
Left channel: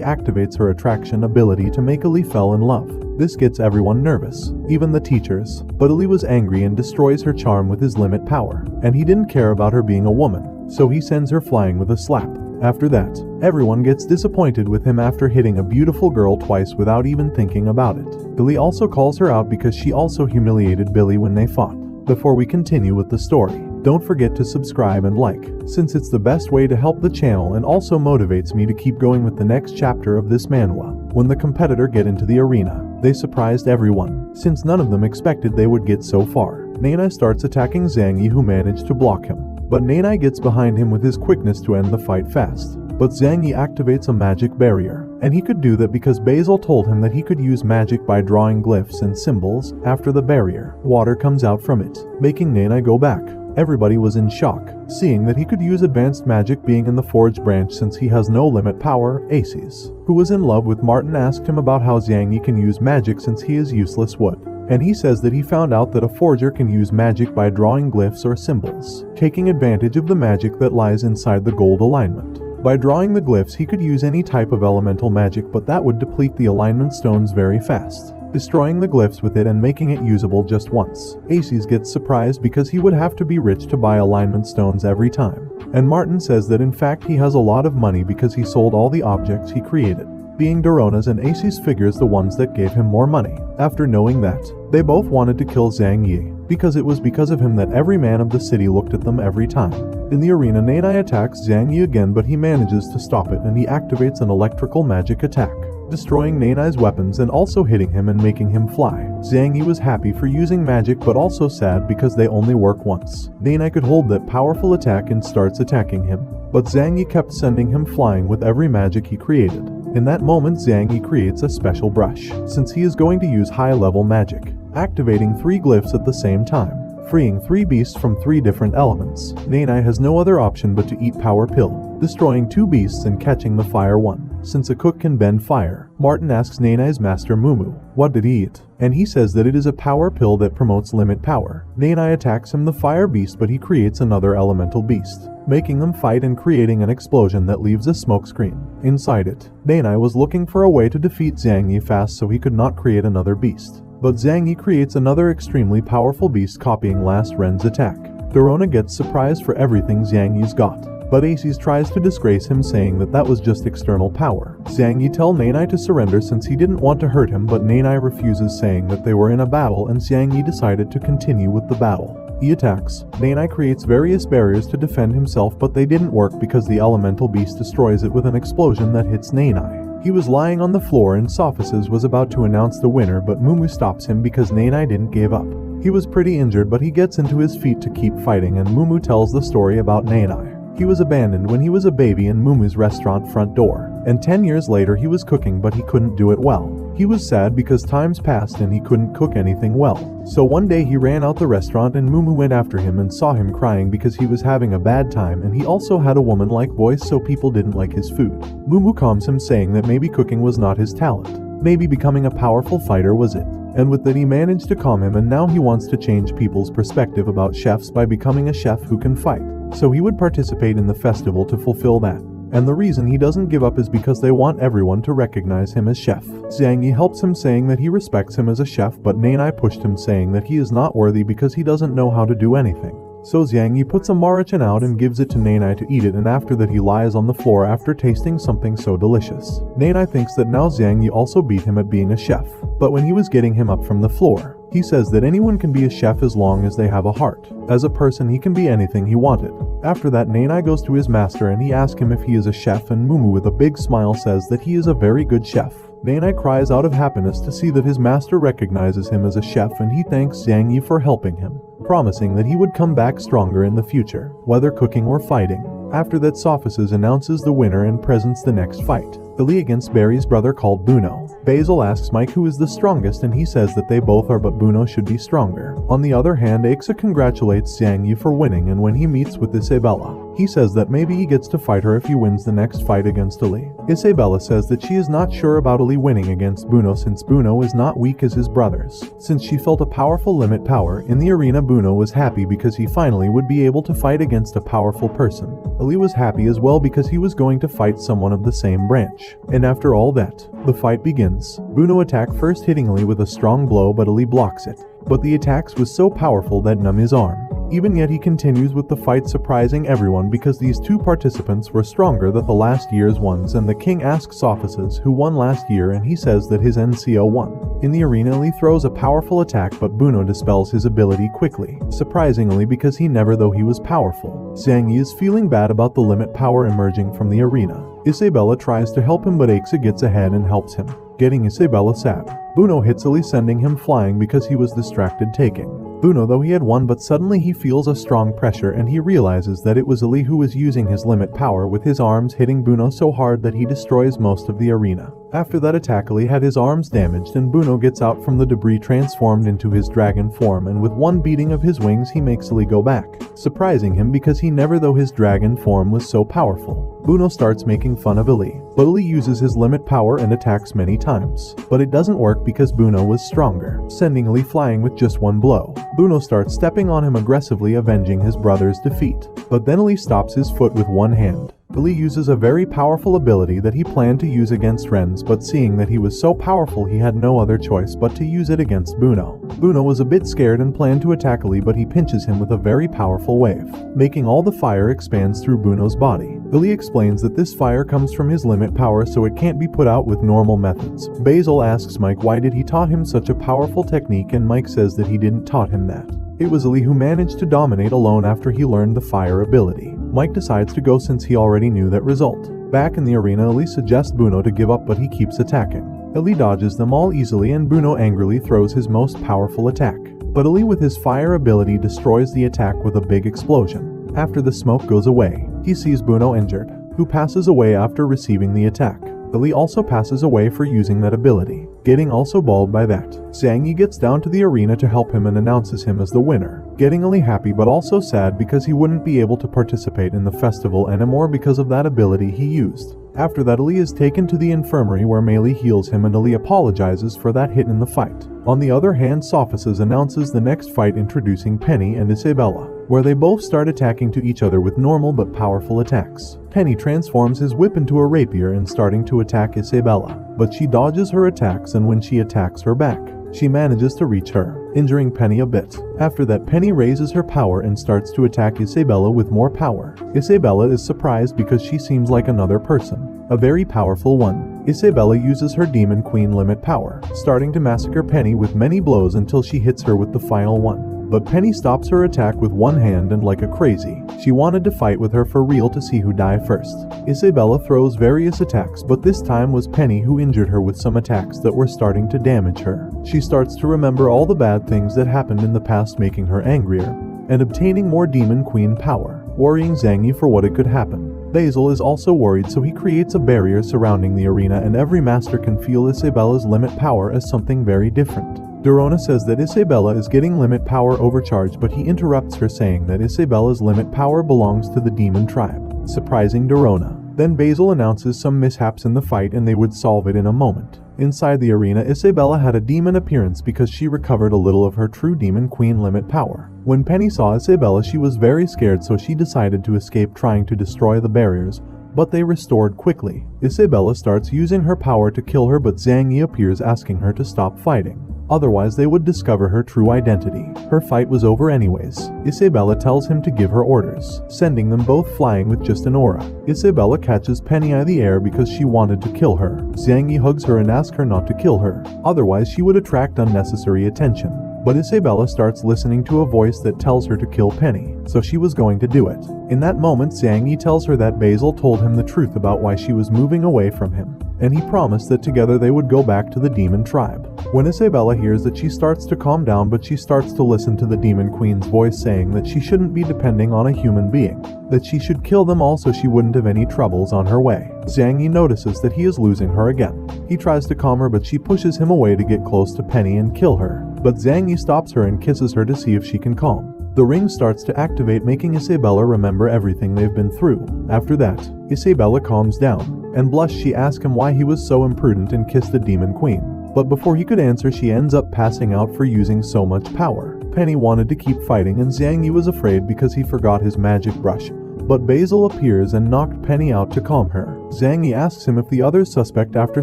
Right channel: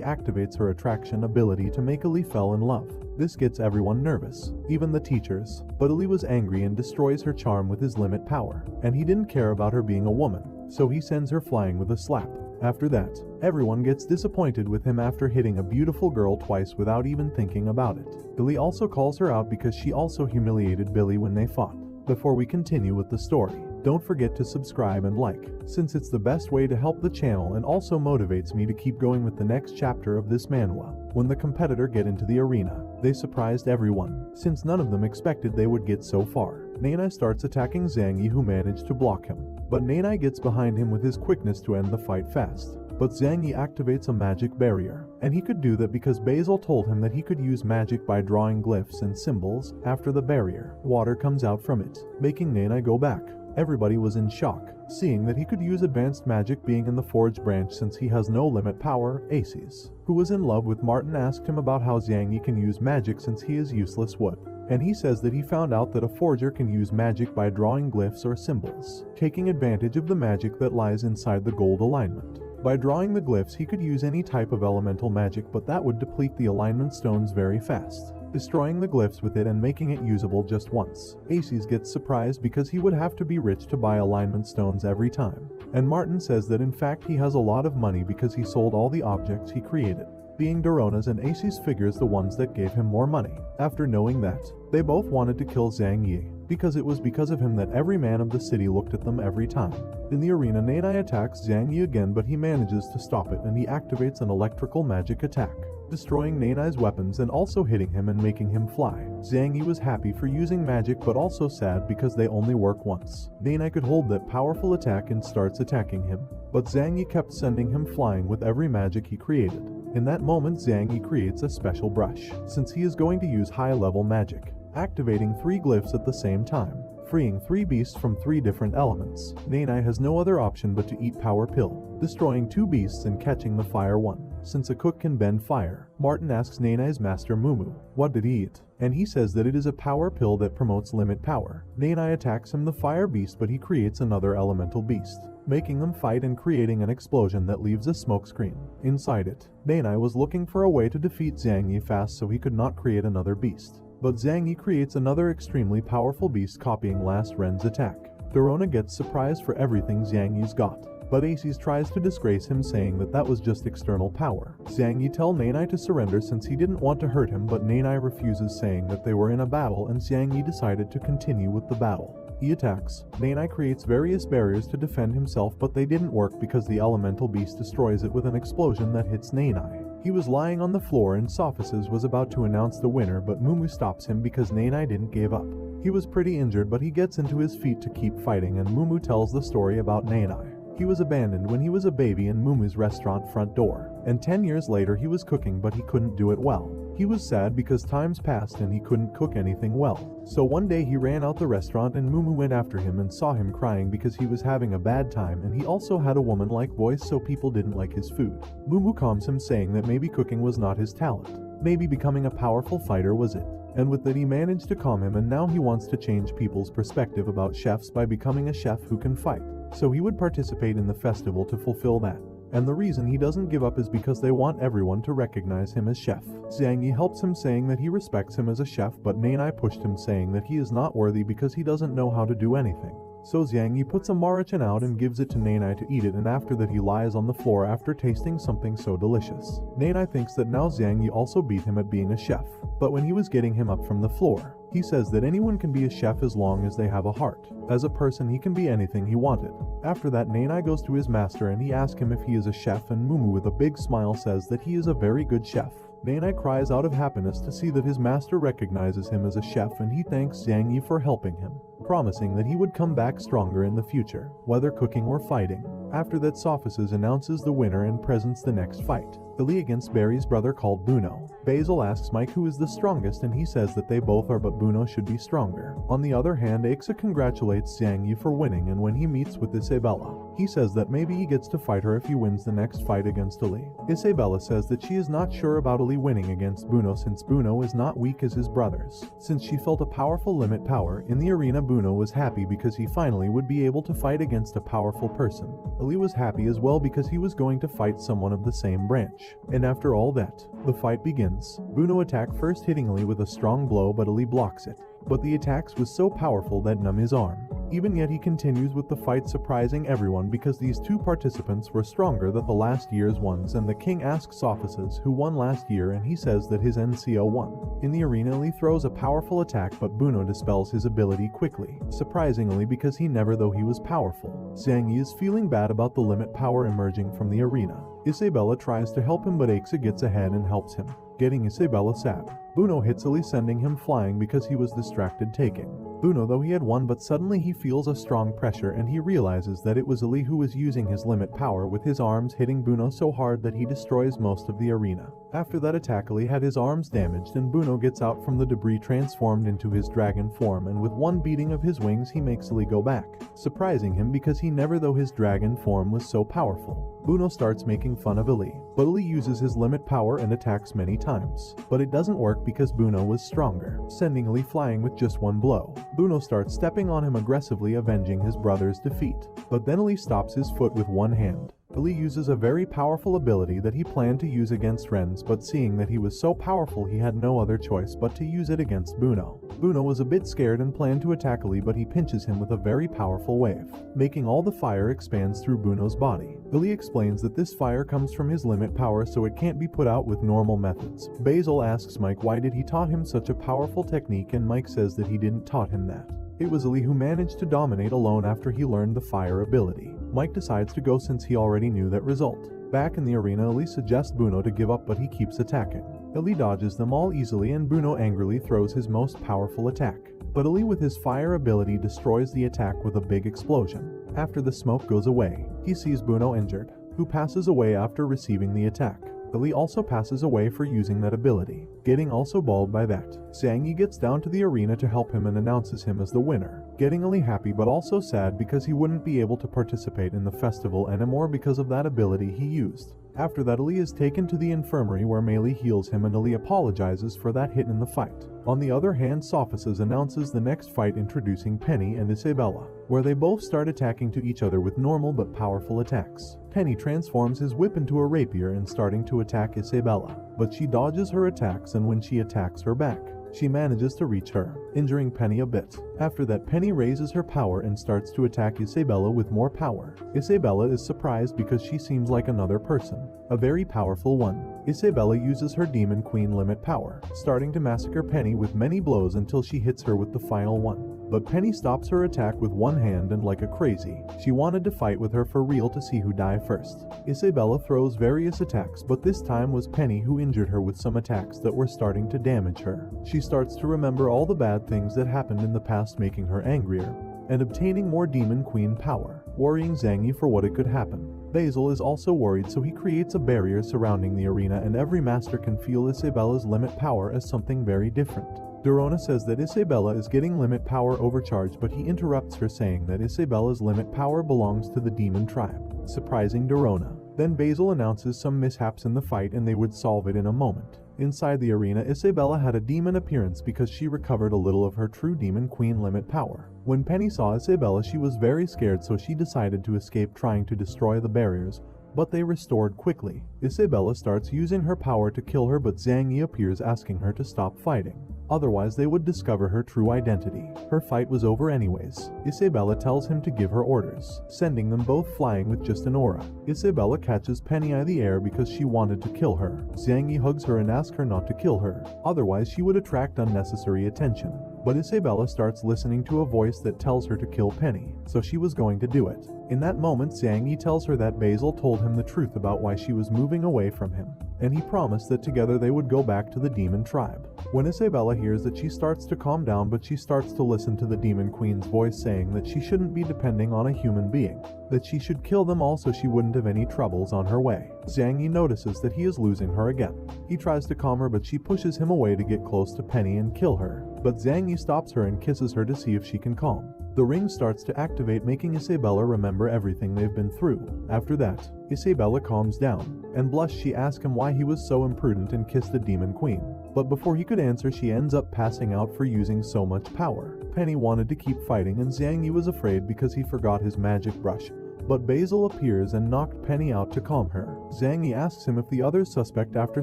activates her attraction ability to make Ali fall in love. This gets everyone nervous, even the teachers, but Ali was angry and destroys her charm with his limit power, and he didn't care about her being a woman, so he sends her flying with a slap. After that, everyone gets disappointed with him after hitting a beautiful girl twice without even thinking about it. Billy also calls her out because she also humiliated Billy when they fought. Before we continue with the story, don't forget to subscribe and like, since it's the best way to help the channel and also motivates me to keep going with the next chapter of this manhwa. When the competitor get into the arena, they surprised everyone, since none of them expected they would get so far. Nanai starts attacking Zhang Yi, who managed to block him, but Nanai gets behind him with his quickness to end the fight fast. But Zhang Yi activates a magic barrier, and he could do that because Basil told him that he could use magic by drawing glyphs and symbols. After the barrier, water comes out from it, making Nanai go back. Everybody was in shock, seeing that he could use advanced magic being in the forge branch since he has no limit power. Aces, who was in love with Martin, asked him about how Zhang Yi can use magic since he is useless wood. And he says that he found out that a forger can use magic by drawing glyphs or symbols, taking advantage of the magic that lies inside the gold alignment. By drawing the glyphs he could use any type of elemental magic, but that would deplete the alignment stones very fast, destroying the glyphs with it and making it usable just once. Aces gets surprised because he would have to be rich to buy alignment stones every time. And Martin says that in fact he has a lot of money because he sold all the objects he created, being Dorona's and Aces figures the ones that gave him more money. After knowing that, they both wanted to kill Zhang Yi, because it was because of him that every man of the city looked at them every time. In the arena, Nanai attacks Zhang Yi again, but he manages to stop it and he activates an electrical magic attack, destroying Nanai's weapons and also hitting him and making him fly. Zhang Yi was happy for using magic but also sad because they only work once. Nanai could hold that powerful attack and starts attacking him, but Zhang Yi kept sending him flying with every magic he created. In that moment Zhang Yi creates a special brush, since he is going to use high-level magic, activating 3 glyphs at the same time, freeing 3 beasts from 3 different elements. Nanai has no other option but to eat Power Pill, destroying 2 beasts and catching the fire one. Since a cook can bend fire, Martin asks Nanai's master Mumu, what did he eat? And he says that it is a power pill that promotes limit power. Nanai attacks him the fire beast, but he creates another elemental beast, making them fight and creating an explosion that leaves a smoke screen. Inside it, Nanai was looking for a way to defeat Zhang Yi fast so he could not create another beast. But Zhang Yi creates another extremely powerful beast copying last Ren's attack. Dorona gets surprised for everything Zhang Yi's got, but Aces tries to disgrace him, saying that was just external power. Zhang Yi tells Nanai to surrender since he didn't want to hurt him, but Nanai refuses, saying that they were in a battle and Zhang Yi decided to continue with the battle. He attacks. Nanai creates various barriers to defend himself, but they didn't work because the elemental beast destroys it with an explosion that hits Nanai. He was lying on the floor and Sophices was about to announce the winner, but Mumu stops him because Nanai didn't give up. He was pretty injured, but he gets into his feet to keep fighting, and Mumu tells the story about Nanai. He was abandoned when he was a baby in Mumu's restaurant front door, and 10 years later he was cooking but he couldn't do it well. He was sad because times passed and he couldn't cook anything well. So one day he ran out the restaurant and Mumu went after him and saw him crying because he was having a bad time, and he also had a woman-like voice, so people didn't like his food. Mumu calms him, saying that maybe cooking was not his talent. Maybe becoming a powerful fighter was it. And with that he managed to calm him, and now he wants to change people's perspective about chefs by becoming a chef who can fight. So he would participate in the festival to fulfill that. And the reason he doesn't give up is because they want everyone to recognize him as chef. Zhang Yi helps him, saying that he respects him as a chef, but Nanai pushed him, saying that he is not worthy because he doesn't know how to do anything. So Zhang Yi puts a marachan out and gives it to Nanai to eat it, and after that he lies on the floor after tasting something so delicious. Nanai thinks that now Zhang Yi also beat him at being a chef, but when he was getting him up from the floor, he says that anyone can be a chef as long as they have a heart. As a person he can be anything he wanted. After that Nanai goes to his master and he asks him if he is a chef, and Mumu with a big smile says that he is a very good chef. Nanai cries out of happiness to see that his master recognizes him as a chef, and he thanks Zhang Yi for helping him, promising that he would come back stronger in the future, whether cooking or fighting. After that Sophices announces the winner and presents the next fight. Billy against Barry's brother called Buno. Basil asks Mike who is the strongest, and he says that they both are, but Buno should be stronger. On the other hand, Aixa congratulates Zhang Yi for winning, and when he meets with Isabella, he says that maybe he gets to fight her if he wins the next fight against Ali. Isabella says that she is not sure about Ali winning against Buno since Buno is not weak as his brothers. Since she felt a powerful limit power in the arena, Buno was happy because he finally would be able to fight against a powerful person. Ali was happy as well because he was going to fight someone of the same branch. And after all that, the fight begins. Buno attacks first, hitting Ali with a strong blow, but Ali blocks it. But the attacks was so powerful that numb his arm. Even yet he continues with the fight, surprising everyone because these two participants were stronger than the last year's ones, and the king asks Sophices who won last year, and he says that his NCO won. In the arena Ali throws a powerful attack, but Buno dispels his ability quickly, surprisingly because he never though he was powerful. Zhang Yi is feeling bad about the limit power emerging from the arena. Isabella tries to help him, but Aixa gets ahead and helps him, getting Isabella sad. Buno hits Ali, sending him flying because he was distracted taking. Buno though he had won, but suddenly he feels a strong pressure and he realizes that it was Ali who was using his limit power with his arms, hitting Buno so hard that he destroys most of the arena. After that attack Ali had his arms damaged, and Buno gets out from the debris transformed into his dragon form, and with one beating of his wings he makes Ali go back, surprising him because he never though his dragon form was so powerful. Buno starts making fun of Ali, but Ali uses his limit power and attacks many times, but it doesn't work because Buno was stronger, sending Ali flying with just one blow. Buno starts stepping on him aggressively, avenging his brother's defeat, but then Ali stops his foot with one hand. Ali uses a very powerful ability that he planned to use against Renz, but seeing that he was so powerful he had no other choice but to use it against Buno. Buno was a bit scared and planned to attack Ali, but he pinches him with a very powerful wave, making all the fire expands through Buno's body. Ali explains that this fire comes from his limit power, so it can't be put out with normal methods. Basil asks Mike why did he taught him such a powerful technique, and Mike says that he didn't taught him that. It was Ali who managed to dominate alone after he learned the fire ability. Mike decides to go since he already knew that result. Back in the arena, Ali suggests Buno to give up, but he keeps attacking. Ali dodges them all easily, and Buno angrily throws his most powerful attack. But Ali with his fire ability destroys the attack with a big explosion. After the smoke goes away, he sees Buno injured, who passes away after receiving the attack. Ali also passes away for using that ability, getting also bald by that. Zhang Yi gets down to the arena to help him and announces him as the winner, getting Ali happy but also sad because he wouldn't be able to participate in the festival anymore because of that ability he used. After that, Ali is taken to the infirmary where Mei Li heals him, and Ali apologizes for that hit in the fight. On the other hand, Sophices announces the next fight, introducing Penny and Isabella, where they both start attacking to each other with normal but powerful attacks. Penny transforms his whip into a rapier and starting to attack Isabella, but she dodges her attacks, and when she attacks her back, She manages to reach her, injuring Penny a bit. After that, Penny raises her power and starts to attack Isabella with more power. Isabella is surprised because she seems like another person, a very powerful one. Isabella uses her Demon Queen limit power, starting to massacre Penny with many blows until she hits her with the final one. But Penny stops her attack with one hand and like a crazy, she wanted to fight with her for real to see who died first. Isabella throws various attacks, but this time was Penny who injured her with some attacks that were starting to damage her. She starts to remember all the bad things that happened in the past, making her angrier and obtaining more Demon Queen power, worrying Zangie for what it could happen. Basil is also worried, so he creates a barrier surrounding the arena, and every master can feel Isabella's limit power as something very different. Dorona says that Isabella is getting limit power overcharged, but he interrupts her saying that Isabella's limit power belongs to the demon tribe, surprising Dorona. Then Basil announces some mishaps in the fight and they would solve it in a moment. Inside the arena, Isabella had a demon appearance because she recovered a little of her true Demon Queen limit power. When Penny saw Isabella, she was very scared, so she decided to escape, trying to destroy the barriers, but they restored quickly. Isabella starts using her power to kill her, but Zangie appears asking her to stop fighting. Otherwise, they would discover her true identity. Her fight was over anyways. Isabella tells him to give her orders, sending them both flying with just an aura. Isabella catches Penny out of the air because she wanted to kill her. Zangie hugs her and asks her not to kill her, otherwise she would attract unnecessary attention. But Isabella starts listening to a voice that tells her to kill Penny, so she was going to do it. In that moment, Zangie tells her that Basil told him the truth about why she was moving away from him, and he promised that together they would go back to the demon tribe. When Isabella hears that, she starts to calm down, but she starts to listen to the Demon Queen's voice saying that she shouldn't be depending on a human being, that she should kill them all so she wouldn't have any troubles on her way. Zangie notices that he is losing her again. He tries to calm her, but she pushes him away to get close to Penny and kill her. But Zangie stops her and kisses her to see if she can calm. The ring starts to activate, making Isabella remember everything they've been through. After that, Isabella calms down, and blushed. She asks him why he was so imprudent and kissed the Demon Queen. But before he could answer, she ends up passing out for using so much power. Penny wanted to keep fighting, and Zangie was afraid because he forgot his magic brush. But Basil appears and knocked Penny out to calm her. Zangie asks him if the others suspect after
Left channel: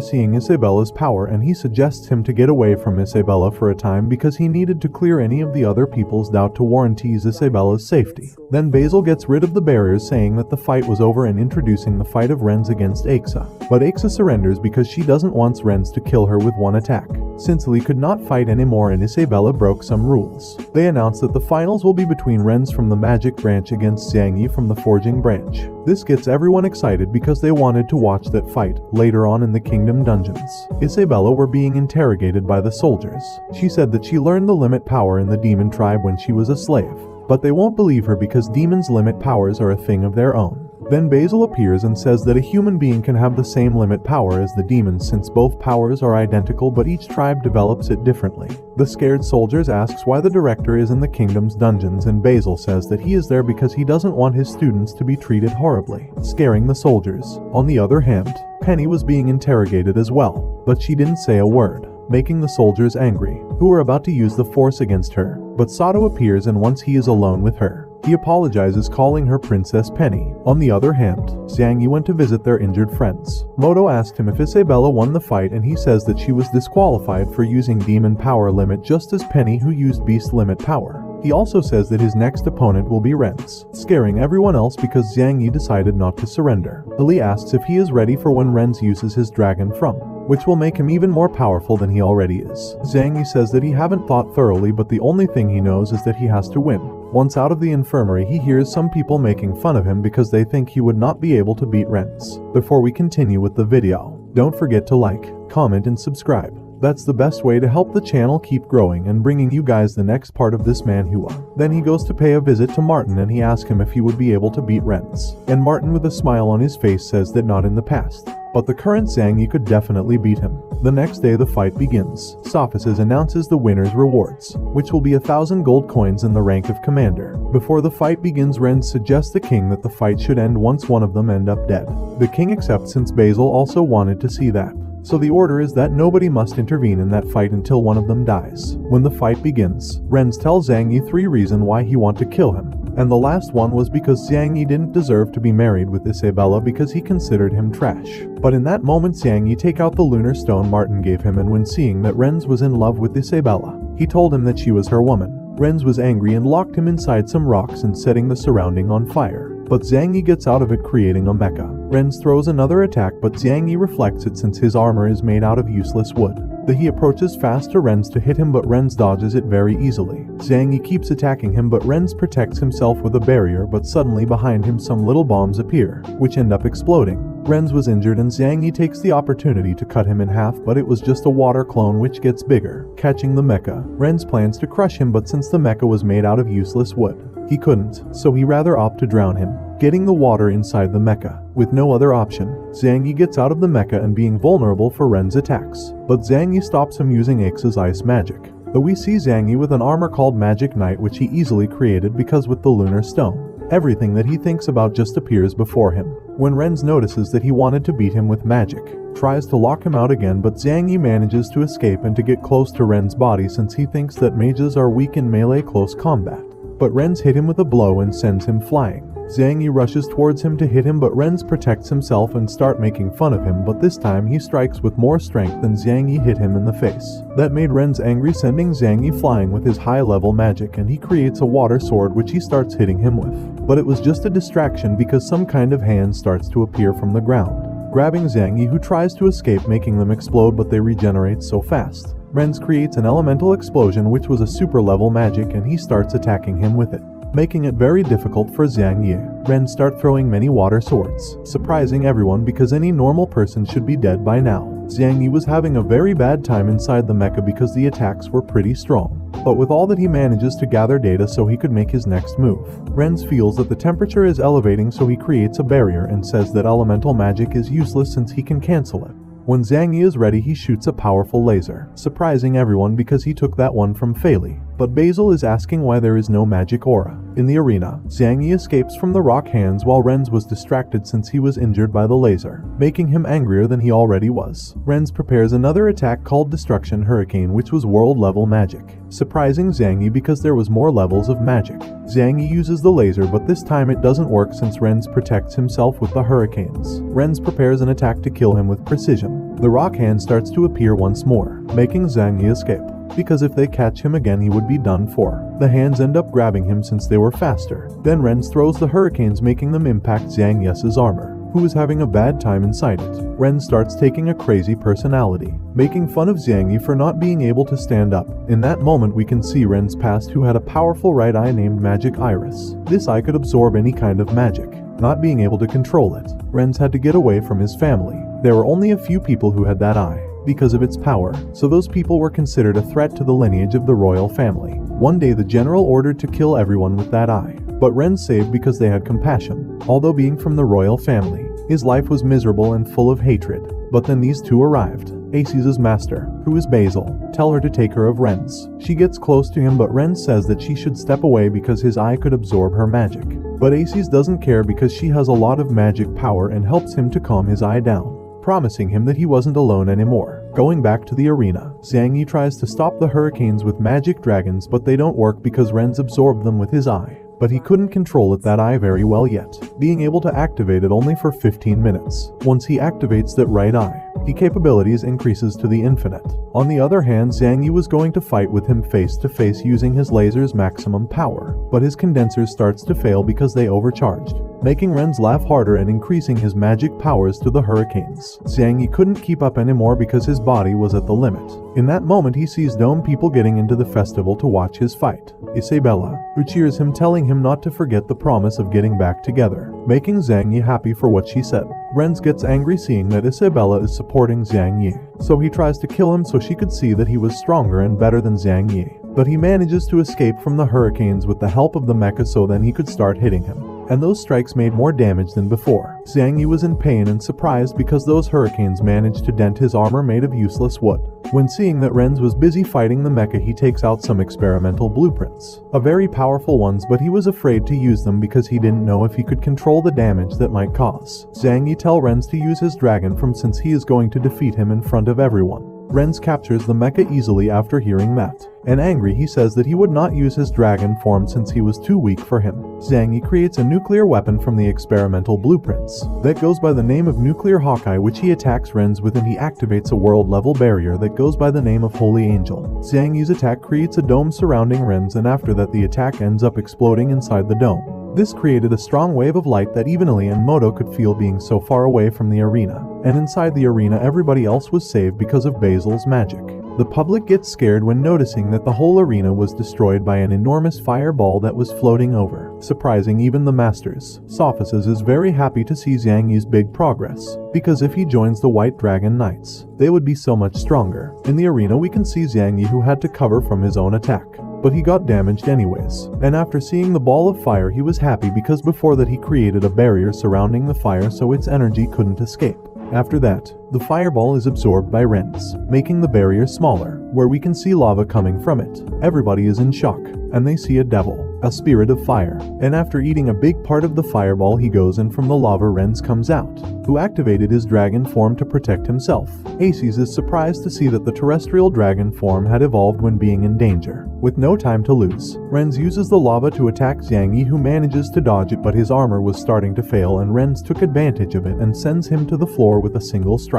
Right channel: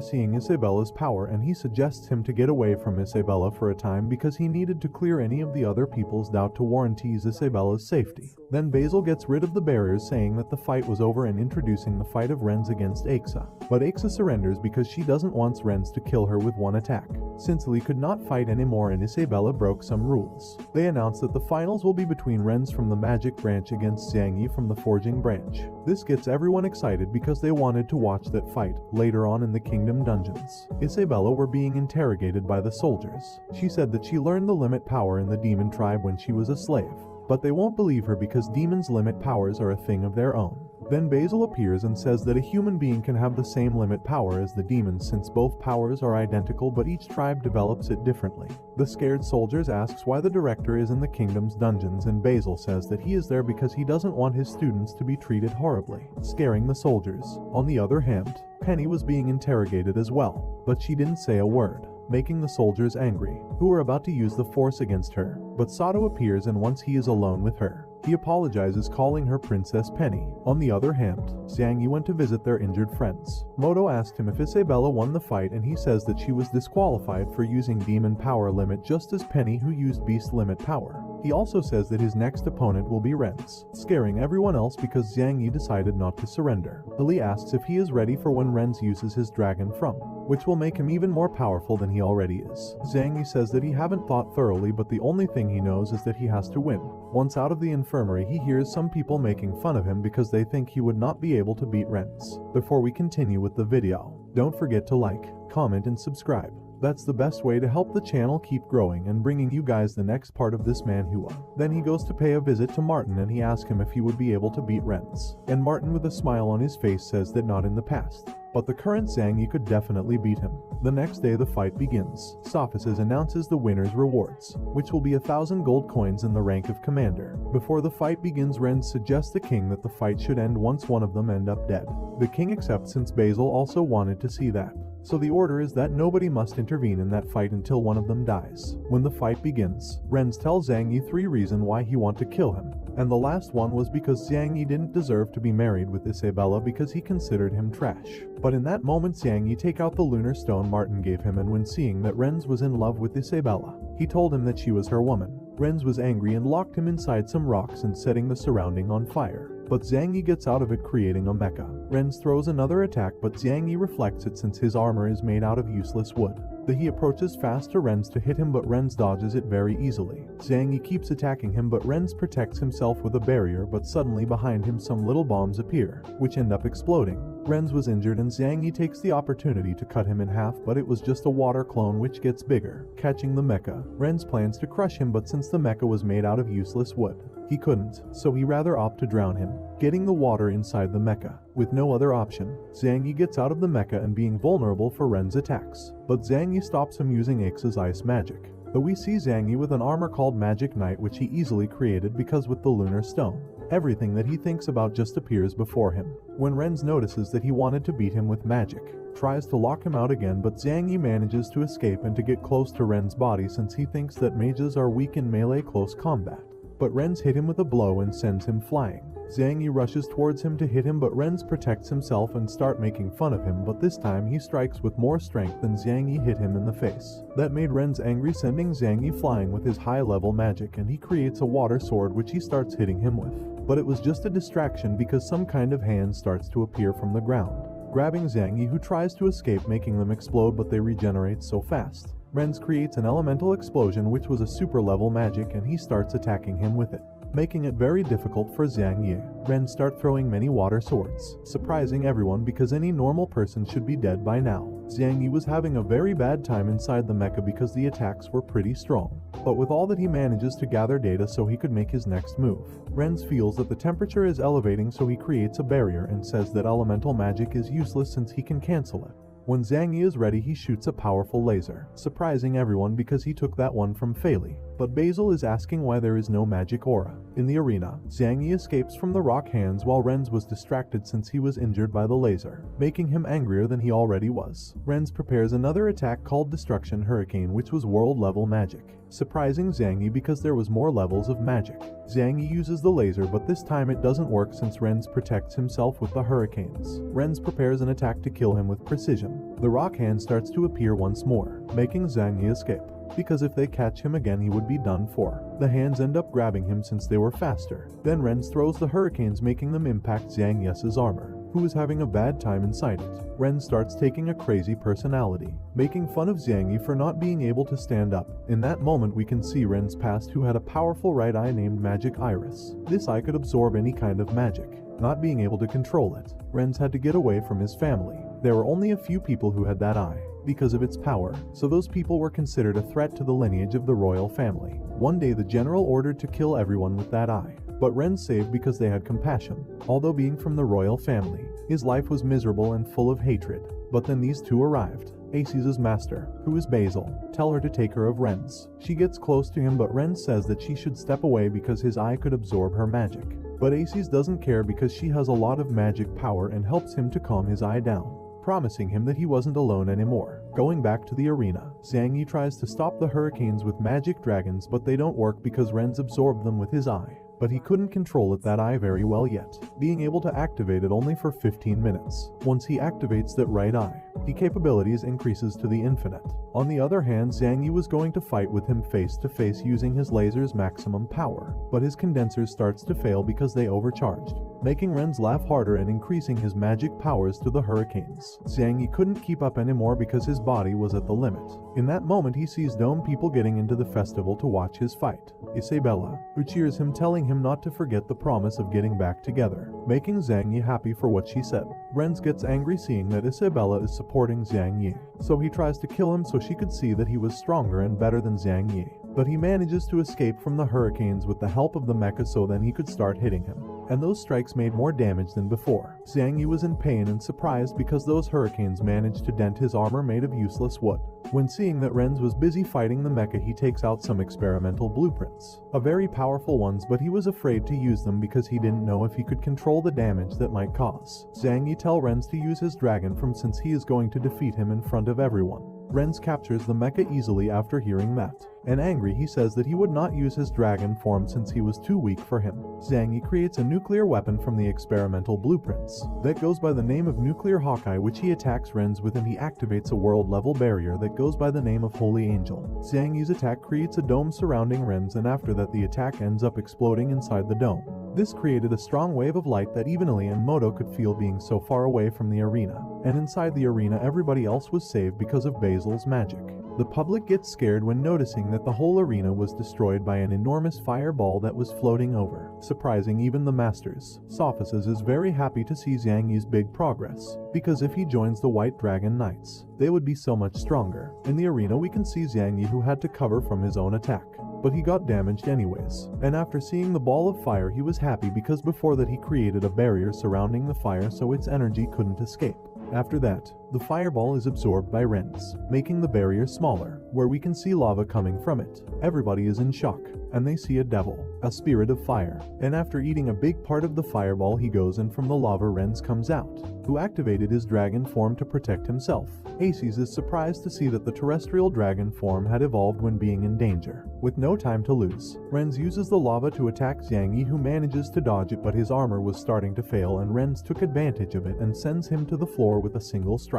seeing Isabella's power, and he suggests him to get away from Isabella for a time because he needed to clear any of the other people's doubt to warranties Isabella's safety. Then Basil gets rid of the barriers, saying that the fight was over and introducing the fight of Renz against Aixa. But Aixa surrenders because she doesn't want Renz to kill her with one attack. Sinsley could not fight anymore and Isabella broke some rules. They announce that the finals will be between Renz from the Magic Branch against Zangie from the Forging Branch. This gets everyone excited because they wanted to watch that fight later on in the Kingdom dungeons. Isabella were being interrogated by the soldiers. She said that she learned the limit power in the demon tribe when she was a slave, but they won't believe her because demons' limit powers are a thing of their own. Then Basil appears and says that a human being can have the same limit power as the demons since both powers are identical, but each tribe develops it differently. The scared soldiers asks why the director is in the kingdom's dungeons, and Basil says that he is there because he doesn't want his students to be treated horribly, scaring the soldiers. On the other hand, Penny was being interrogated as well, but she didn't say a word, making the soldiers angry, who were about to use the force against her. But Sato appears, and once he is alone with her, he apologizes, calling her Princess Penny. On the other hand, Zangie went to visit their injured friends. Moto asked him if Isabella won the fight, and he says that she was disqualified for using demon power limit just as Penny, who used beast limit power. He also says that his next opponent will be Renz, scaring everyone else because Zangie decided not to surrender. Ali asks if he is ready for when Renz uses his dragon from, which will make him even more powerful than he already is. Zangie says that he haven't thought thoroughly, but the only thing he knows is that he has to win. Once out of the infirmary, he hears some people making fun of him because they think he would not be able to beat Renz. Before we continue with the video, don't forget to like, comment, and subscribe. That's the best way to help the channel keep growing and bringing you guys the next part of this Manhwa. Then he goes to pay a visit to Martin, and he asks him if he would be able to beat Renz. And Martin, with a smile on his face, says that not in the past, but the current Zangie could definitely beat him. The next day the fight begins. Sophices announces the winner's rewards, which will be 1,000 gold coins in the rank of commander. Before the fight begins, Renz suggests the king that the fight should end once one of them end up dead. The king accepts since Basil also wanted to see that. So the order is that nobody must intervene in that fight until one of them dies. When the fight begins, Renz tells Zangie 3 reasons why he wants to kill him. And the last one was because Xiang Yi didn't deserve to be married with Isabella because he considered him trash. But in that moment Xiang Yi take out the lunar stone Martin gave him, and when seeing that Renz was in love with Isabella, he told him that she was her woman. Renz was angry and locked him inside some rocks and setting the surrounding on fire. But Xiang Yi gets out of it, creating a mecha. Renz throws another attack, but Xiang Yi reflects it since his armor is made out of useless wood. He approaches fast to Renz to hit him, but Renz dodges it very easily. Xiang Yi keeps attacking him, but Renz protects himself with a barrier, but suddenly behind him some little bombs appear, which end up exploding. Renz was injured and Xiang Yi takes the opportunity to cut him in half, but it was just a water clone which gets bigger. Catching the mecha, Renz plans to crush him, but since the mecha was made out of useless wood, he couldn't, so he rather opt to drown him, getting the water inside the mecha. With no other option, Xiang Yi gets out of the mecha and being vulnerable for Ren's attacks, but Xiang Yi stops him using X's ice magic. Though we see Xiang Yi with an armor called Magic Knight, which he easily created because with the lunar stone, everything that he thinks about just appears before him. When Renz notices that he wanted to beat him with magic, tries to lock him out again, but Xiang Yi manages to escape and to get close to Ren's body since he thinks that mages are weak in melee close combat. But Renz hit him with a blow and sends him flying. Xiang Yi rushes towards him to hit him, but Renz protects himself and start making fun of him, but this time he strikes with more strength than Xiang Yi hit him in the face. That made Renz angry, sending Xiang Yi flying with his high-level magic, and he creates a water sword which he starts hitting him with. But it was just a distraction because some kind of hand starts to appear from the ground, grabbing Xiang Yi, who tries to escape, making them explode, but they regenerate so fast. Renz creates an elemental explosion which was a super level magic, and he starts attacking him with it, making it very difficult for Xiang Yi. Renz start throwing many water swords, surprising everyone because any normal person should be dead by now. Xiang Yi was having a very bad time inside the mecha because the attacks were pretty strong. But with all that, he manages to gather data so he could make his next move. Renz feels that the temperature is elevating, so he creates a barrier and says that elemental magic is useless since he can cancel it. When Xiang Yi is ready, he shoots a powerful laser, surprising everyone because he took that one from Fei. But Basil is asking why there is no magic aura. In the arena, Xiang Yi escapes from the rock hands while Renz was distracted since he was injured by the laser, making him angrier than he already was. Renz prepares another attack called Destruction Hurricane, which was world level magic, surprising Xiang Yi because there was more levels of magic. Xiang Yi uses the laser, but this time it doesn't work since Renz protects himself with the hurricanes. Renz prepares an attack to kill him with precision. The rock hand starts to appear once more, making Xiang Yi escape, because if they catch him again he would be done for. The hands end up grabbing him since they were faster. Then Renz throws the hurricanes, making them impact Xiang Yi's armor, who is having a bad time inside it. Renz starts taking a crazy personality, making fun of Xiang Yi for not being able to stand up. In that moment we can see Ren's past, who had a powerful right eye named Magic Iris. This eye could absorb any kind of magic. Not being able to control it, Renz had to get away from his family. There were only a few people who had that eye because of its power, so those people were considered a threat to the lineage of the royal family. One day the general ordered to kill everyone with that eye, but Renz saved because they had compassion. Although being from the royal family, his life was miserable and full of hatred. But then these two arrived. Aces' master, who is Basil, tell her to take her of Renz. She gets close to him, but Renz says that she should step away because his eye could absorb her magic. But Aces doesn't care because she has a lot of magic power and helps him to calm his eye down, promising him that he wasn't alone anymore. Going back to the arena, Xiang Yi tries to stop the hurricanes with magic dragons, but they don't work because Renz absorbed them with his eye. But he couldn't control that eye very well yet, being able to activate it only for 15 minutes. Once he activates that right eye, the capabilities increases to the infinite. On the other hand, Xiang Yi was going to fight with him face to face using his laser's maximum power, but his condenser starts to fail because they overcharged, making Renz laugh harder and increasing his magic powers to the hurricanes. Xiang Yi couldn't keep up anymore because his body was at the limit. In that moment he sees Dome people getting into the festival to watch his fight. Isabella, who cheers him, telling him not to forget the promise of getting back together, making Xiang Yi happy for what she said. Renz gets angry seeing that Isabella is supporting Xiang Yi, so he tries to kill him so she could see that he was stronger and better than Xiang Yi. But he manages to escape from the hurricanes with the help of the mecha, so then he could start hitting him. And those strikes made more damage than before. Xiang Yi was in pain and surprised because those hurricanes managed to dent his armor made of useless wood. When seeing that Renz was busy fighting the mecha, he takes out some experimental blueprints, a very powerful ones, but he was afraid to use them because he didn't know if he could control the damage that might cause. Xiang Yi tell Renz to use his dragon from since he is going to defeat him in front of everyone. Renz captures the mecha easily after hearing that. and angry he says that he would not use his dragon form since he was too weak for him. Zhang Yi creates a nuclear weapon from the experimental blueprints that goes by the name of Nuclear Hawkeye, which he attacks Ren's with, and he activates a world-level barrier that goes by the name of Holy Angel. Zhang Yi's attack creates a dome surrounding Ren's, and after that the attack ends up exploding inside the dome. This created a strong wave of light that even Ali and Moto could feel being so far away from the arena. And inside the arena everybody else was saved because of Basil's magic. The public gets scared when noticing that the whole arena was destroyed by an enormous fireball that was floating over, surprising even the masters. Sophists is very happy to see Zhang Yi's big progress, because if he joins the White Dragon Knights, they would be so much stronger. In the arena we can see Zhang Yi, who had to cover from his own attack, but he got damaged anyways. And after seeing the ball of fire he was happy because before that he created a barrier surrounding the fire so its energy couldn't escape. After that, the fireball is absorbed by Ren's, making the barrier smaller, where we can see lava coming from it. Everybody is in shock, and they see a devil, a spirit of fire. And after eating a big part of the fireball he goes, and from the lava Ren's comes out, who activated his dragon form to protect himself. Aces is surprised to see that the terrestrial dragon form had evolved when being in danger. With no time to lose, Ren's uses the lava to attack Zhang Yi, who manages to dodge it, but his armor was starting to fail and Ren's took advantage of it and sends him to the floor with a single strike.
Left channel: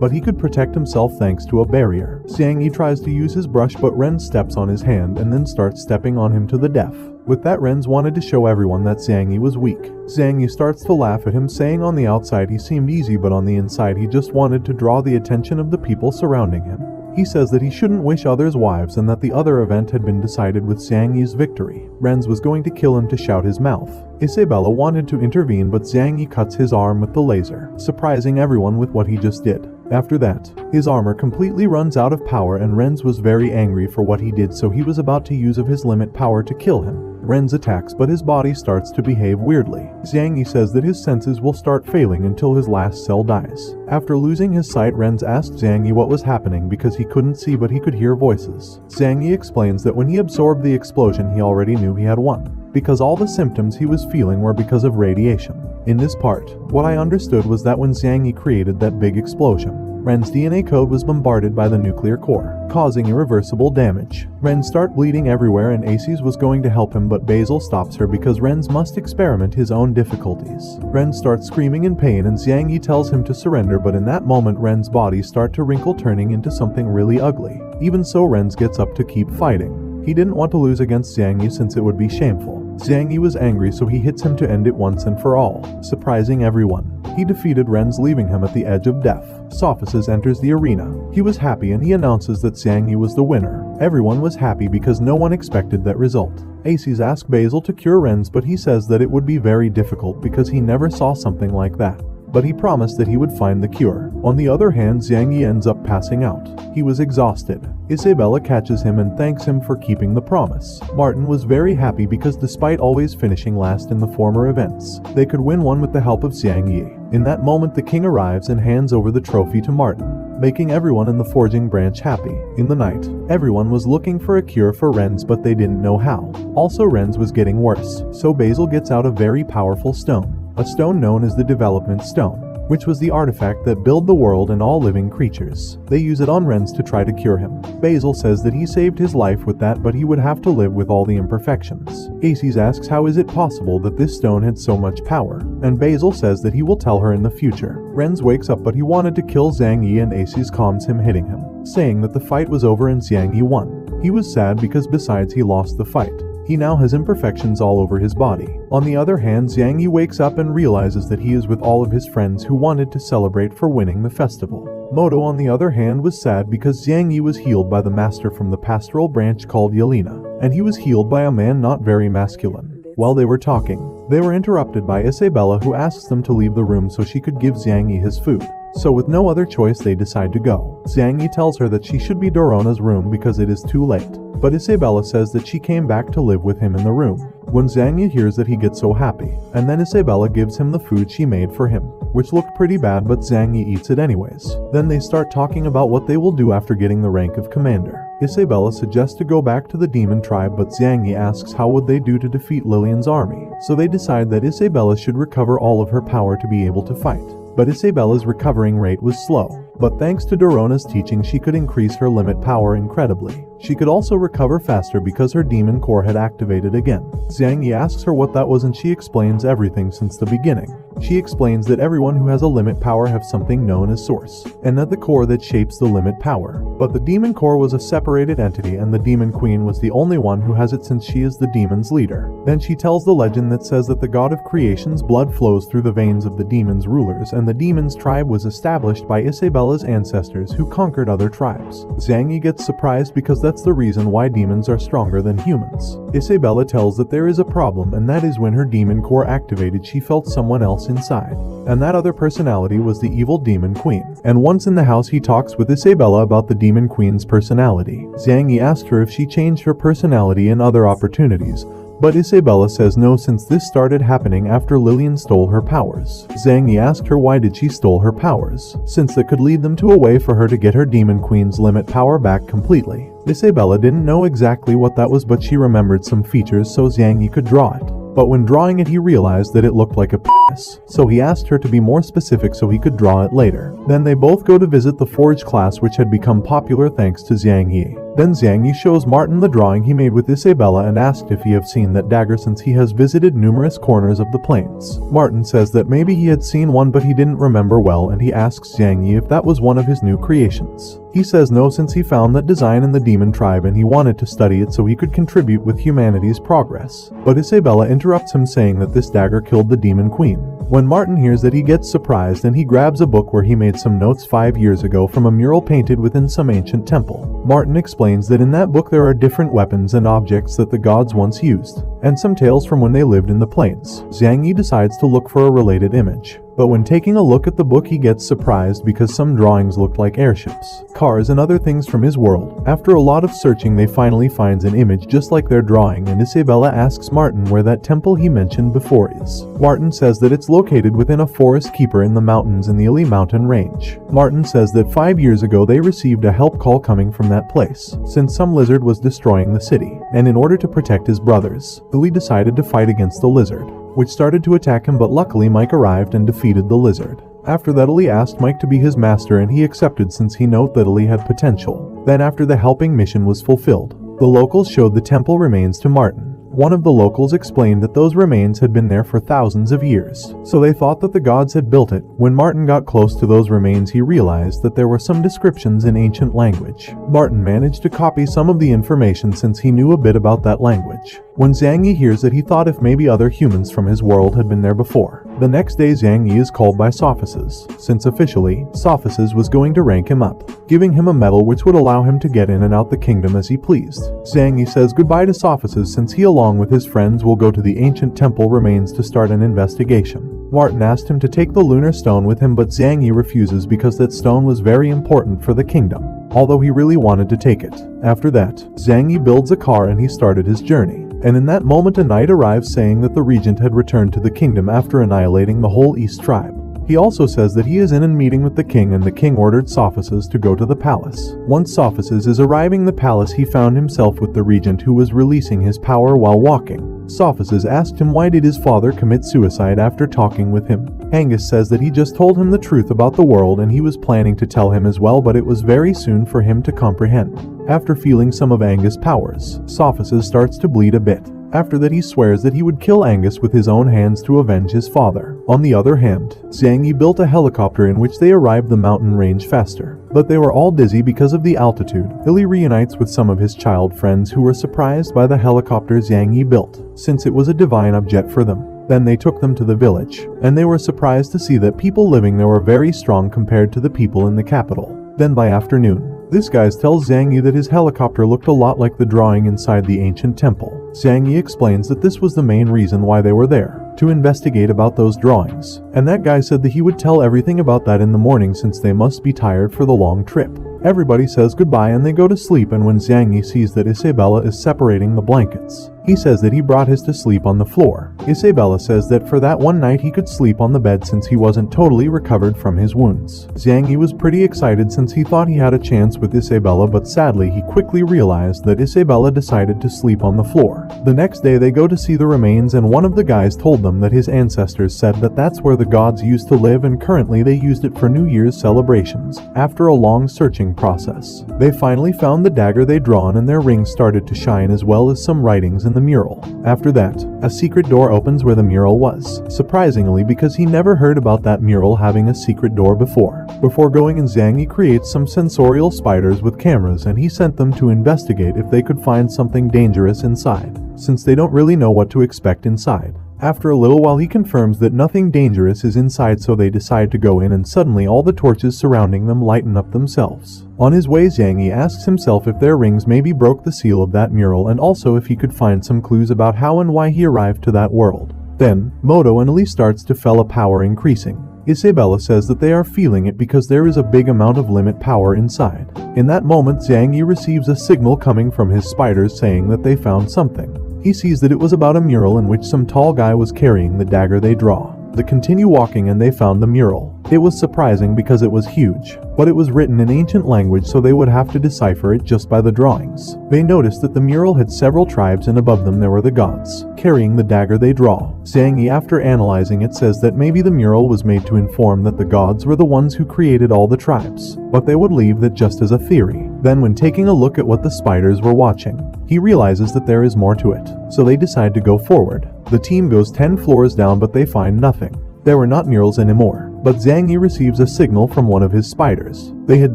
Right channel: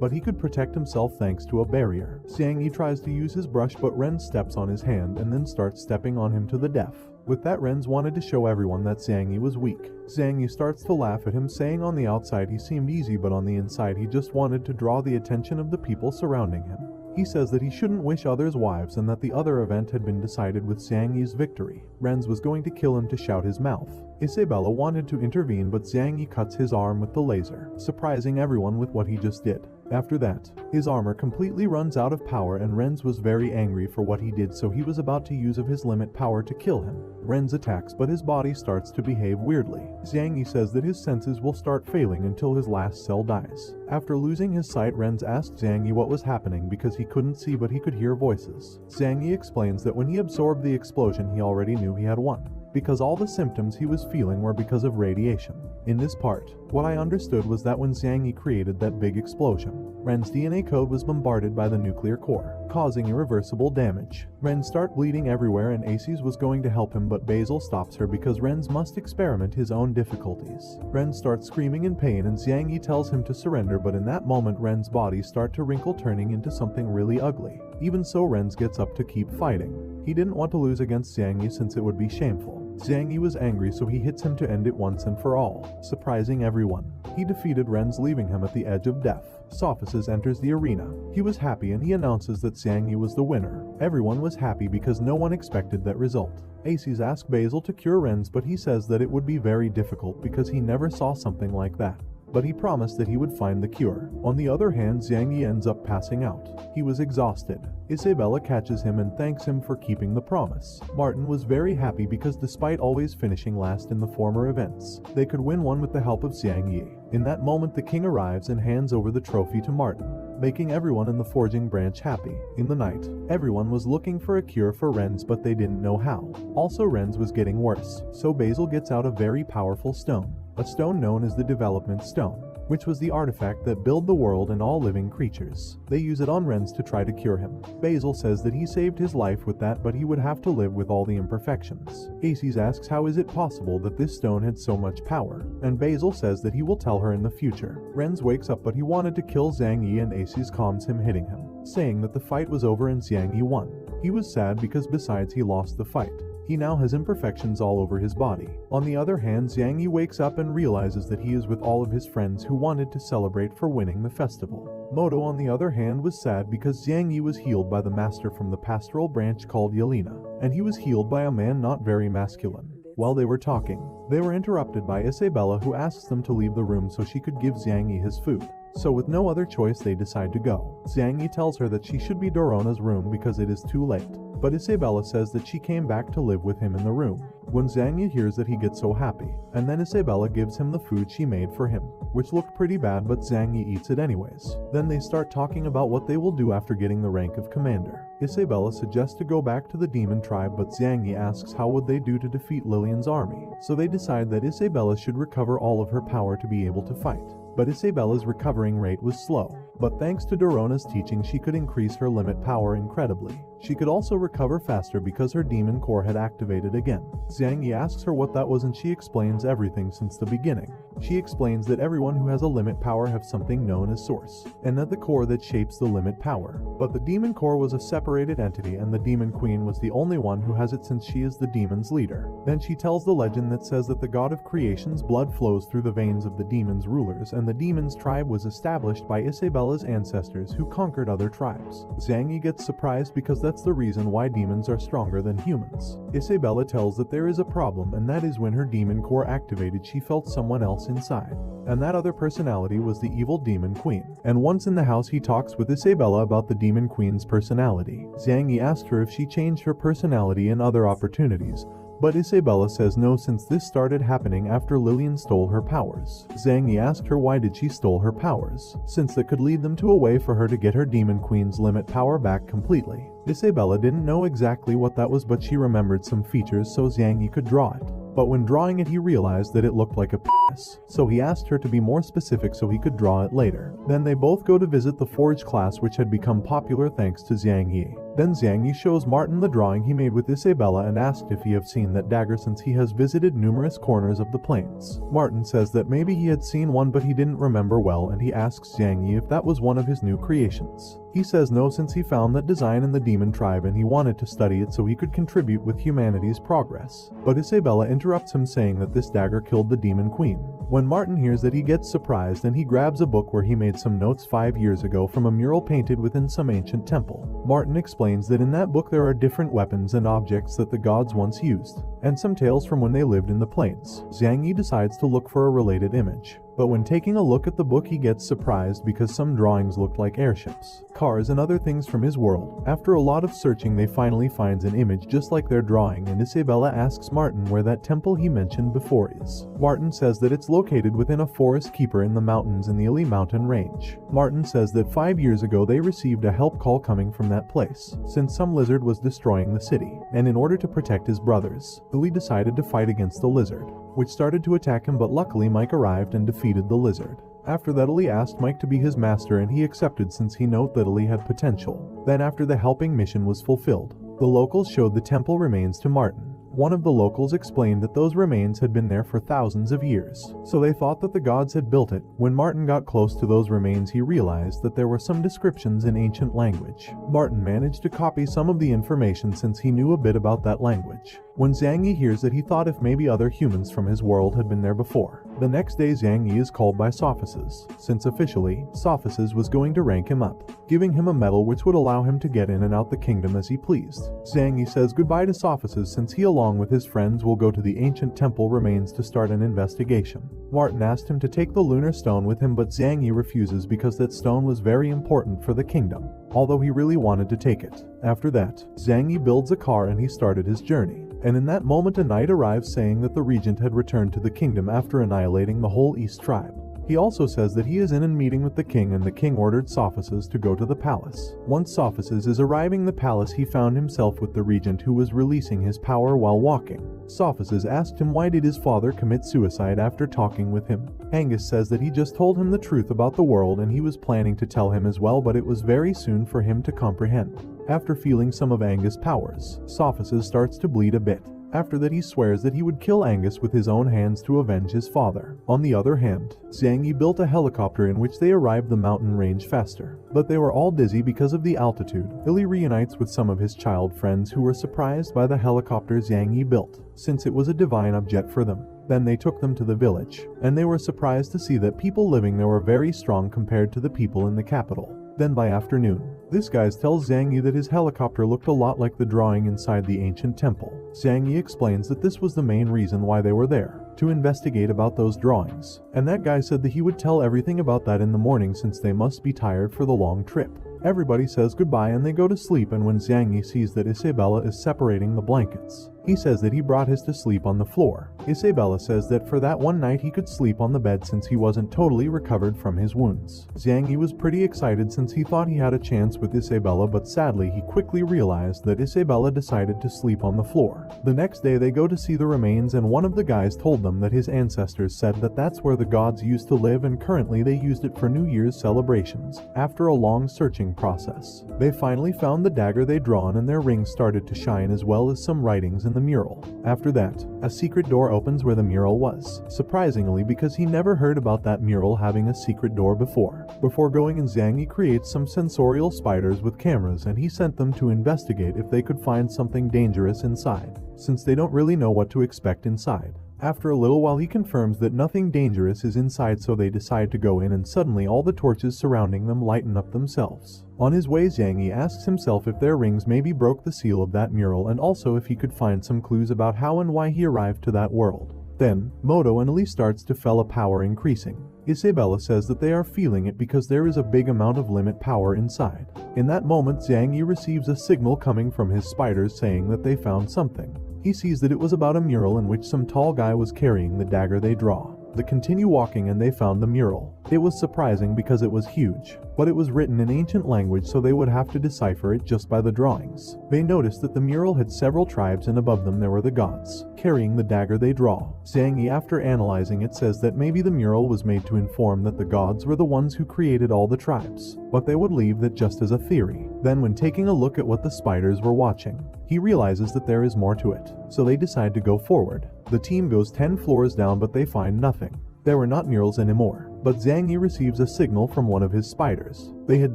But he could protect himself thanks to a barrier. Zhang Yi tries to use his brush, but Ren steps on his hand and then starts stepping on him to the death. With that, Ren's wanted to show everyone that Zhang Yi was weak. Zhang Yi starts to laugh at him, saying on the outside he seemed easy, but on the inside he just wanted to draw the attention of the people surrounding him. He says that he shouldn't wish others' wives and that the other event had been decided with Zhang Yi's victory. Ren's was going to kill him to shout his mouth. Isabella wanted to intervene, but Zhang Yi cuts his arm with the laser, surprising everyone with what he just did. After that, his armor completely runs out of power and Ren's was very angry for what he did, so he was about to use of his limit power to kill him. Ren's attacks, but his body starts to behave weirdly. Zhang Yi says that his senses will start failing until his last cell dies. After losing his sight, Ren's asked Zhang Yi what was happening because he couldn't see but he could hear voices. Zhang Yi explains that when he absorbed the explosion he already knew he had won, because all the symptoms he was feeling were because of radiation. In this part, what I understood was that when Zhang Yi created that big explosion, Ren's DNA code was bombarded by the nuclear core, causing irreversible damage. Ren starts bleeding everywhere and Aces was going to help him, but Basil stops her because Ren's must experiment his own difficulties. Ren starts screaming in pain and Zhang Yi tells him to surrender, but in that moment Ren's body starts to wrinkle, turning into something really ugly. Even so, Ren's gets up to keep fighting. He didn't want to lose against Zhang Yi since it would be shameful. Zhang Yi was angry, so he hits him to end it once and for all, surprising everyone. He defeated Ren's, leaving him at the edge of death. Sophists enters the arena. He was happy and he announces that Zhang Yi was the winner. Everyone was happy because no one expected that result. Aces asked Basil to cure Ren's, but he says that it would be very difficult because he never saw something like that. But he promised that he would find the cure. On the other hand, Zhang Yi ends up passing out. He was exhausted. Isabella catches him and thanks him for keeping the promise. Martin was very happy because despite always finishing last in the former events, they could win one with the help of Zhang Yi. In that moment, the king arrives and hands over the trophy to Martin, making everyone in the forging branch happy. In the night, everyone was looking for a cure for Ren's, but they didn't know how. Also, Ren's was getting worse, so Basil gets out a very powerful stone. A stone known as the Development Stone, which was the artifact that built the world and all living creatures. They use it on Ren's to try to cure him. Basil says that he saved his life with that, but he would have to live with all the imperfections. Aces asks how is it possible that this stone had so much power, and Basil says that he will tell her in the future. Ren's wakes up, but he wanted to kill Zhang Yi and Aces calms him, hitting him, saying that the fight was over and Zhang Yi won. He was sad because besides he lost the fight, he now has imperfections all over his body. On the other hand, Zhang Yi wakes up and realizes that he is with all of his friends who wanted to celebrate for winning the festival. Moto, on the other hand, was sad because Zhang Yi was healed by the master from the pastoral branch called Yelena, and he was healed by a man not very masculine. While they were talking, they were interrupted by Isabella, who asks them to leave the room so she could give Zhang Yi his food. So with no other choice, they decide to go. Zhang Yi tells her that she should be Dorona's room because it is too late, but Isabella says that she came back to live with him in the room. When Zhang Yi hears that, he gets so happy, and then Isabella gives him the food she made for him, which looked pretty bad, but Zhang Yi eats it anyways. Then they start talking about what they will do after getting the rank of commander. Isabella suggests to go back to the demon tribe, but Zhang Yi asks how would they do to defeat Lillian's army. So they decide that Isabella should recover all of her power to be able to fight. But Isabella's recovering rate was slow, but thanks to Dorona's teaching she could increase her limit power incredibly. She could also recover faster because her demon core had activated again. Zhang Yi asks her what that was and she explains everything since the beginning. She explains that everyone who has a limit power have something known as source, and that the core that shapes the limit power. But the demon core was a separated entity and the demon queen was the only one who has it since she is the demon's leader. Then she tells the legend that says that the god of creation's blood flows through the veins of the demon's rulers, and the demon's tribe was established by Isabella's ancestors who conquered other tribes. Zhang Yi gets surprised because that's the reason why demons are stronger than humans. Isabella tells that there is a problem, and that is when her demon core activated she felt someone else inside. And that other personality was the evil demon queen. And once in the house he talks with Isabella about the demon queen's personality. Zhang Yi asked her if she changed her personality in other opportunities, but Isabella says no, since this started happening after Lillian stole her powers. Zhang Yi asked her why did she stole her powers, since that could lead them to a way for her to get her demon queen's limit power back completely. Isabella didn't know exactly what that was, but she remembered some features so Zhang Yi could draw it. But when drawing it he realized that it looked like a penis, so he asked her to be more specific so he could draw it later. Then they both go to visit the forge class, which had become popular thanks to Zhang Yi. Then Zhang Yi shows Martin the drawing he made with Isabella and asked if he have seen that dagger since he has visited numerous corners of the plains. Martin says that maybe he had seen one but he didn't remember well, and he asks Zhang Yi if that was one of his new creations. He says no, since he found that design in the demon tribe and he wanted to study it so he could contribute with humanity's progress. But Isabella interrupts him saying that this dagger killed the demon queen. When Martin hears that he gets surprised and he grabs a book where he made some notes 5 years ago from a mural painted within some ancient temple. Martin explains that in that book there are different weapons and objects that the gods once used, and some tales from when they lived in the plains. Zhang Yi decides to look for a related image. But when taking a look at the book he gets surprised because some drawings looked like airships, cars and other things from his world. After a lot of searching they finally finds an image just like their drawing, and Isabella asks Martin where that temple he mentioned before is. Martin says that it's located within a forest keeper in the mountains in the Ili mountain range. Martin says that 5 years ago they received a help call coming from that place, since some lizard was destroying the city, and in order to protect his brothers, Ili decided to fight against the lizard, which started to attack him, but luckily Mike arrived and defeated the lizard. After that Ili asked Mike to be his master and he accepted since he knew that Ili had potential. Then after the helping mission was fulfilled, the locals showed the temple remains to Martin. One of the locals explained that those remains had been there for thousands of years, so they thought that the gods had built it. When Martin got close to those remains he realized that there were some descriptions in ancient language. Martin managed to copy some of the information since he knew a bit about that language. When Zhang Yi hears that he thought if maybe other humans from his world had been there before. The next day Zhang Yi is called by Sophices, since officially, Sophices was going to rank him up, giving him a medal which would allow him to get in and out the kingdom as he pleased. Zhang Yi says goodbye to Sophices since he along with his friends will go to the ancient temple remains to start an investigation. Martin asked him to take the lunar stone with him, but Zhang Yi refuses because that stone was very important for the kingdom, although he really wanted to take it. After that, Zhang Yi builds a car and he started his journey. And in that moment a knight arrives saying that the regent had returned to the kingdom after annihilating the whole East tribe. He also says that he is in a meeting with the king and the king ordered Sophices to go to the palace. Once Sophices is arriving the palace he found himself with the regent who was releasing his power while walking. Sophices asked him why did his father commit suicide after talking with him. Angus says that he just told him the truth about the world and he was planning to tell him as well, but it was very soon for him to comprehend. After feeling some of Angus' powers, Sophices starts to bleed a bit. After that he swears that he would kill Angus with his own hands to avenge his father. On the other hand, Zhang Yi built a helicopter in which they arrived the mountain range faster. But they were all dizzy because of the altitude. Ili reunites with some of his child friends who were surprised by the helicopter Zhang Yi built, since it was a divine object for them. Then they took them to the village, and they were surprised to see that people living there were very strong compared to the people in the capital. Then by afternoon, this guy tells Zhang Yi that his helicopter looked a lot like the drawing inside the ancient temple. Zhang Yi explains that this was the main reason why they were there, to investigate about those drawings. And that guy said that he would tell everything about that in the morning since they must be tired for the long trip. Everybody says goodbye and they go to sleep, and when Zhang Yi sees that Isabella is separating the blankets, He says that he brought his to sleep on the floor. Isabella says that for that one night he could sleep on the bed since he wasn't totally recovered from his wounds. Zhang Yi was pretty excited since he thought he had a chance with Isabella, but sadly he quickly realized that Isabella decided to sleep on the floor. The next day they go to see the remains, and one of the guys told them that his ancestors said that that's where the gods used to live, and currently they used it for New Year's celebrations. After a long searching process, they finally found the dagger they'd drawn, and their rings started to shine as well as some writings in the mural. After that, a secret door opens where the mural was, surprisingly because he never heard about that mural having a secret door before. Before going in, Zhang Yi creates some sensorial spiders with cameras, and he sent them to investigate if they could find something dangerous inside, since they don't really know what to expect inside. After a little while he confirms that nothing dangerous is inside, so they decide to go in, and suddenly all the torches surrounding them lighten up themselves. On his way, Zhang Yi asks himself if their rings maybe broke the seal of that mural, and also if he could find some clues about how and why he arrived to that world. Then, Moto and Elise starts to feel a power increasing. Isabella says that they are feeling it because there is a big amount of limit power inside. In that moment, Zhang Yi receives a signal coming from his spiders saying that they found something. He sees that it was about a mural in which some tall guy was carrying the dagger they draw. They continue walking and they found the mural. It was surprising because it was huge, but it was written in ancient language, so they would have to decipher it just by the drawings. They noticed that the mural had several tribes, and above them there were the gods, carrying the dagger they draw. Zhang Yi, after analyzing it, says that maybe the mural was made to inform that the gods were the ones who created all the tribes, but they would leave that just as a theory. Then when taking a look at what the spiders were watching, he realizes that there is more to it, so they decide to go forward. The team goes 10 floors down, but they find nothing. There were not murals anymore, but Zhang Yi receives a signal from one of his spiders. They had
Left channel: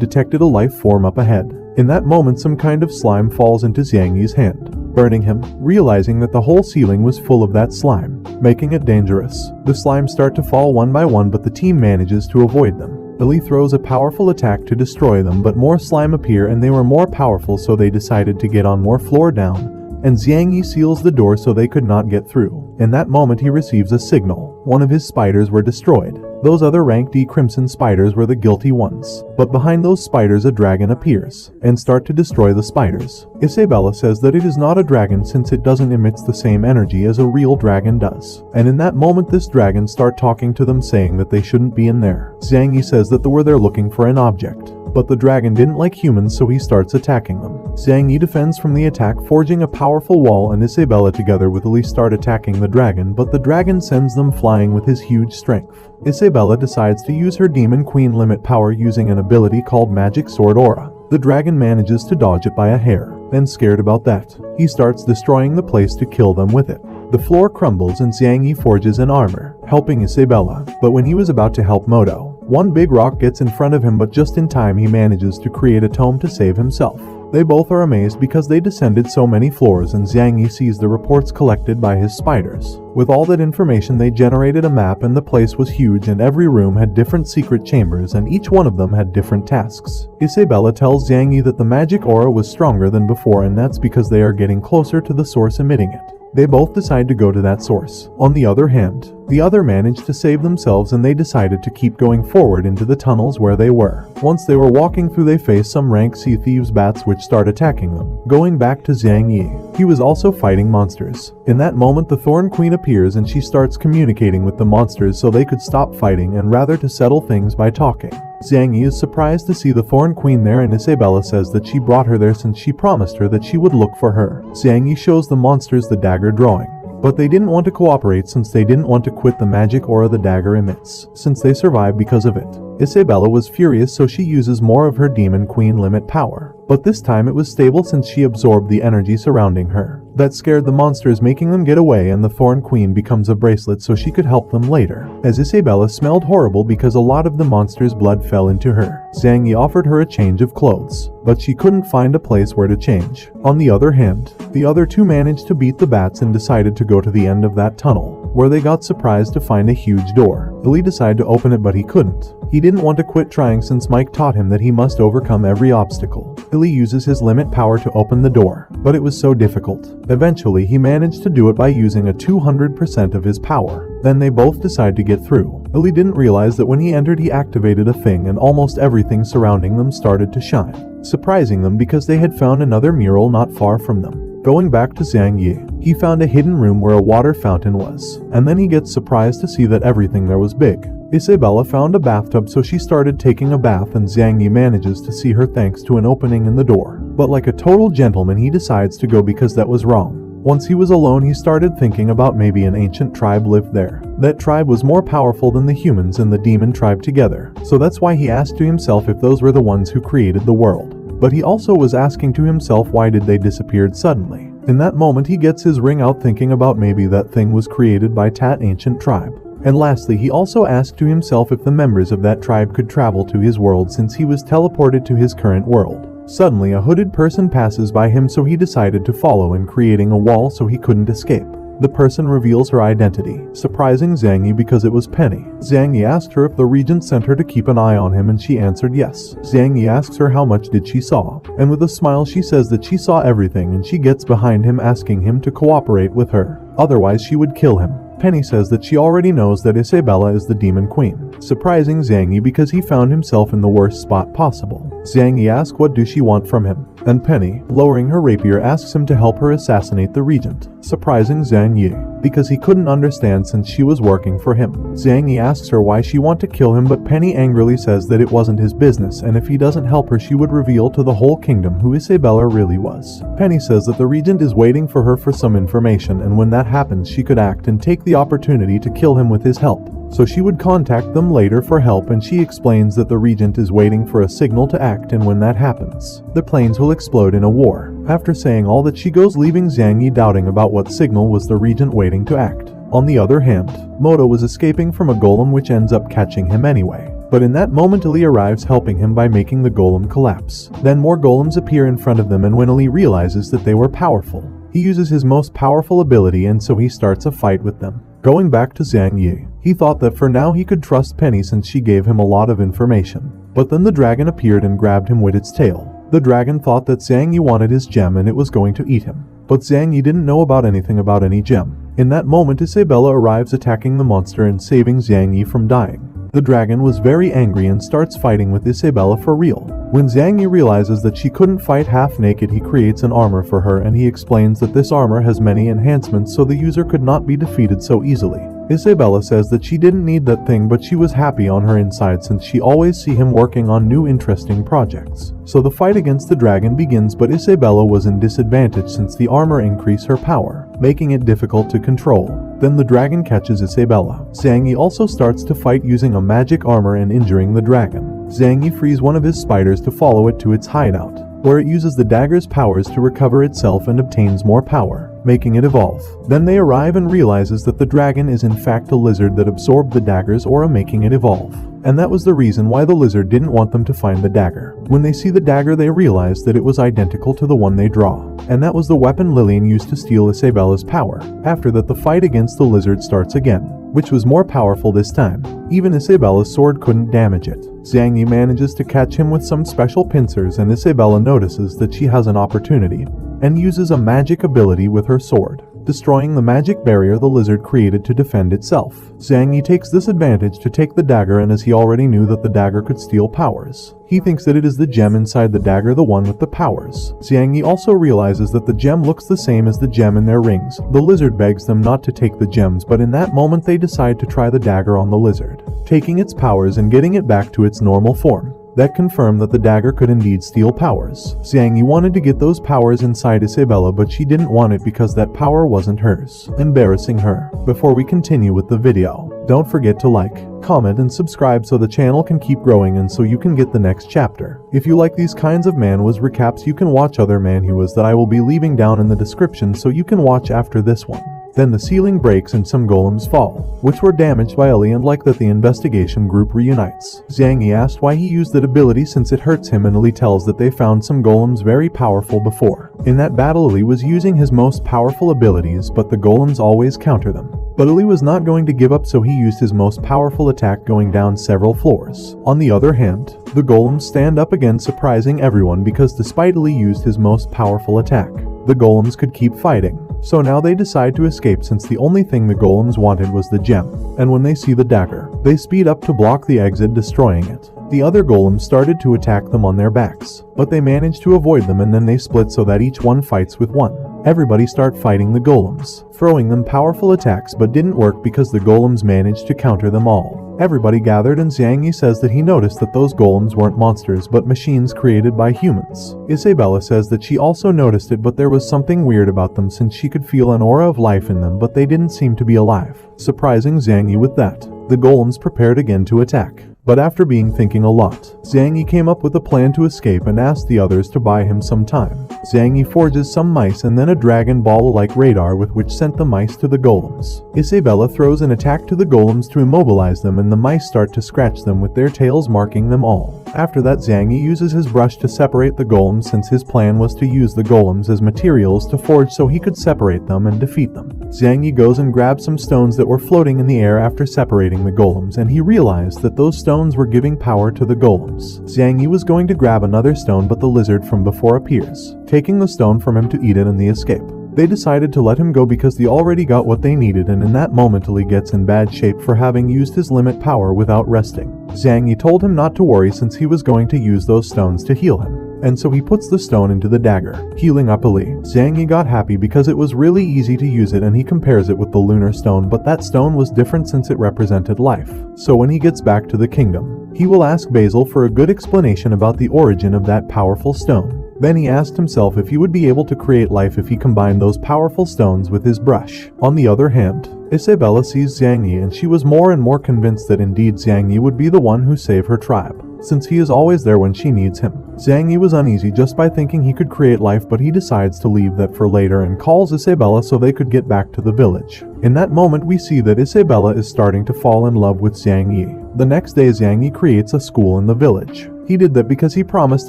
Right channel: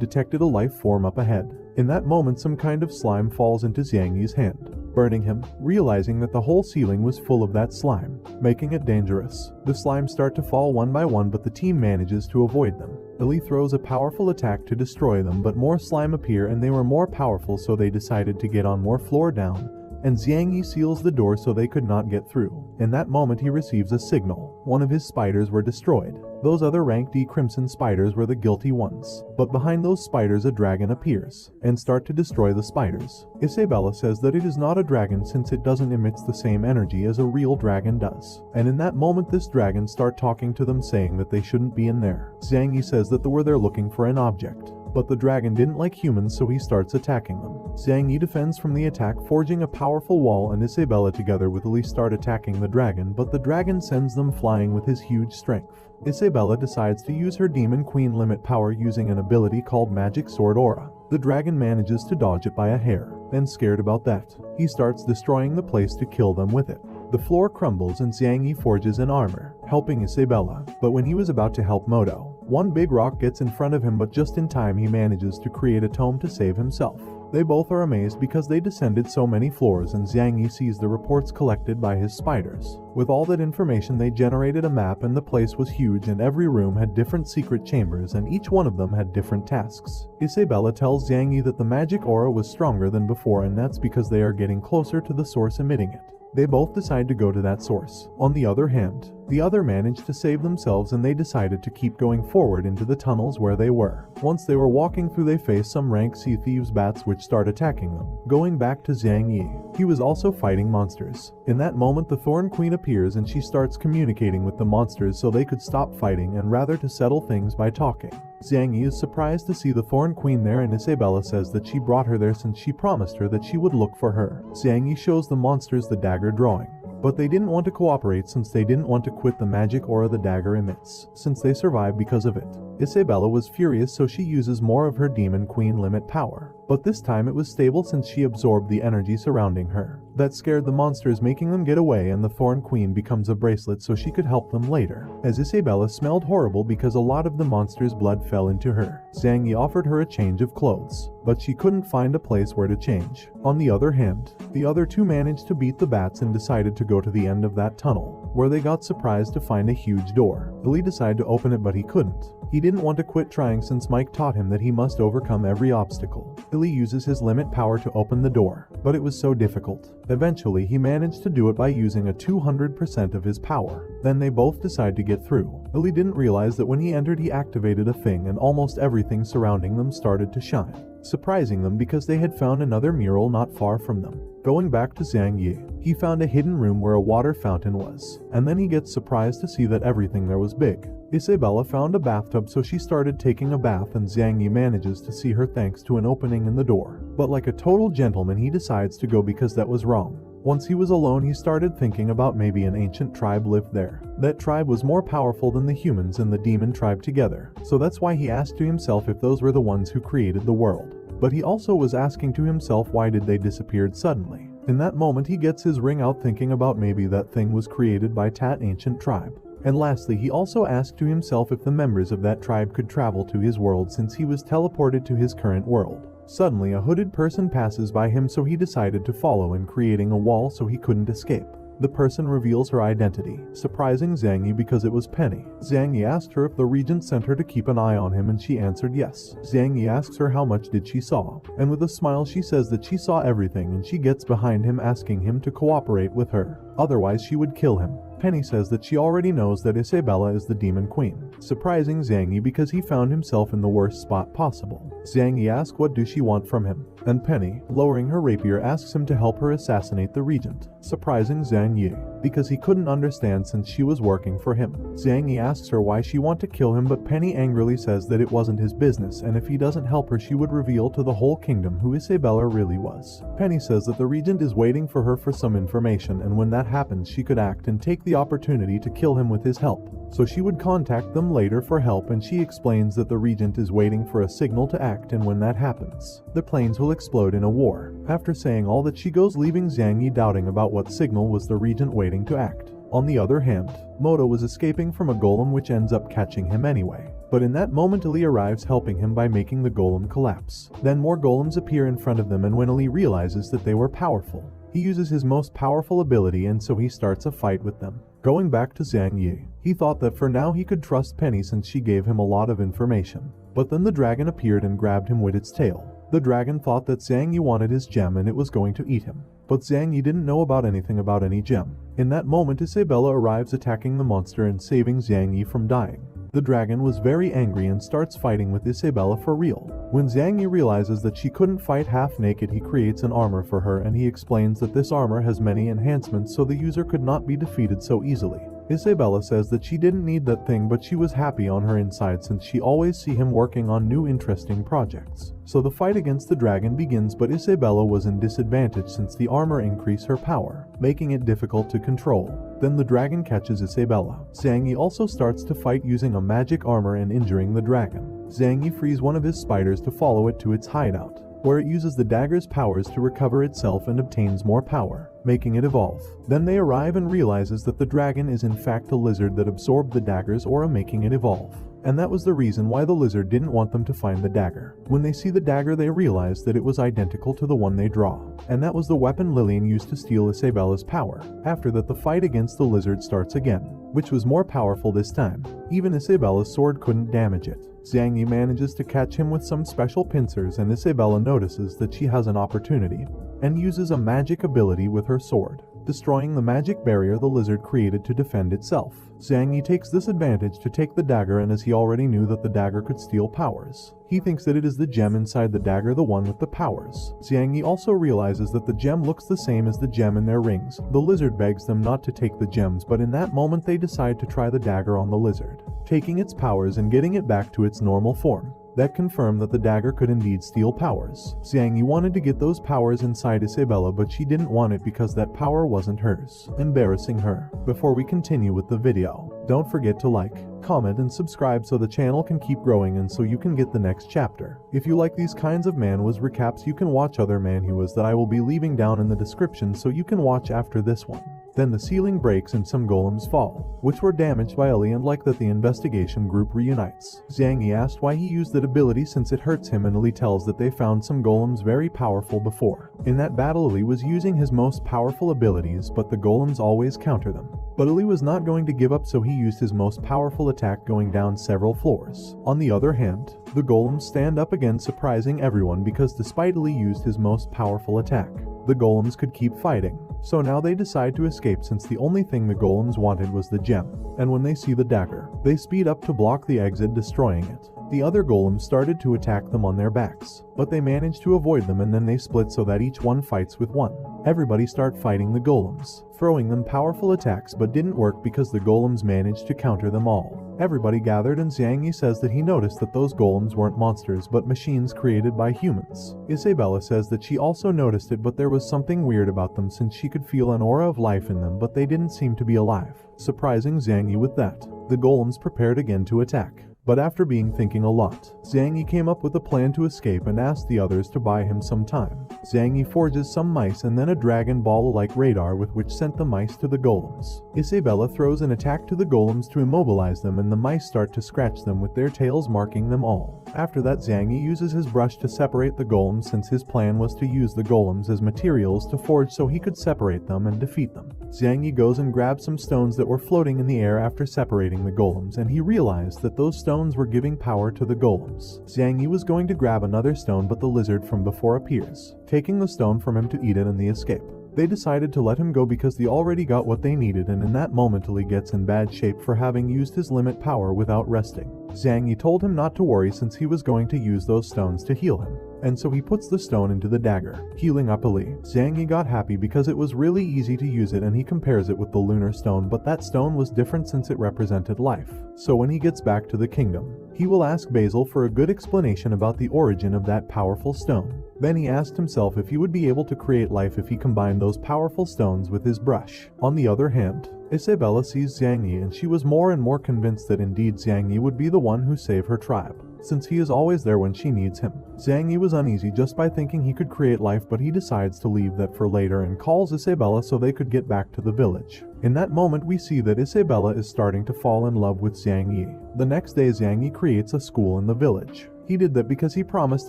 detected a life form up ahead. In that moment, some kind of slime falls into Zhang Yi's hand, burning him, realizing that the whole ceiling was full of that slime, making it dangerous. The slimes start to fall one by one, but the team manages to avoid them. Billy throws a powerful attack to destroy them, but more slime appear and they were more powerful, so they decided to get on more floor down, and Zhang Yi seals the door so they could not get through. In that moment he receives a signal. One of his spiders were destroyed. Those other ranked E crimson spiders were the guilty ones. But behind those spiders a dragon appears, and start to destroy the spiders. Isabella says that it is not a dragon since it doesn't emit the same energy as a real dragon does. And in that moment this dragon start talking to them, saying that they shouldn't be in there. Zhang Yi says that they were there looking for an object, but the dragon didn't like humans, so he starts attacking them. Zhang Yi defends from the attack, forging a powerful wall, and Isabella together with Elise start attacking the dragon, but the dragon sends them flying with his huge strength. Isabella decides to use her Demon Queen limit power using an ability called Magic Sword Aura. The dragon manages to dodge it by a hair, and scared about that, he starts destroying the place to kill them with it. The floor crumbles and Zhang Yi forges an armor, helping Isabella, but when he was about to help Moto, one big rock gets in front of him, but just in time he manages to create a tome to save himself. They both are amazed because they descended so many floors, and Zhang Yi sees the reports collected by his spiders. With all that information they generated a map, and the place was huge and every room had different secret chambers and each one of them had different tasks. Isabella tells Zhang Yi that the magic aura was stronger than before, and that's because they are getting closer to the source emitting it. They both decide to go to that source. On the other hand, the other managed to save themselves, and they decided to keep going forward into the tunnels where they were. Once they were walking through, they faced some rank sea thieves bats which start attacking them. Going back to Zhang Yi, he was also fighting monsters. In that moment the Thorn Queen appears and she starts communicating with the monsters so they could stop fighting and rather to settle things by talking. Zhang Yi is surprised to see the Thorn Queen there, and Isabella says that she brought her there since she promised her that she would look for her. Zhang Yi shows the monsters the dagger drawing, but they didn't want to cooperate since they didn't want to quit the magic aura the dagger emits, since they survived because of it. Isabella was furious, so she uses more of her Demon Queen limit power, but this time it was stable since she absorbed the energy surrounding her. That scared the monsters, making them get away, and the Thorn Queen becomes a bracelet so she could help them later, as Isabella smelled horrible because a lot of the monster's blood fell into her. Zhang Yi offered her a change of clothes, but she couldn't find a place where to change. On the other hand, the other two managed to beat the bats and decided to go to the end of that tunnel, where they got surprised to find a huge door. Billy decided to open it, but he couldn't. He didn't want to quit trying since Mike taught him that he must overcome every obstacle. Billy uses his limit power to open the door, but it was so difficult. Eventually, he managed to do it by using a 200% of his power. Then they both decide to get through. Billy didn't realize that when he entered he activated a thing and almost everything surrounding them started to shine, surprising them because they had found another mural not far from them. Going back to Zhang Yi, he found a hidden room where a water fountain was, and then he gets surprised to see that everything there was big. Isabella found a bathtub, so she started taking a bath, and Zhang Yi manages to see her thanks to an opening in the door. But like a total gentleman, he decides to go because that was wrong. Once he was alone, he started thinking about maybe an ancient tribe lived there. That tribe was more powerful than the humans and the demon tribe together, so that's why he asked to himself if those were the ones who created the world. But he also was asking to himself why did they disappeared suddenly. In that moment, he gets his ring out, thinking about maybe that thing was created by that ancient tribe. And lastly, he also asked to himself if the members of that tribe could travel to his world since he was teleported to his current world. Suddenly, a hooded person passes by him, so he decided to follow in, creating a wall so he couldn't escape. The person reveals her identity, surprising Zhang Yi because it was Penny. Zhang Yi asked her if the regent sent her to keep an eye on him, and she answered yes. Zhang Yi asks her how much did she saw, and with a smile she says that she saw everything, and she gets behind him asking him to cooperate with her. Otherwise she would kill him. Penny says that she already knows that Isabella is the demon queen, surprising Zhang Yi because he found himself in the worst spot possible. Zhang Yi asks what do she want from him, and Penny, lowering her rapier, asks him to help her assassinate the regent, surprising Zhang Yi because he couldn't understand since she was working for him. Zhang Yi asks her why she want to kill him, but Penny angrily says that it wasn't his business, and if he doesn't help her she would reveal to the whole kingdom who Isabella really was. Penny says that the regent is waiting for her for some information, and when that happens she could act and take the opportunity to kill him with his help. So she would contact them later for help, and she explains that the regent is waiting for a signal to act, and when that happens, the planes will explode in a war. After saying all that, she goes, leaving Zhang Yi doubting about what signal was the regent waiting to act. On the other hand, Moto was escaping from a golem which ends up catching him anyway. But in that moment Ali arrives, helping him by making the golem collapse. Then more golems appear in front of them, and when Ali realizes that they were powerful, he uses his most powerful ability, and so he starts a fight with them. Going back to Zhang Yi, he thought that for now he could trust Penny since she gave him a lot of information. But then the dragon appeared and grabbed him with its tail. The dragon thought that Zhang Yi wanted his gem and it was going to eat him. But Zhang Yi didn't know about anything about any gem. In that moment Isabella arrives, attacking the monster and saving Zhang Yi from dying. The dragon was very angry and starts fighting with Isabella for real. When Zhang Yi realizes that she couldn't fight half naked, he creates an armor for her, and he explains that this armor has many enhancements so the user could not be defeated so easily. Isabella says that she didn't need that thing, but she was happy on her inside since she always see him working on new interesting projects. So the fight against the dragon begins, but Isabella was in disadvantage since the armor increased her power, making it difficult to control. Then the dragon catches Isabella. Zhang Yi also starts to fight using a magic armor and injuring the dragon. Zhang Yi frees one of his spiders to follow it to its hideout, where it uses the dagger's powers to recover itself and obtains more power, making it evolve. Then they arrive and realizes that the dragon is in fact a lizard that absorbed the dagger's aura, making it evolve. And that was the reason why the lizard didn't want them to find the dagger. When they see the dagger they realize that it was identical to the one they draw, and that was the weapon Lillian used to steal Isabella's power. After that the fight against the lizard starts again, which was more powerful this time. Even Isabella's sword couldn't damage it. Zhang Yi manages to catch him with some special pincers, and Isabella notices that she has an opportunity and uses a magic ability with her sword, destroying the magic barrier the lizard created to defend itself. Zhang Yi takes this advantage to take the dagger, and as he already knew that the dagger could steal powers, he thinks that it is the gem inside the dagger, the one with the powers. Zhang Yi also realizes that the gem looks the same as the gem in their rings. The lizard begs them not to take the gems, but in that moment they decide to try the dagger on the lizard, taking its powers and getting it back to its normal form. That confirmed that the dagger could indeed steal powers. Zhang Yi wanted to get those powers inside Isabella, but she didn't want it because that power wasn't hers, embarrassing her. Before we continue with the video, don't forget to like, comment, and subscribe so the channel can keep growing and so you can get the next chapter. If you like these kinds of manhwas recaps, you can watch other manhwas that I will be leaving down in the description so you can watch after this one. Then the ceiling breaks and some golems fall, which were damaged by Ali, and like that the investigation group reunites. Zhang Yi asked why he used that ability since it hurts him, and Ali tells that they found some golems very powerful before. In that battle Ali was using his most powerful abilities, but the golems always counter them. But Ali was not going to give up, so he used his most powerful attack, going down several floors. On the other hand, the golems stand up again, surprising everyone because despite Ali used his most powerful attack, the golems could keep fighting. So now they decide to escape since the only thing the golems wanted was the gem. And when they see the dagger, they speed up to block the exit, destroying it. The other golems started to attack them on their backs, but they managed to avoid them, and then they split so that each one fights with one. Everybody start fighting the golems, throwing them powerful attacks but didn't work because the golems managed to counter them all. Everybody gathered and Xiang Yi says that he noticed that those golems weren't monsters but machines created by humans. Isabella says that she also noticed it, but there was something weird about them since she could feel an aura of life in them, but they didn't seem to be alive. Surprising Xiang Yi with that, the golems prepared again to attack. But after being thinking a lot, Xiang Yi came up with a plan to escape and asked the others to buy him some time. Xiang Yi forges some mice and then a Dragon Ball-like radar with which sent the mice to the golems. Isabella throws an attack to the golems to immobilize them and the mice start to scratch them with their tails, marking them all. After that, Xiang Yi uses his brush to separate the golems since his plan was to use the golems as materials to forge so he could separate them and defeat them. Xiang Yi goes and grabs some stones that were floating in the air after separating the golems, and he realized that those stones were giving power to the golems. Xiang Yi was going to grab another stone, but the lizard from before appears, taking the stone from him to eat it in the escape. They decided to let him go because they already got what they needed, and in that moment Li gets in bad shape for having used his limit power without resting. Xiang Yi told him not to worry since he was going to use those stones to heal him. And so he puts the stone into the dagger, healing up Ali. Xiang Yi got happy because it was really easy to use it, and he compares it with the lunar stone, but that stone was different since it represented life. So when he gets back to the kingdom, he will ask Basil for a good explanation about the origin of that powerful stone. Then he asked himself if he would be able to create life if he combined those powerful stones with his brush. On the other hand, Isabella sees Xiang Yi and she was more and more convinced that indeed Xiang Yi would be the one who saved her tribe, since he is always there when she needs him. Xiang Yi was uneasy just by thinking he could create life, but he decides to leave that for later and calls Isabella so they could get back to the village. In that moment we see that Isabella is starting to fall in love with Xiang Yi. The next day Xiang Yi creates a school in the village. He did that because he promised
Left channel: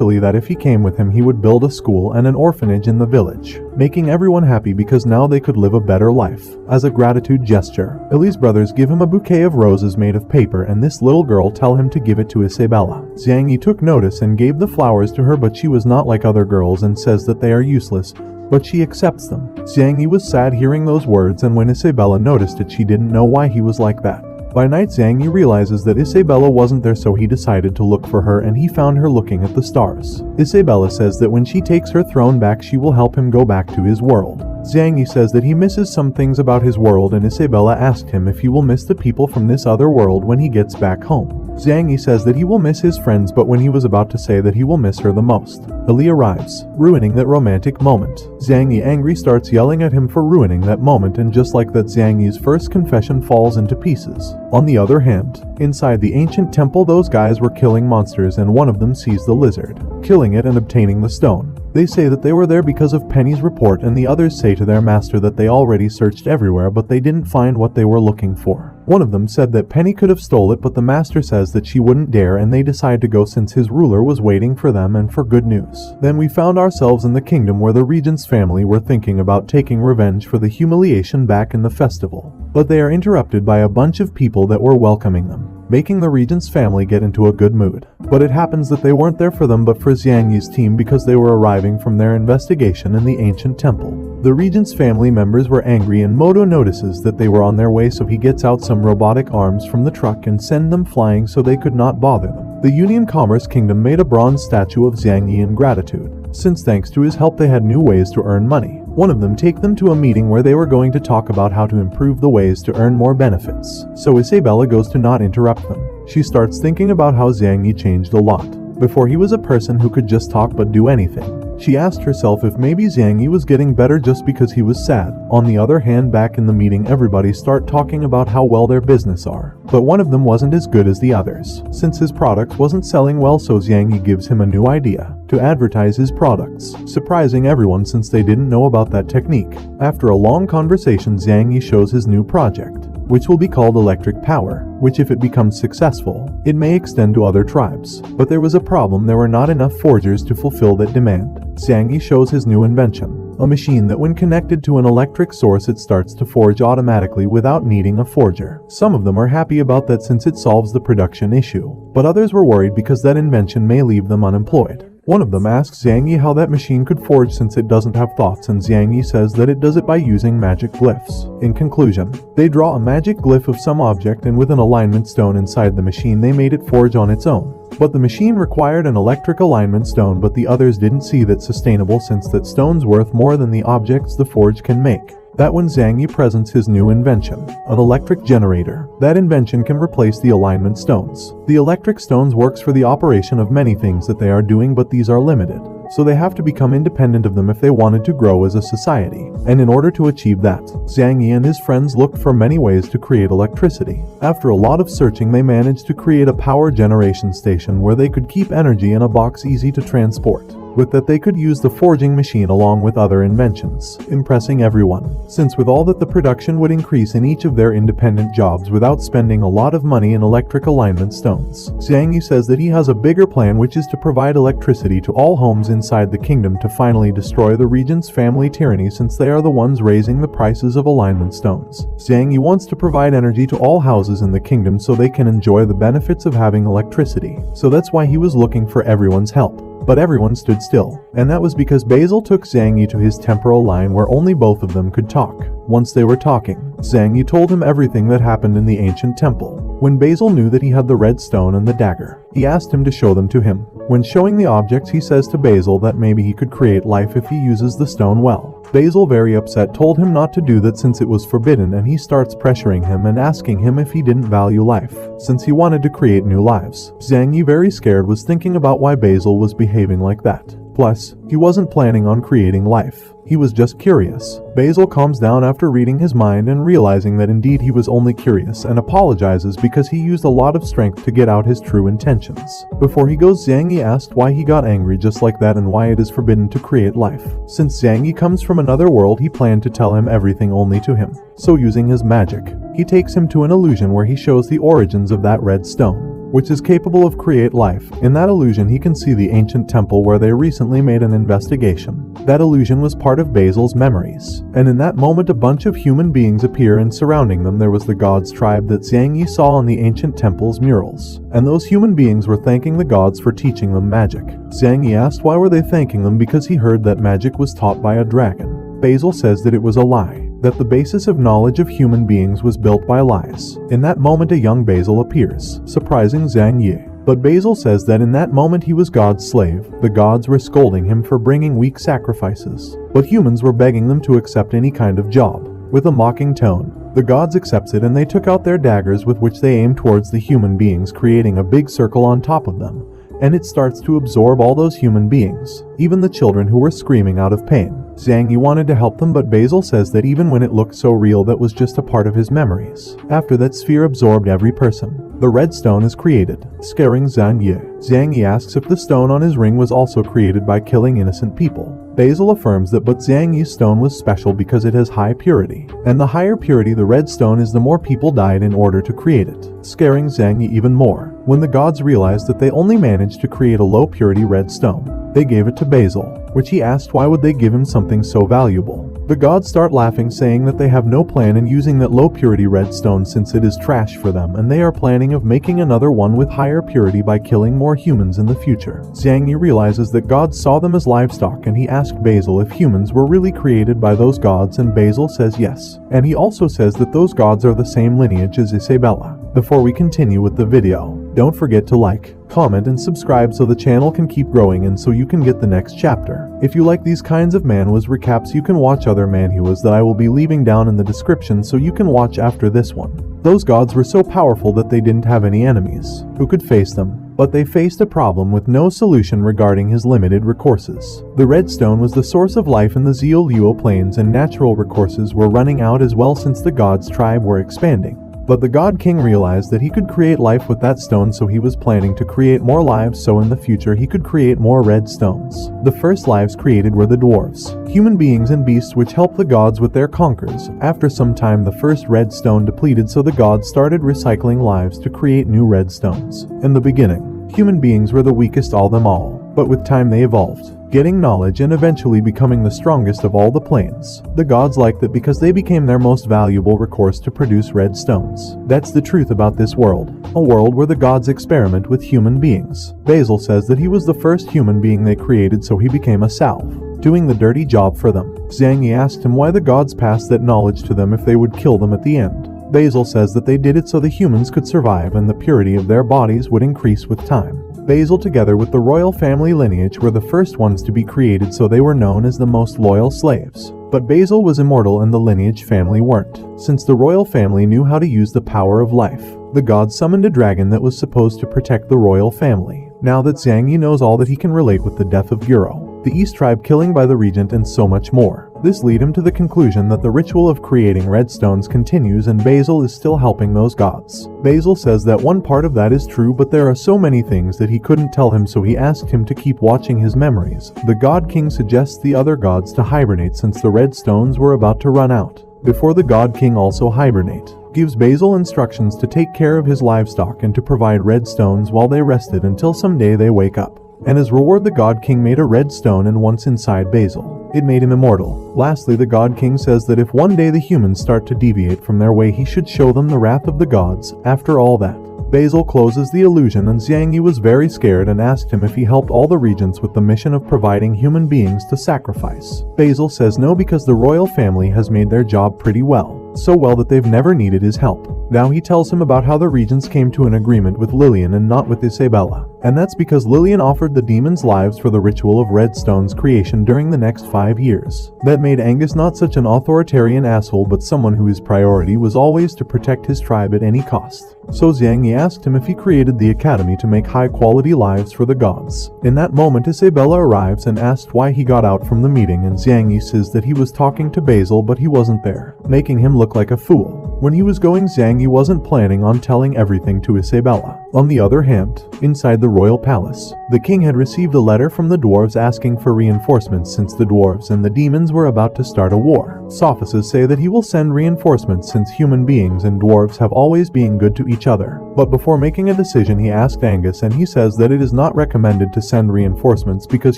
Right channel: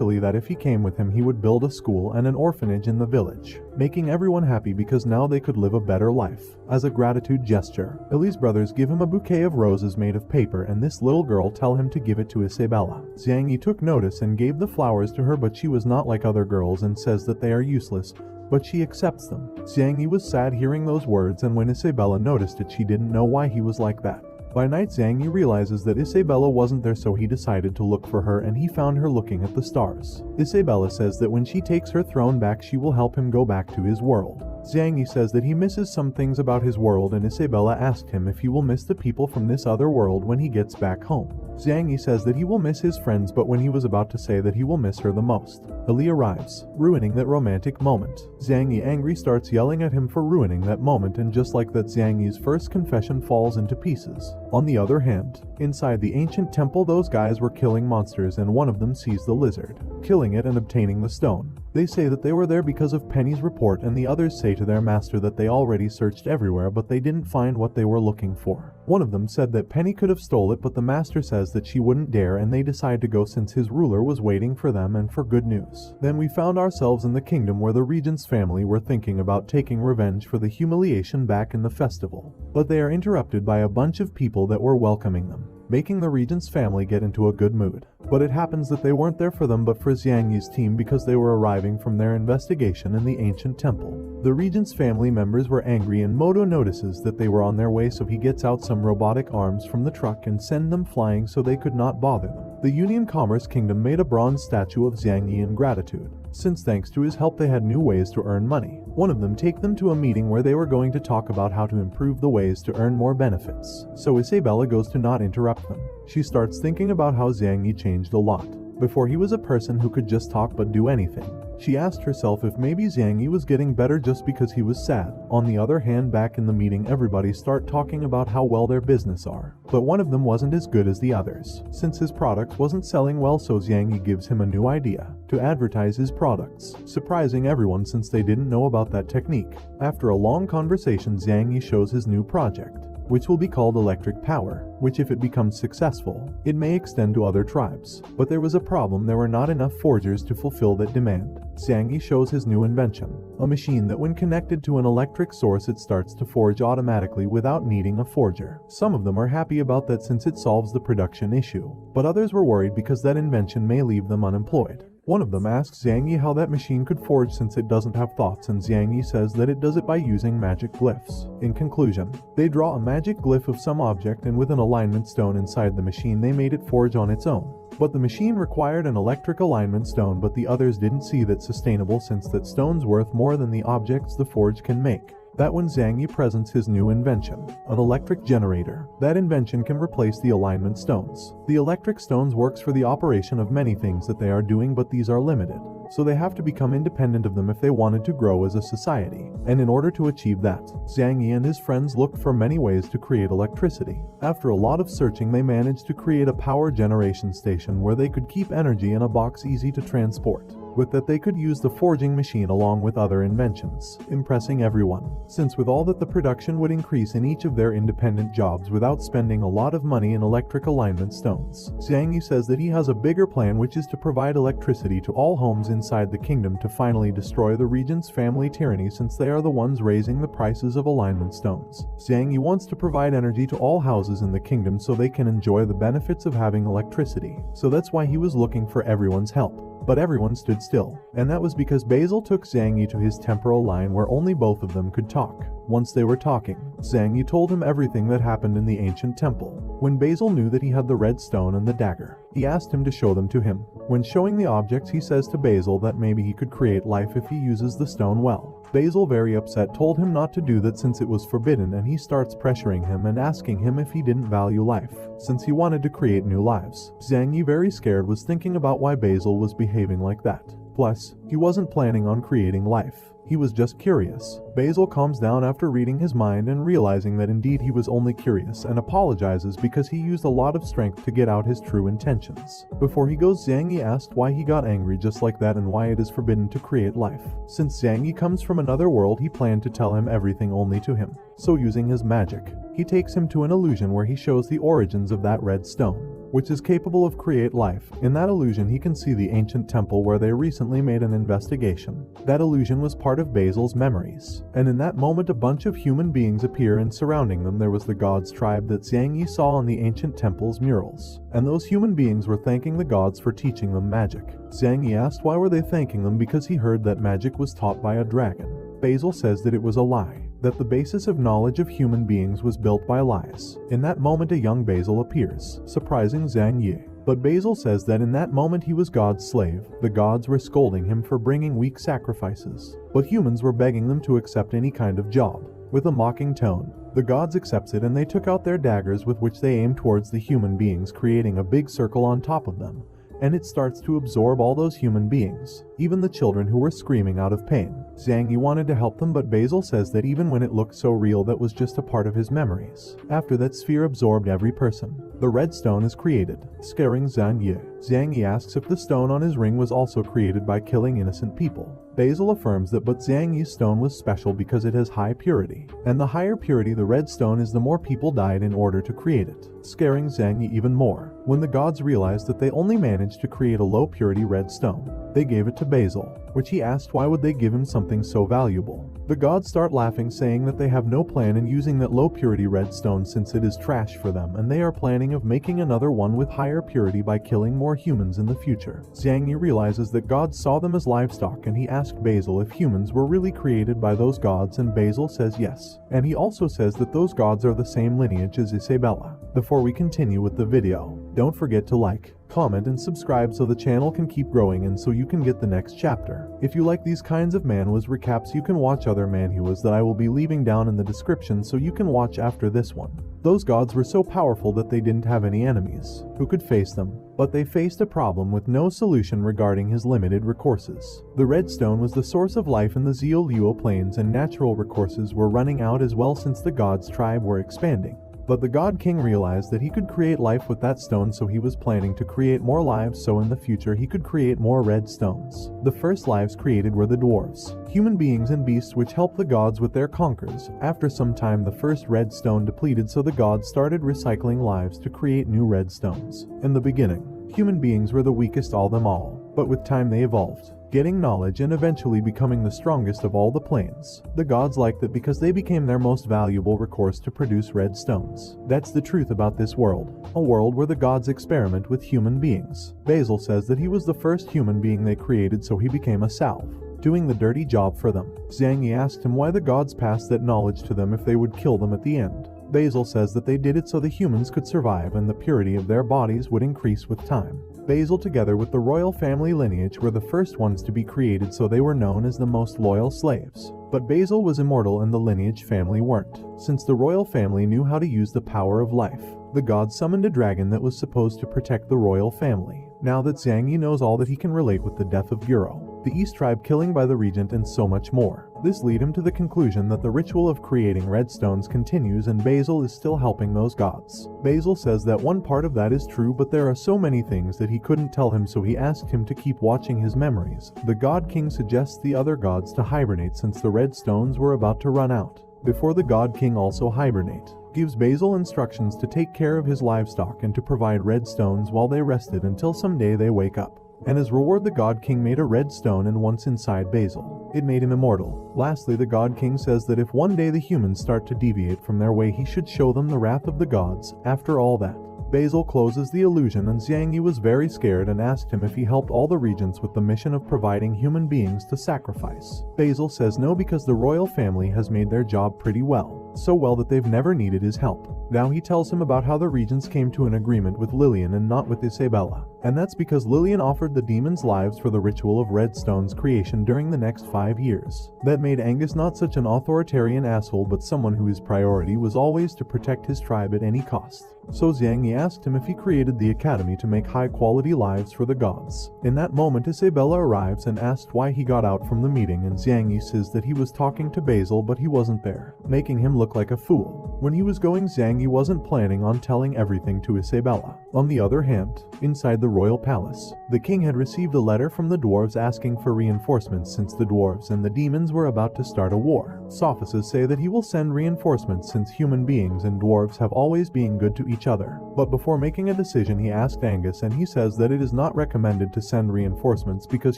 Li that if he came with him he would build a school and an orphanage in the village, making everyone happy because now they could live a better life. As a gratitude gesture, Li's brothers give him a bouquet of roses made of paper, and this little girl tell him to give it to Isabella. Xiang Yi took notice and gave the flowers to her, but she was not like other girls and says that they are useless, but she accepts them. Xiang Yi was sad hearing those words, and when Isabella noticed it she didn't know why he was like that. By night Xiang Yi realizes that Isabella wasn't there, so he decided to look for her, and he found her looking at the stars. Isabella says that when she takes her throne back she will help him go back to his world. Xiang Yi says that he misses some things about his world, and Isabella asked him if he will miss the people from this other world when he gets back home. Xiang Yi says that he will miss his friends, but when he was about to say that he will miss her the most, Ali arrives, ruining that romantic moment. Xiang Yi angry starts yelling at him for ruining that moment, and just like that Xiang Yi's first confession falls into pieces. On the other hand, inside the ancient temple those guys were killing monsters, and one of them sees the lizard, killing it and obtaining the stone. They say that they were there because of Penny's report, and the others say to their master that they already searched everywhere but they didn't find what they were looking for. One of them said that Penny could have stole it, but the master says that she wouldn't dare, and they decide to go since his ruler was waiting for them and for good news. Then we found ourselves in the kingdom where the regent's family were thinking about taking revenge for the humiliation back in the festival, but they are interrupted by a bunch of people that were welcoming them, making the regent's family get into a good mood. But it happens that they weren't there for them but for Xiang Yi's team because they were arriving from their investigation in the ancient temple. The regent's family members were angry, and Moto notices that they were on their way, so he gets out some robotic arms from the truck and send them flying so they could not bother them. The Union Commerce Kingdom made a bronze statue of Xiang Yi in gratitude, since thanks to his help they had new ways to earn money. One of them take them to a meeting where they were going to talk about how to improve the ways to earn more benefits. So Isabella goes to not interrupt them. She starts thinking about how Xiang Yi changed a lot. Before he was a person who could just talk but do anything. She asked herself if maybe Xiang Yi was getting better just because he was sad. On the other hand, back in the meeting everybody start talking about how well their business are. But one of them wasn't as good as the others, since his products wasn't selling well, so Xiang Yi gives him a new idea to advertise his products, surprising everyone since they didn't know about that technique. After a long conversation Xiang Yi shows his new project, which will be called electric power, which if it becomes successful, it may extend to other tribes. But there was a problem, there were not enough forgers to fulfill that demand. Xiang Yi shows his new invention, a machine that when connected to an electric source it starts to forge automatically without needing a forger. Some of them are happy about that since it solves the production issue, but others were worried because that invention may leave them unemployed. One of them asks Zhang Yi how that machine could forge since it doesn't have thoughts, and Zhang Yi says that it does it by using magic glyphs. In conclusion, they draw a magic glyph of some object, and with an alignment stone inside the machine they made it forge on its own. But the machine required an electric alignment stone, but the others didn't see that sustainable since that stone's worth more than the objects the forge can make. That when Zhang Yi presents his new invention, an electric generator, that invention can replace the alignment stones. The electric stones works for the operation of many things that they are doing, but these are limited, so they have to become independent of them if they wanted to grow as a society. And in order to achieve that, Zhang Yi and his friends looked for many ways to create electricity. After a lot of searching, they managed to create a power generation station where they could keep energy in a box easy to transport. With that they could use the forging machine along with other inventions, impressing everyone, since with all that the production would increase in each of their independent jobs without spending a lot of money in electric alignment stones. Zhang Yi says that he has a bigger plan, which is to provide electricity to all homes inside the kingdom to finally destroy the regent's family tyranny, since they are the ones raising the prices of alignment stones. Zhang Yi wants to provide energy to all houses in the kingdom so they can enjoy the benefits of having electricity, so that's why he was looking for everyone's help. But everyone stood still, and that was because Basil took Zhang Yi to his temporal line where only both of them could talk. Once they were talking, Zhang Yi told him everything that happened in the ancient temple. When Basil knew that he had the red stone and the dagger, he asked him to show them to him. When showing the objects, he says to Basil that maybe he could create life if he uses the stone well. Basil, very upset, told him not to do that since it was forbidden, and he starts pressuring him and asking him if he didn't value life, since he wanted to create new lives. Zhang Yi, very scared, was thinking about why Basil was behaving like that. Plus, he wasn't planning on creating life. He was just curious. Basil calms down after reading his mind and realizing that indeed he was only curious, and apologizes because he used a lot of strength to get out his true intentions. Before he goes, Zhang Yi asked why he got angry just like that and why it is forbidden to create life. Since Zhang Yi comes from another world, he planned to tell him everything only to him. So using his magic, he takes him to an illusion where he shows the origins of that red stone, which is capable of create life. In that illusion he can see the ancient temple where they recently made an investigation. That illusion was part of Basil's memories, and in that moment a bunch of human beings appear, and surrounding them there was the gods tribe that Zhang Yi saw on the ancient temple's murals. And those human beings were thanking the gods for teaching them magic. Zhang Yi asked why were they thanking them, because he heard that magic was taught by a dragon. Basil says that it was a lie, that the basis of knowledge of human beings was built by lies. In that moment a young Basil appears, surprising Zhang Yi. But Basil says that in that moment he was God's slave. The gods were scolding him for bringing weak sacrifices, but humans were begging them to accept any kind of job. With a mocking tone, the gods accepted, and they took out their daggers with which they aimed towards the human beings, creating a big circle on top of them. And it starts to absorb all those human beings, even the children who were screaming out of pain. Zhang Yi wanted to help them, but Basil says that even when it looked so real, that was just a part of his memories. After that sphere absorbed every person, the red stone is created, scaring Zhang Yi. Zhang Yi asks if the stone on his ring was also created by killing innocent people. Basil affirms that, but Zhang Yi's stone was special because it has high purity, and the higher purity the red stone is, the more people died in order to create it, scaring Zhang Yi even more. When the gods realized that they only managed to create a low purity red stone, they gave it to Basil, which he asked why would they give him something so valuable. The gods start laughing, saying that they have no plan in using that low purity red stone since it is trash for them, and they are planning of making another one with higher purity by killing more humans in the future. Zhang Yi realizes that gods saw them as livestock, and he asked Basil if humans were really created by those gods, and Basil says yes. And he also says that those gods are the same lineage as Isabella. Before we continue with the video, don't forget to like, comment, and subscribe so the channel can keep growing and so you can get the next chapter. If you like these kinds of manhwas recaps, you can watch other manhwas that I will be leaving down in the description so you can watch after this one. Those gods were so powerful that they didn't have any enemies who could face them, but they faced a problem with no solution regarding his limited resources. The red stone was the source of life in the Zeoluo plains, and natural resources were running out as well since the gods' tribe were expanding. But the God King realized that he could create life with that stone, so he was planning to create more lives so in the future he could create more red stones. The first lives created were the dwarves, human beings and beasts which helped the gods with their conquers. After some time the first red stone depleted, so the gods started recycling lives to create new red stones. In the beginning, human beings were the weakest of them all, but with time they evolved. getting knowledge and eventually becoming the strongest of all the planes. The gods liked that because they became their most valuable recourse to produce red stones. That's the truth about this world, a world where the gods experiment with human beings. Basil says that he was the first human being they created, so he became a salve, doing the dirty job for them. Zhang Yi asked him why the gods passed that knowledge to them if they would kill them at the end. Basil says that they did it so the humans could survive and the purity of their bodies would increase with time. Basil, together with the royal family lineage, were the first ones to be created, so they were known as the most loyal slaves. But Basil was immortal and the lineage family weren't. Since the royal family knew how to use the power of life, the gods summoned a dragon that was supposed to protect the royal family. Now that Zhang Yi knows all that, he can relate with the death of Guro, the East tribe killing by the regent, and so much more. This lead him to the conclusion that the ritual of creating red stones continues and Basil is still helping those gods. Basil says that one part of that is true, but there are so many things that he couldn't tell him, so he asked him to keep watching his memories. The God King suggests the other gods to hibernate since the red stones were about to run out. Before the God King also hibernate, gives Basil instructions to take care of his livestock and to provide red stones while they rested until someday they wake up. And as reward, the God King made a red stone, and once inside Basil, it made him immortal. Lastly, the God King says that if one day the humans start to deviate from their way, he should show them the wrath of the gods. After all that, Basil closes the illusion, and Zhang Yi was very scared and asked him if he helped all the regents with the mission of providing human beings to sacrifice. Basil says no, because the royal family has made their job pretty well. So well that they've never needed his help. Now he tells him about how the regents came to an agreement with Lillian and not with Isabella. And that's because Lillian offered the demons lives for the ritual of red stones creation during the next 5 years. That made Angus not such an authoritarian asshole, but someone whose priority was always to protect his tribe at any cost. So Zhang Yi asked him if he created the academy to make high-quality lives for the gods. In that moment, Isabella arrives and asked why he got out from the meeting, and Zhang Yi says that he was talking to Basil but he wasn't there, making him look like a fool. When he was going, Zhang Yi wasn't planning on telling everything to Isabella. On the other hand, inside the royal palace, the king had received a letter from the dwarves asking for reinforcements since the dwarves and the demons were about to start a war. Sophists say that he will send reinforcements since human beings and dwarves have always been good to each other. But before making a decision, he asked Angus, and he says that it is not recommended to send reinforcements because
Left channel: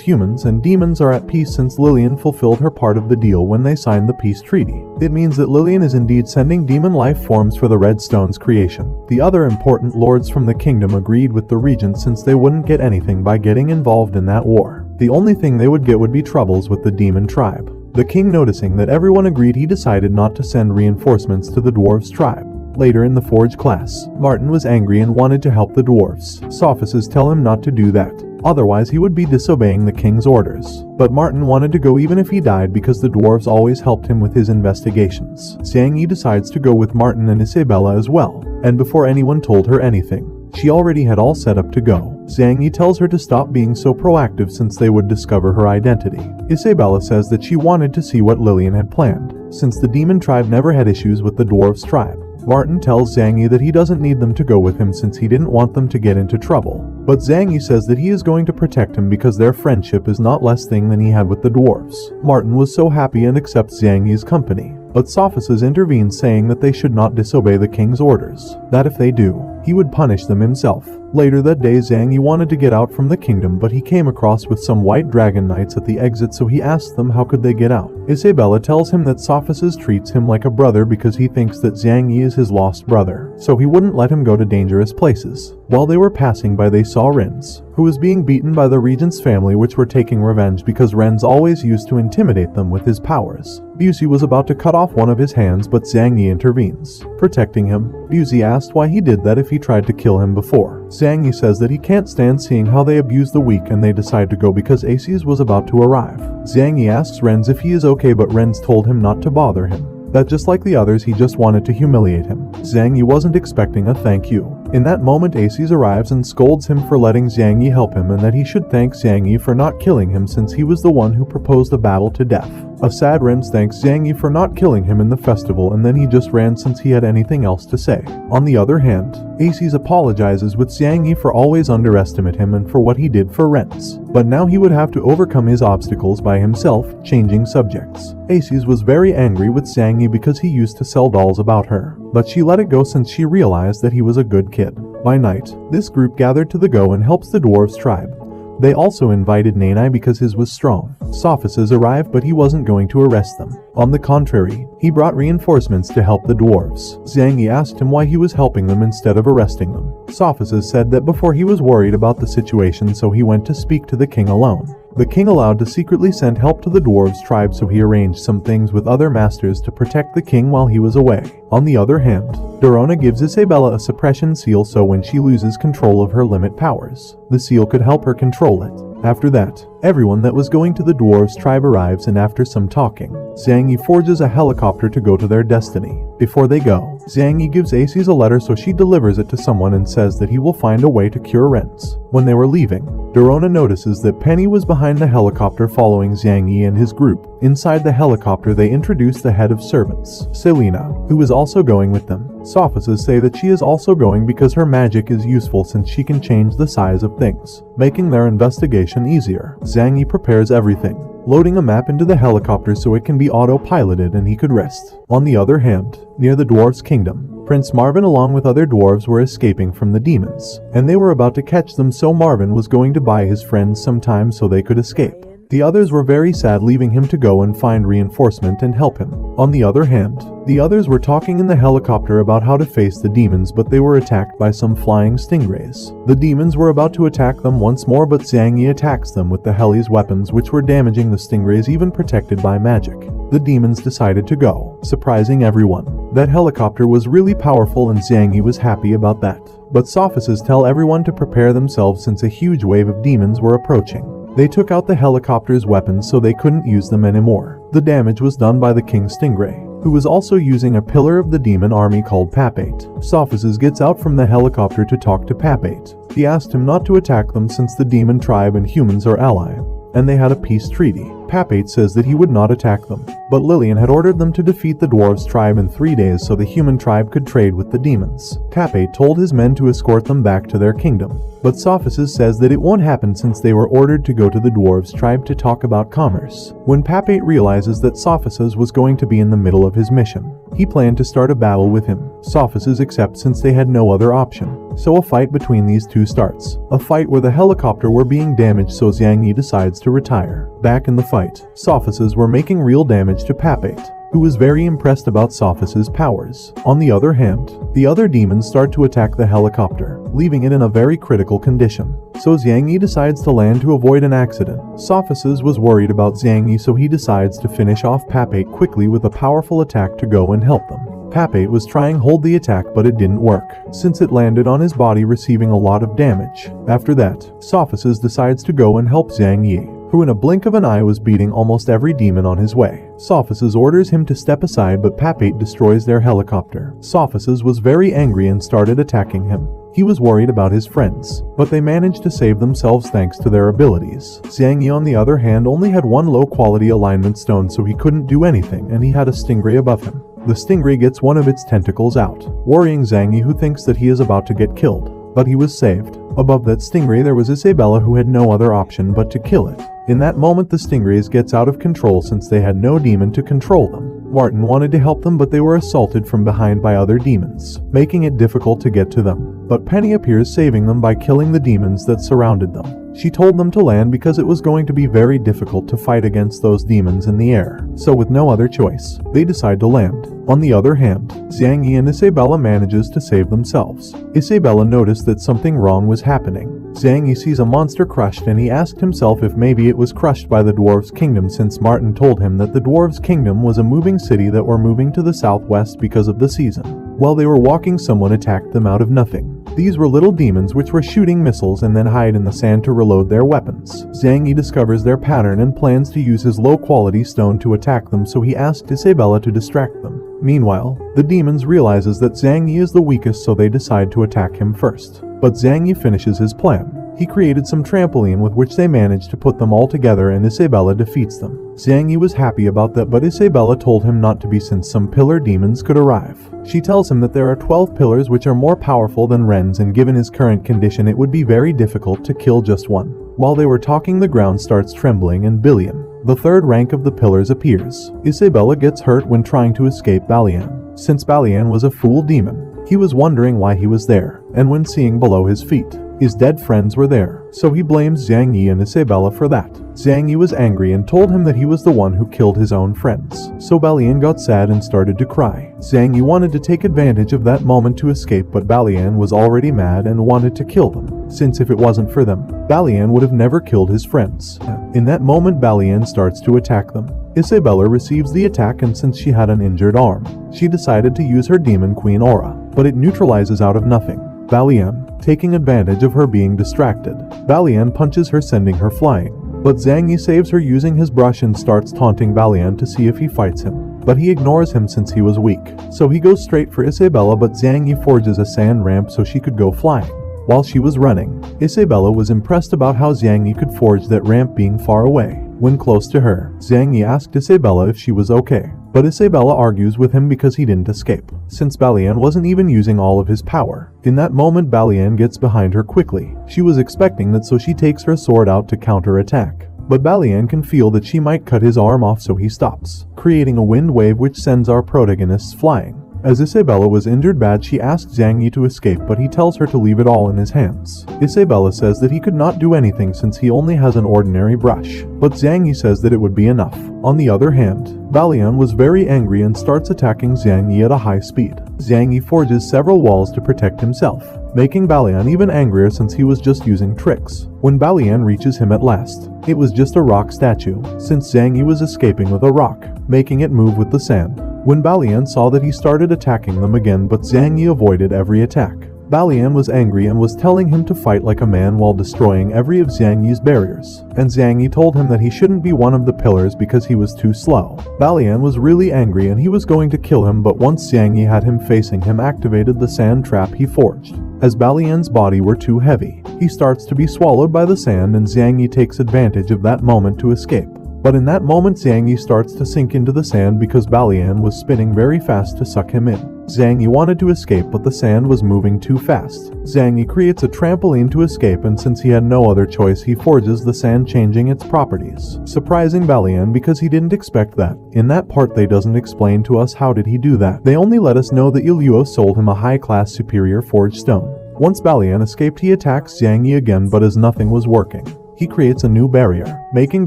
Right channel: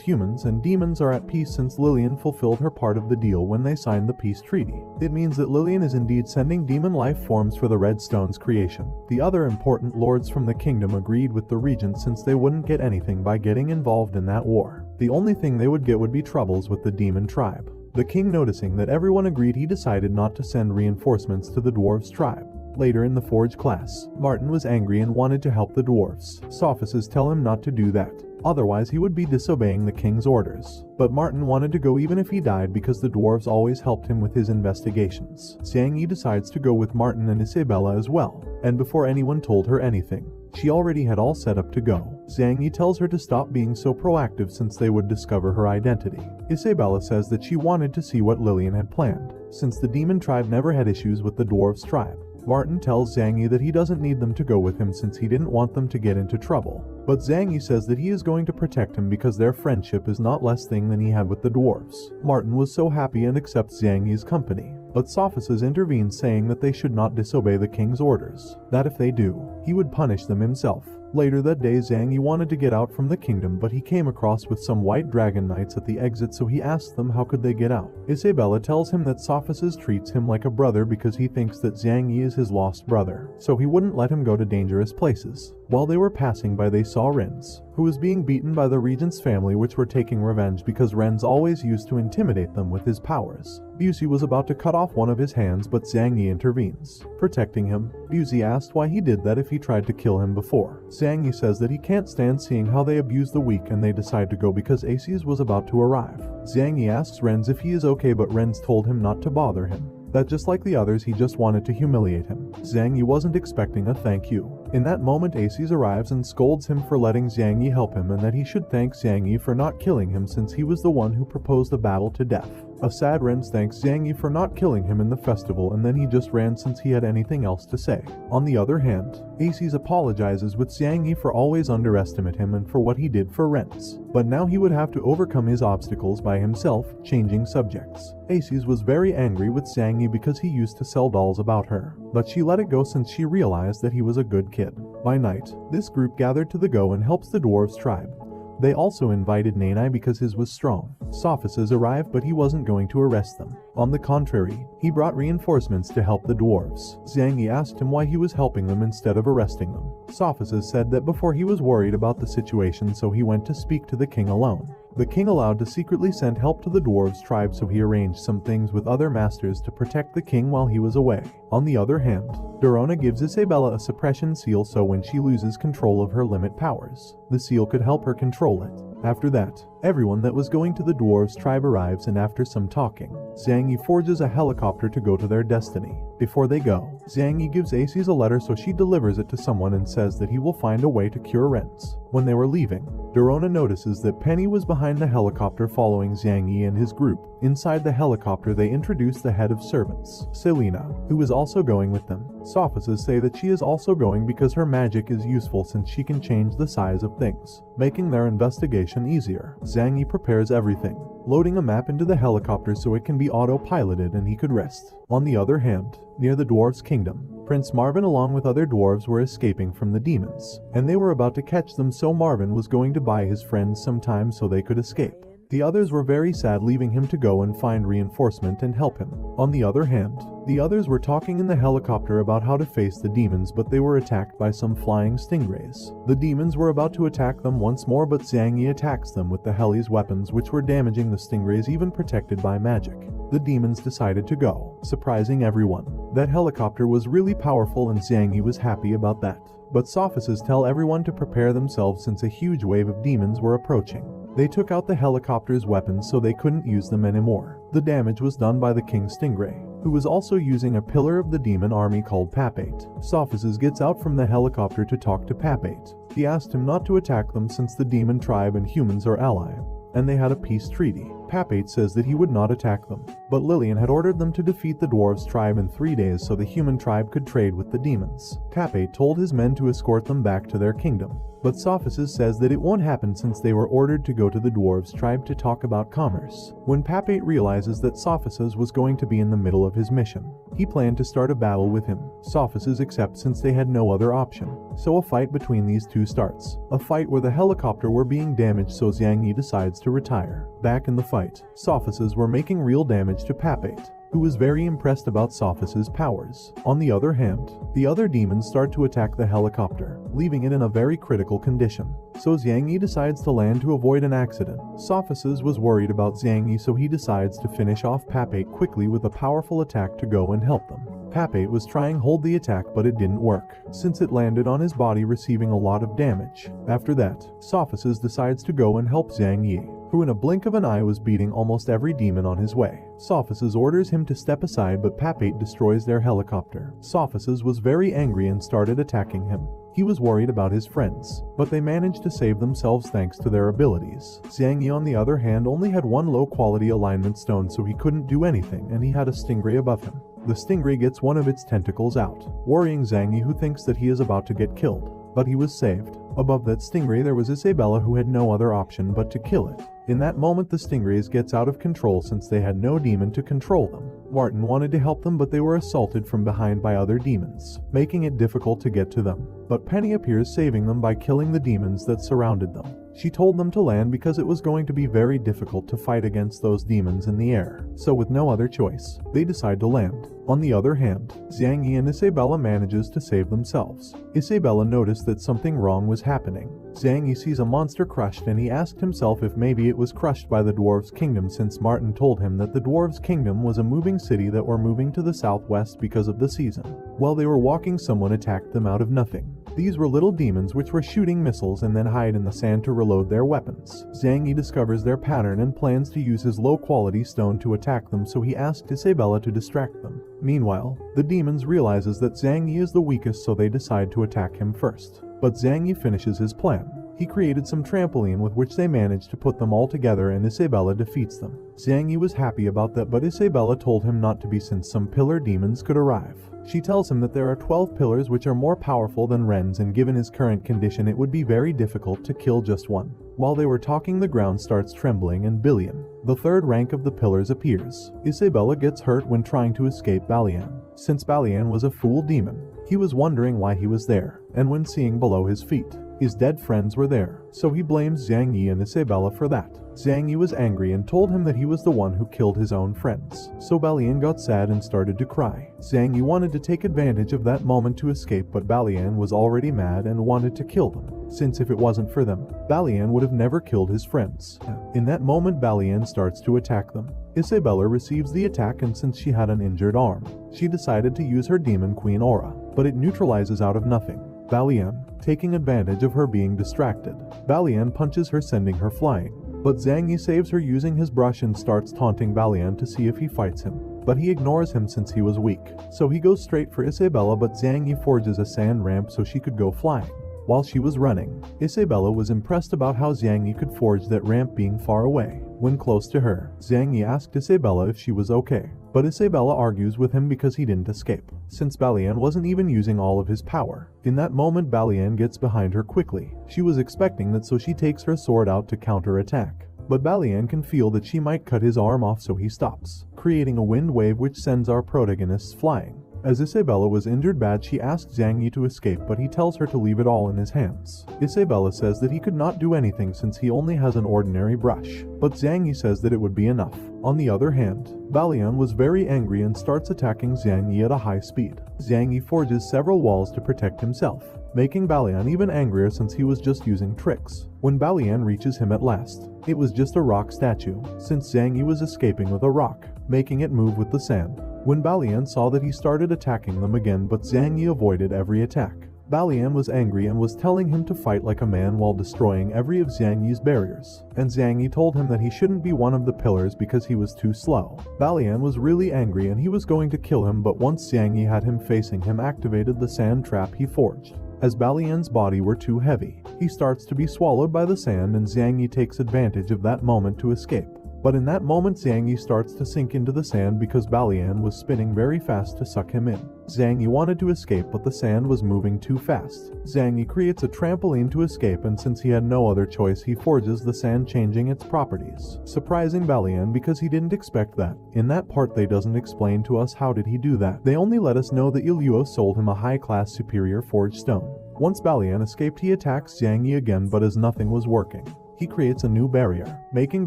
humans and demons are at peace since Lillian fulfilled her part of the deal when they signed the peace treaty. It means that Lillian is indeed sending demon life forms for the red stones creation. The other important lords from the kingdom agreed with the regent since they wouldn't get anything by getting involved in that war. The only thing they would get would be troubles with the demon tribe. The king, noticing that everyone agreed, he decided not to send reinforcements to the dwarves' tribe. Later in the forge class, Martin was angry and wanted to help the dwarves. Sophists tell him not to do that, otherwise he would be disobeying the king's orders. But Martin wanted to go even if he died because the dwarves always helped him with his investigations. Zhang Yi decides to go with Martin and Isabella as well, and before anyone told her anything, she already had all set up to go. Zhang Yi tells her to stop being so proactive since they would discover her identity. Isabella says that she wanted to see what Lillian had planned, since the demon tribe never had issues with the dwarves' tribe. Martin tells Zhang Yi that he doesn't need them to go with him since he didn't want them to get into trouble. But Zhang Yi says that he is going to protect him because their friendship is not less thing than he had with the dwarves. Martin was so happy and accepts Zhang Yi's company. But Sophists intervene, saying that they should not disobey the king's orders, that if they do, he would punish them himself. Later that day, Zhang Yi wanted to get out from the kingdom, but he came across with some white dragon knights at the exit, so he asked them how could they get out. Isabella tells him that Sophists treats him like a brother because he thinks that Zhang Yi is his lost brother, so he wouldn't let him go to dangerous places. While they were passing by, they saw Renz, who was being beaten by the regent's family, which were taking revenge because Renz always used to intimidate them with his powers. Busey was about to cut off one of his hands, but Zhang Yi intervenes, protecting him. Busey asked why he did that if he tried to kill him before. Zhang Yi says that he can't stand seeing how they abuse the weak, and they decide to go because Aces was about to arrive. Zhang Yi asks Renz if he is okay, but Renz told him not to bother him, that just like the others, he just wanted to humiliate him. Zhang Yi wasn't expecting a thank you. In that moment, Aces arrives and scolds him for letting Zhang Yi help him, and that he should thank Zhang Yi for not killing him since he was the one who proposed the battle to death. A sad Renz thanks Zhang Yi for not killing him in the festival, and then he just ran since he had anything else to say. On the other hand, Aces apologizes with Zhang Yi for always underestimate him and for what he did for Renz. But now he would have to overcome his obstacles by himself, changing subjects. Aces was very angry with Zhang Yi because he used to sell dolls about her, but she let it go since she realized that he was a good kid. By night, this group gathered to the go and helps the dwarves tribe. They also invited Nanai because his was strong. Sophists arrived, but he wasn't going to arrest them. On the contrary, he brought reinforcements to help the dwarves. Zhang Yi asked him why he was helping them instead of arresting them. Sophists said that before he was worried about the situation, so he went to speak to the king alone. The king allowed to secretly send help to the dwarves' tribe, so he arranged some things with other masters to protect the king while he was away. On the other hand, Dorona gives Isabella a suppression seal so when she loses control of her limit powers, the seal could help her control it. After that, everyone that was going to the dwarves' tribe arrives, and after some talking, Zhang Yi forges a helicopter to go to their destiny. Before they go, Zhang Yi gives Aces a letter, so she delivers it to someone and says that he will find a way to cure rents. When they were leaving, Dorona notices that Penny was behind the helicopter following Zhang Yi and his group. Inside the helicopter, they introduce the head of servants, Selena, who is also going with them. Sophists say that she is also going because her magic is useful since she can change the size of things, making their investigation easier. Zhang Yi prepares everything, loading a map into the helicopter so it can be auto-piloted and he could rest. On the other hand, near the dwarves' kingdom, Prince Marvin along with other dwarves were escaping from the demons, and they were about to catch them, so Marvin was going to buy his friends some time so they could escape. The others were very sad, leaving him to go and find reinforcement and help him. On the other hand, the others were talking in the helicopter about how to face the demons, but they were attacked by some flying stingrays. The demons were about to attack them once more, but Zhang Yi attacks them with the heli's weapons, which were damaging the stingrays even protected by magic. The demons decided to go, surprising everyone. That helicopter was really powerful and Zhang Yi was happy about that. But Sophists tell everyone to prepare themselves since a huge wave of demons were approaching. They took out the helicopter's weapons so they couldn't use them anymore. The damage was done by the King Stingray, who was also using a pillar of the demon army called Papate. Sophists gets out from the helicopter to talk to Papate. He asked him not to attack them since the demon tribe and humans are allies, and they had a peace treaty. Papate says that he would not attack them, but Lillian had ordered them to defeat the dwarves' tribe in 3 days so the human tribe could trade with the demons. Papate told his men to escort them back to their kingdom, but Sophists says that it won't happen since they were ordered to go to the dwarves' tribe to talk about commerce. When Papate realizes that Sophists was going to be in the middle of his mission, he planned to start a battle with him. Sophists accept since they had no other option, so a fight between these two starts. A fight where the helicopter were being damaged, so Zhang Yi decides to retire. Back in the fight, Sophists were making real damage to Papate, who was very impressed about Sophists' powers. On the other hand, the other demons start to attack the helicopter, leaving it in a very critical condition. So Zhang Yi decides to land to avoid an accident. Sophists was worried about Zhang Yi, so he decides to finish off Papate quickly with a powerful attack to go and help them. Papate was trying to hold the attack, but it didn't work, since it landed on his body, receiving a lot of damage. After that, Sophists decides to go and help Zhang Yi, who in a blink of an eye was beating almost every demon on his way. Sophists orders him to step aside, but Papate destroys their helicopter. Sophists was very angry and started attacking him. He was worried about his friends, but they managed to save themselves thanks to their abilities. Zhang Yi on the other hand only had one low-quality alignment stone, so he couldn't do anything, and he had a stingray above him. The stingray gets one of its tentacles out, worrying Zhang Yi, who thinks that he is about to get killed, but he was saved. Above that stingray there was Isabella, who had no other option but to kill it. In that moment the stingrays gets out of control since they had no demon to control them. Martin wanted to help them, but they were assaulted from behind by other demons, making it difficult to get to them. But Penny appears, saving them by killing the demons that surrounded them. She told them to land because it was going to be very difficult to fight against those demons in the air. So with no other choice, they decide to land. On the other hand, Zhang Yi and Isabella manages to save themselves. Isabella noticed that something wrong was happening. Zhang Yi sees a monster crushed, and he asked himself if maybe it was crushed by the dwarves' kingdom, since Martin told him that the dwarves' kingdom was a moving city that were moving to the southwest because of the season. While they were walking, someone attacked them out of nothing. These were little demons which were shooting missiles and then hide in the sand to reload their weapons. Zhang Yi discovers their pattern and plans to use his low-quality stone to attack them, so he asked Isabella to distract them. Meanwhile, the demons realizes that Zhang Yi is the weakest, so they decide to attack him first. But Zhang Yi finishes his plan. He created some trampoline with which they managed to put them all together, and Isabella defeats them. Zhang Yi was happy about that, but Isabella told him not to be since some pillar demons could arrive. She tells him that there are 12 pillars which are more powerful than Ren's, and given his current condition it would be very difficult to kill just one. While they were talking, the ground starts trembling and Billion, the third rank of the pillars, appears. Isabella gets hurt when trying to escape Balian. Since Balian was a fool demon, he was wondering why he was there, and when seeing below his feet, His dead friends were there, so he blames Zhang Yi and Isabella for that. Zhang Yi was angry and told him that he was the one who killed his own friends, so Balian got sad and started to cry. Zhang Yi wanted to take advantage of that moment to escape, but Balian was already mad and wanted to kill them, since if it wasn't for them, Balian would have never killed his friends. In that moment, Balian starts to attack them. Isabella receives the attack, and since she had an injured arm, she decided to use her Demon Queen aura, but it neutralizes out of nothing. Balian, taking advantage of her being distracted, Balian punches her, sending her flying. But Zhang Yi saves her using his brush and starts taunting Balian to see if he fights him. But he ignores him since he was weak, so he goes straight for Isabella, but Zhang Yi forges a sand ramp so she could go flying. While she was running, Isabella was impressed about how Zhang Yi could forge that ramp being far away. When close to her, Zhang Yi asked Isabella if she was okay, but Isabella argues with him because he didn't escape, since Balian wasn't even using all of his power. In that moment, Balian gets behind her quickly. She was expecting that, so she takes her sword out to counter-attack. But Balian can feel that she might cut his arm off, so he stops, creating a wind wave which sends our protagonists flying. As Isabella was injured bad, she asks Zhang Yi to escape, but he tells her to leave it all in his hands. Isabella says that he could not do anything since he only has an ordinary brush, but Zhang Yi says that it would be enough. On the other hand, Balian was very angry and starts attacking Zhang Yi at a high speed. Zhang Yi forges several walls to protect himself, making Balian even angrier since he was just using tricks. When Balian reaches him at last, it was just a rock statue, since Zhang Yi was escaping with a rock, making it move with the sand. When Balian saw that, he started attacking them again, but Zhang Yi avoided every attack. Balian was angry and was telling him to fight like a man while destroying every of Zhang Yi's barriers, and Zhang Yi told him that he shouldn't be one of the pillars because he was too slow. Balian was really angry and he was going to kill him, but once Zhang Yi had him facing him, activated the sand trap he forged. As Balian's body were too heavy, he starts to be swallowed by the sand, and Zhang Yi takes advantage of that moment to escape. But in that moment, Zhang Yi starts to sink into the sand because Balian was spinning very fast to suck him in. Zhang Yi wanted to escape, but the sand was moving too fast. Zhang Yi creates a trampoline to escape, and since he had no other choice, he forges the sand, changing its properties, surprising Balian because he didn't expect that. In that part, they doesn't explain to us how did he do that. They only let us know that Yuluo sold him a high-class superior forged stone. Once Balian escaped, he attacks Zhang Yi again, but as nothing was working, he creates a new barrier, making